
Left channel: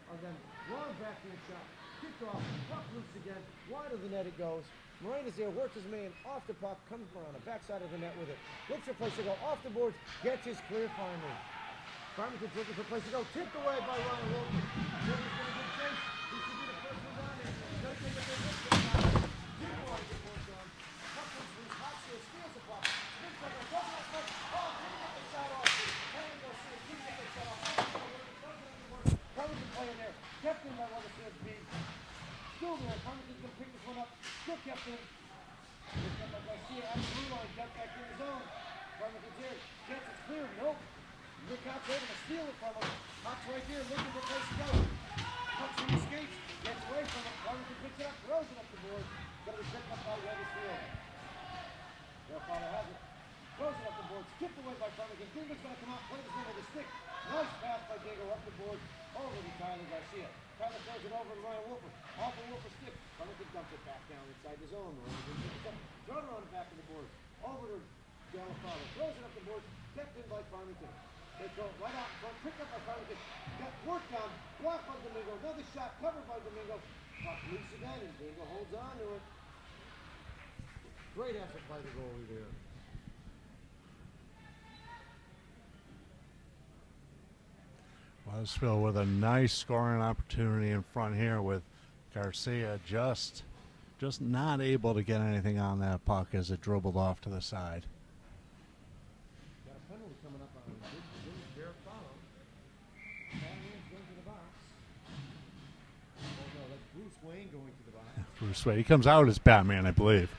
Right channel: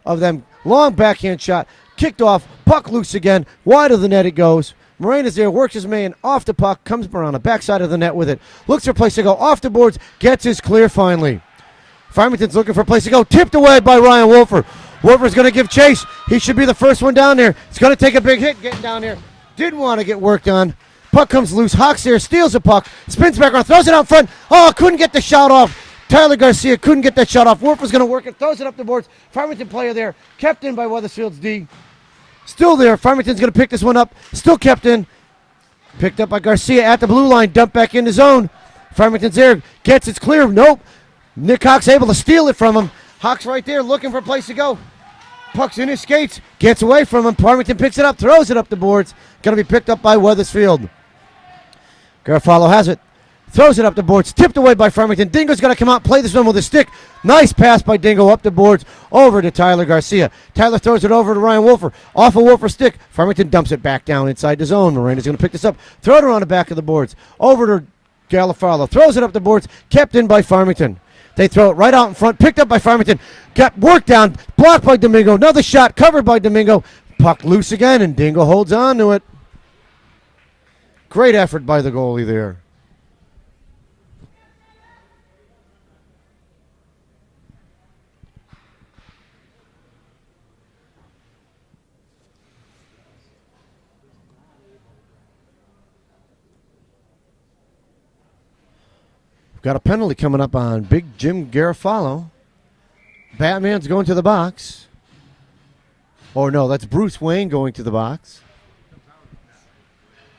of them. Long backhand shot. Kicked off. Puck loose again. Wide of the net it goes. Morena's there, works his man off the puck, comes around the backside of the net with it. Looks for a place to go off the boards, gets his clear finally. Farmington's looking for a place to go, tipped away by Ryan Wolfer. Wolfer's going to give chase. He should be the first one down there. He's going to take a big hit getting down there. Didn't want to get worked on. Puck comes loose. Hawks there, steals the puck, spins back around, throws it out front. Oh, couldn't get the shot off. Tyler Garcia couldn't get that shot off. Wolfer's going to work it, throws it up the boards. Farmington player there, kept in by Weathersfield's D. Still there. Farmington's going to pick this one up. Still kept in. Picked up by Garcia at the blue line. Dumped back in the zone. Farmington's there. Gets it clear. Nope. Nick Hawk's able to steal it from him. Hawk's right there looking for a place to go. Puck's in his skates. Gets away from him. Farmington picks it up. Throws it up the boards. Going to be picked up by Weathersfield. Garofalo has it. Throws it up the boards. Tipped away by Farmington. Dingo's got to come out, play this one with a stick. Nice pass by Dingo up the boards over to Tyler Garcia. Tyler throws it over to Ryan Wolfer. Off of Wolfer's stick. Farmington dumps it back down inside the zone. Morena's going to pick this up. Throw it around the back of the boards. Over to Garofalo. Throws it up the boards. Kept in by Farmington. They throw it right out in front. Picked up by Farmington. Got worked down. Blocked by Domingo. Another shot covered by Domingo. Puck loose again, and Dingo holds on to it. Great effort by the goalie there. Weathersfield with a nice scoring opportunity in front here with Garcia just not able to get anything on that puck as it dribbled off to the side. Got a penalty coming up on Big Jim Garofalo. Batman's going to the box. Or no, that's Bruce Wayne going to the box. Bruce Wayne, he comes out as Batman, I believe.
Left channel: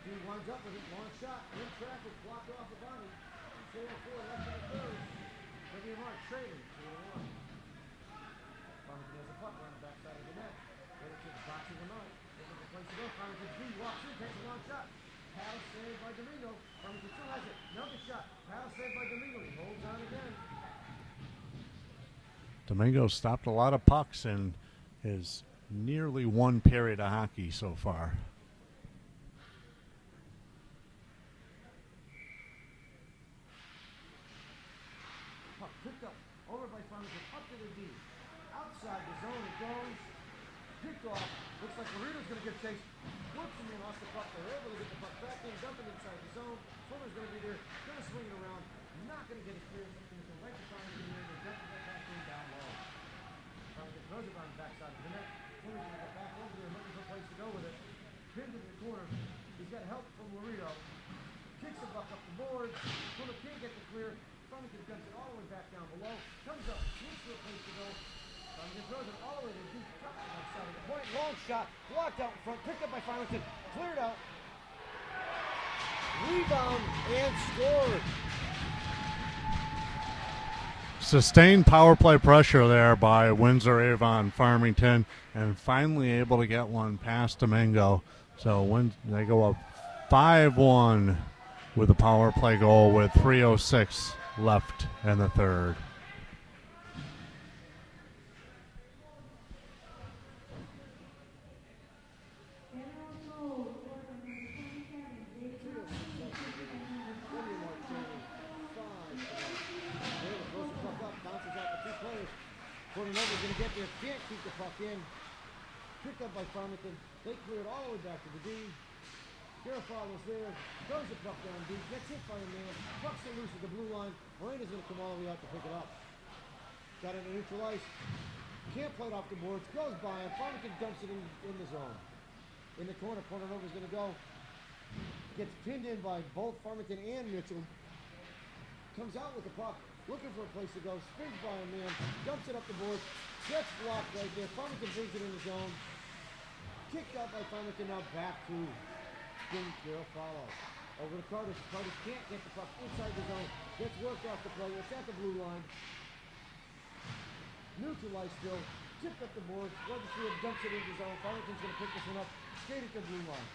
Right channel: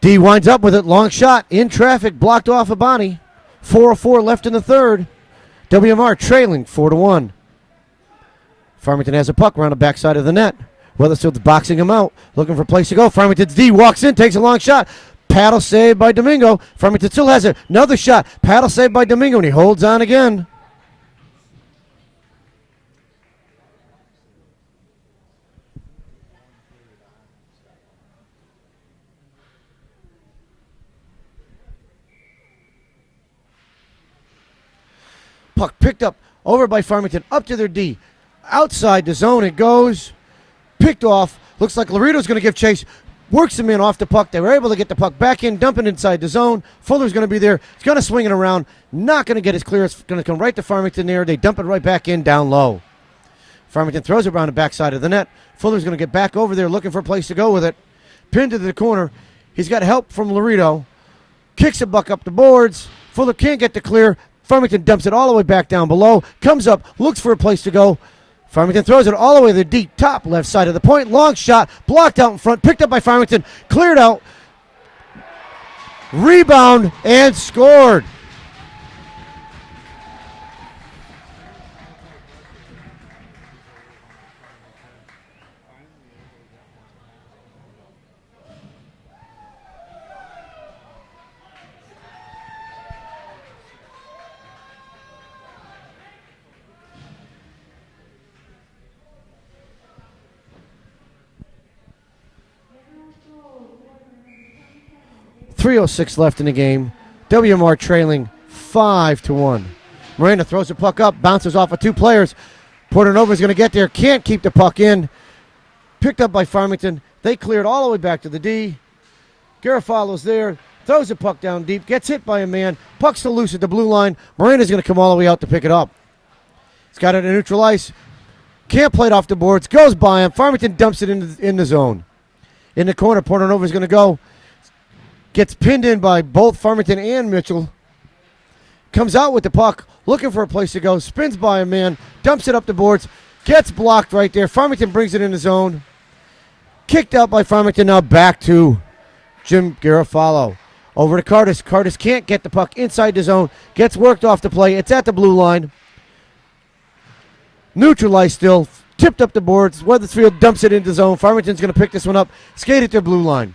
D winds up with it. Long shot. In traffic. Blocked off a body. 4:04 left in the third. WMR trailing 4-1. Farmington has a puck around the backside of the net. Weathersfield's boxing him out. Looking for a place to go. Farmington's D walks in. Takes a long shot. Paddle saved by Domingo. Farmington still has it. Another shot. Paddle saved by Domingo, and he holds on again. Domingo stopped a lot of pucks in his nearly one period of hockey so far. Puck picked up over by Farmington, up to their D. Outside the zone it goes. Picked off. Looks like Laredo's going to give chase. Works him in off the puck. They were able to get the puck back in, dump it inside the zone. Fuller's going to be there. He's going to swing it around. Not going to get his clear. It's going to come right to Farmington there. They dump it right back in down low. Farmington throws it around the backside of the net. Fuller's going to get back over there looking for a place to go with it. Pinned to the corner. He's got help from Laredo. Kicks the puck up the boards. Fuller can't get the clear. Farmington dumps it all the way back down below. Comes up, looks for a place to go. Farmington throws it all the way to the deep top left side of the point. Long shot, blocked out in front, picked up by Farmington, cleared out. Rebound and scored. Sustained power play pressure there by Windsor Avon Farmington, and finally able to get one past Domingo. So when they go up 5-1 with a power play goal with 3:06 left in the third. .306 left in the game. WMR trailing 5-1. Moreno throws the puck up, bounces off of two players. Portanova's going to get there, can't keep the puck in. Picked up by Farmington. They cleared all the way back to the D. Garofalo's there, throws the puck down deep, gets hit by a man. Puck's still loose at the blue line. Moreno's going to come all the way out to pick it up. He's got it in neutral ice. Can't play it off the boards. Goes by him. Farmington dumps it in the zone. In the corner, Portanova's going to go. Gets pinned in by both Farmington and Mitchell. Comes out with the puck, looking for a place to go. Spins by a man. Dumps it up the boards. Gets blocked right there. Farmington brings it in the zone. Kicked out by Farmington. Now back to Jim Garofalo. Over to Curtis. Curtis can't get the puck inside the zone. Gets worked off the play. It's at the blue line. Neutralized still. Tipped up the boards. Weathersfield dumps it into zone. Farmington's going to pick this one up. Skate at their blue line.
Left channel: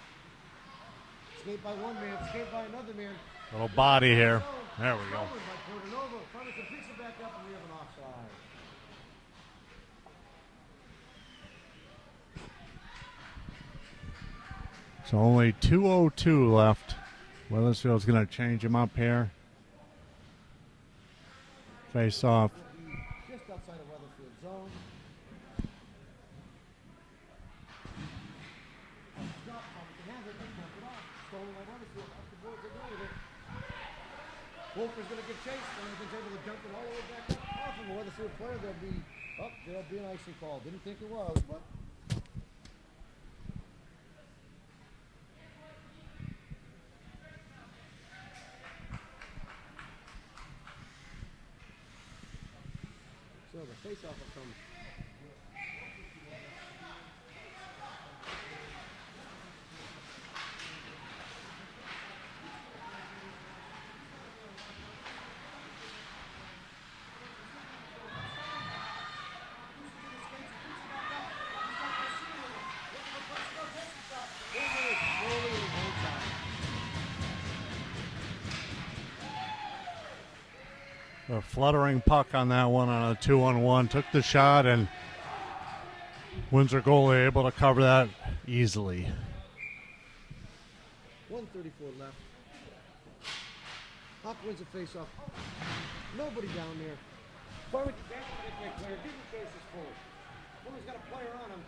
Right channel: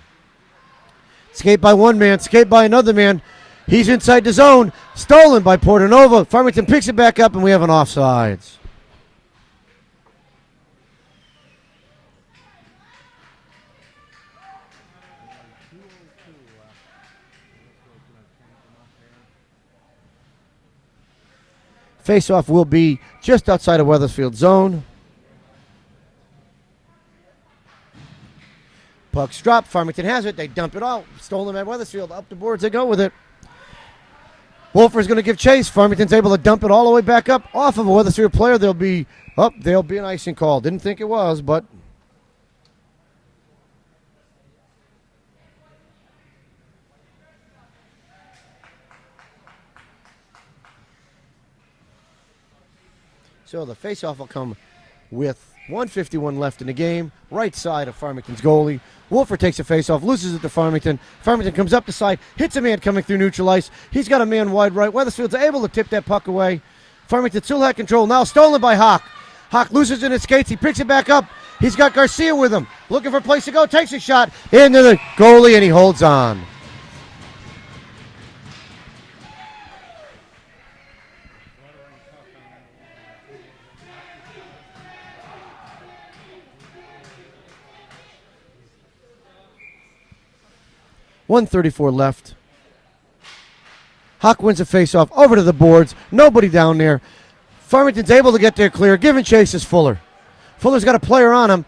Skate by one man. Skate by another man. He's inside the zone. Stolen by Portanova. Farmington picks it back up, and we have an offsides. So only 2:02 left. Weathersfield's going to change him up here. Face-off will be just outside of Weathersfield zone. Puck's dropped. Farmington has it. They dump it out. Stolen by Weathersfield. Up the boards they go with it. Wolfer's going to give chase. Farmington's able to dump it all the way back up off of a Weathersfield player. There'll be an icing call. Didn't think it was, but so the faceoff will come with 1:51 left in the game. Right side of Farmington's goalie. Wolfer takes a faceoff, loses it to Farmington. Farmington comes up the side, hits a man coming through neutral ice. He's got a man wide right. Weathersfield's able to tip that puck away. Farmington still had control. Now stolen by Hawk. Hawk loses in his skates. He picks it back up. He's got Garcia with him. Looking for a place to go. Takes a shot into the goalie, and he holds on. A fluttering puck on that one on a 2-on-1. Took the shot, and Windsor goalie able to cover that easily. 1:34 left. Hawk wins a faceoff over to the boards. Nobody down there. Farmington's able to get there clear. Giving chase is Fuller. Fuller's got a player on him.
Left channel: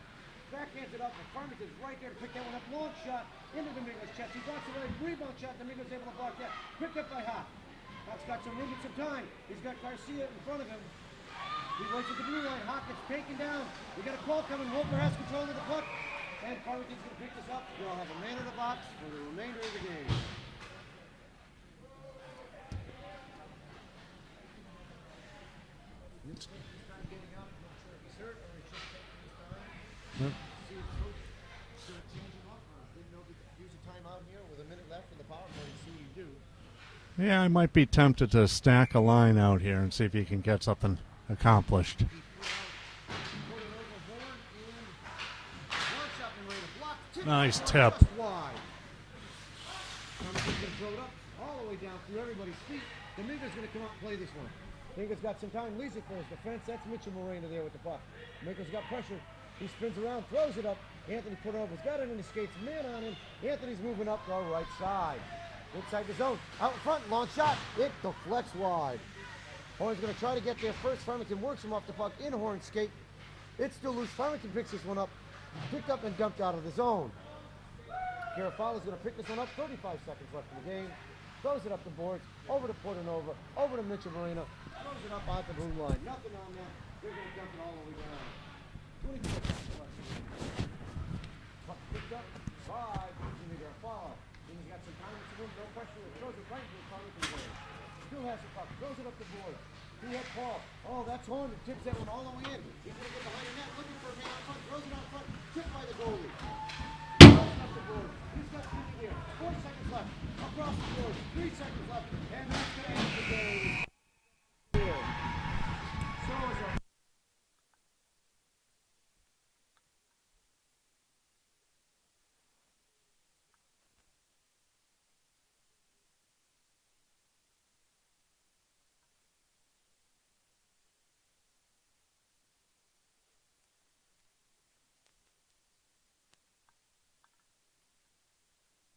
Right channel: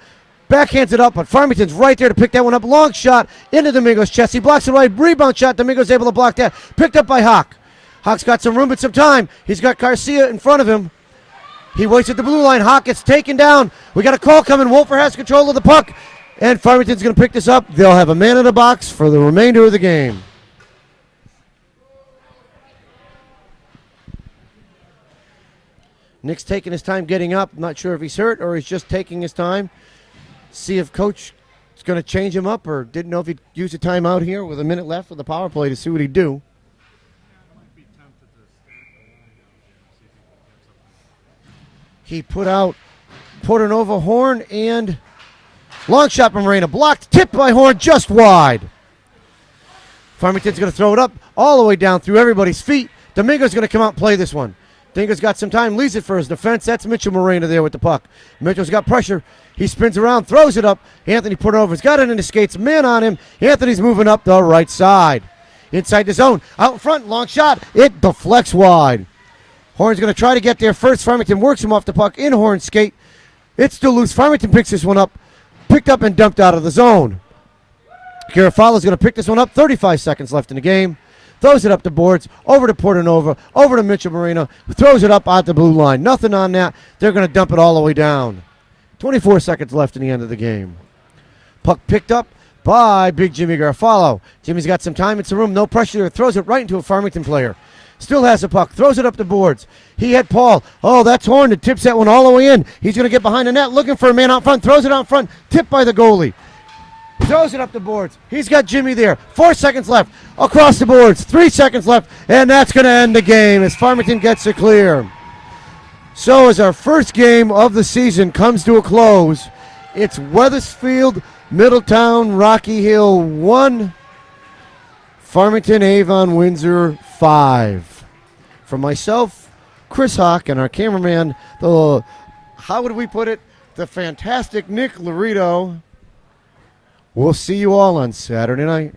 Backhands it up, but Farmington's right there to pick that one up. Long shot into Domingo's chest. He blocks it right. Rebound shot. Domingo's able to block that. Picked up by Hawk. Hawk's got some room and some time. He's got Garcia in front of him. He waits at the blue line. Hawk gets taken down. We got a call coming. Wolfer has control of the puck. And Farmington's going to pick this up. They'll have a man in the box for the remainder of the game. Nick's taking his time getting up. Not sure if he's hurt or he's just taking his time. See if coach is going to change him up or didn't know if he'd use a timeout here with a minute left with the power play to see what he'd do. Yeah, I might be tempted to stack a line out here and see if he can get something accomplished. He put out Portanova, Horn, and long shot from Moreno. Blocked, tipped by Horn, just wide. Farmington's going to throw it up all the way down through everybody's feet. Domingo's going to come out and play this one. Domingo's got some time, leaves it for his defense. That's Mitchell Moreno there with the puck. Mitchell's got pressure. He spins around, throws it up. Anthony Portanova's got it in his skates. Man on him. Anthony's moving up the right side. Inside the zone. Out in front, long shot. It deflects wide. Horn's going to try to get there first. Farmington works him off the puck in Horn's skate. It's still loose. Farmington picks this one up. Picked up and dumped out of the zone. Garofalo's going to pick this one up. 35 seconds left in the game. Throws it up the boards. Over to Portanova. Over to Mitchell Moreno. Who throws it up out the blue line. Nothing on that. They're going to dump it all the way down. 24 seconds left in the end of the game. Puck picked up by Big Jimmy Garofalo. Jimmy's got some time. It's a room. No pressure there. Throws it right into a Farmington player. Still has the puck. Throws it up the boards. He had Paul. Oh, that's Horn that tips that one all the way in. He's going to get behind the net looking for a man out front. Throws it out front. Tipped by the goalie. Throws it up the boards. He's got Jimmy there. 4 seconds left. Across the boards. 3 seconds left. And that's going to end the game as Farmington gets it clear. So as our first game of the season comes to a close, it's Weathersfield, Middletown, Rocky Hill 1, Farmington, Avon, Windsor 5. For myself, Chris Hawk, and our cameraman, how would we put it? The fantastic Nick Laredo. We'll see you all on Saturday night.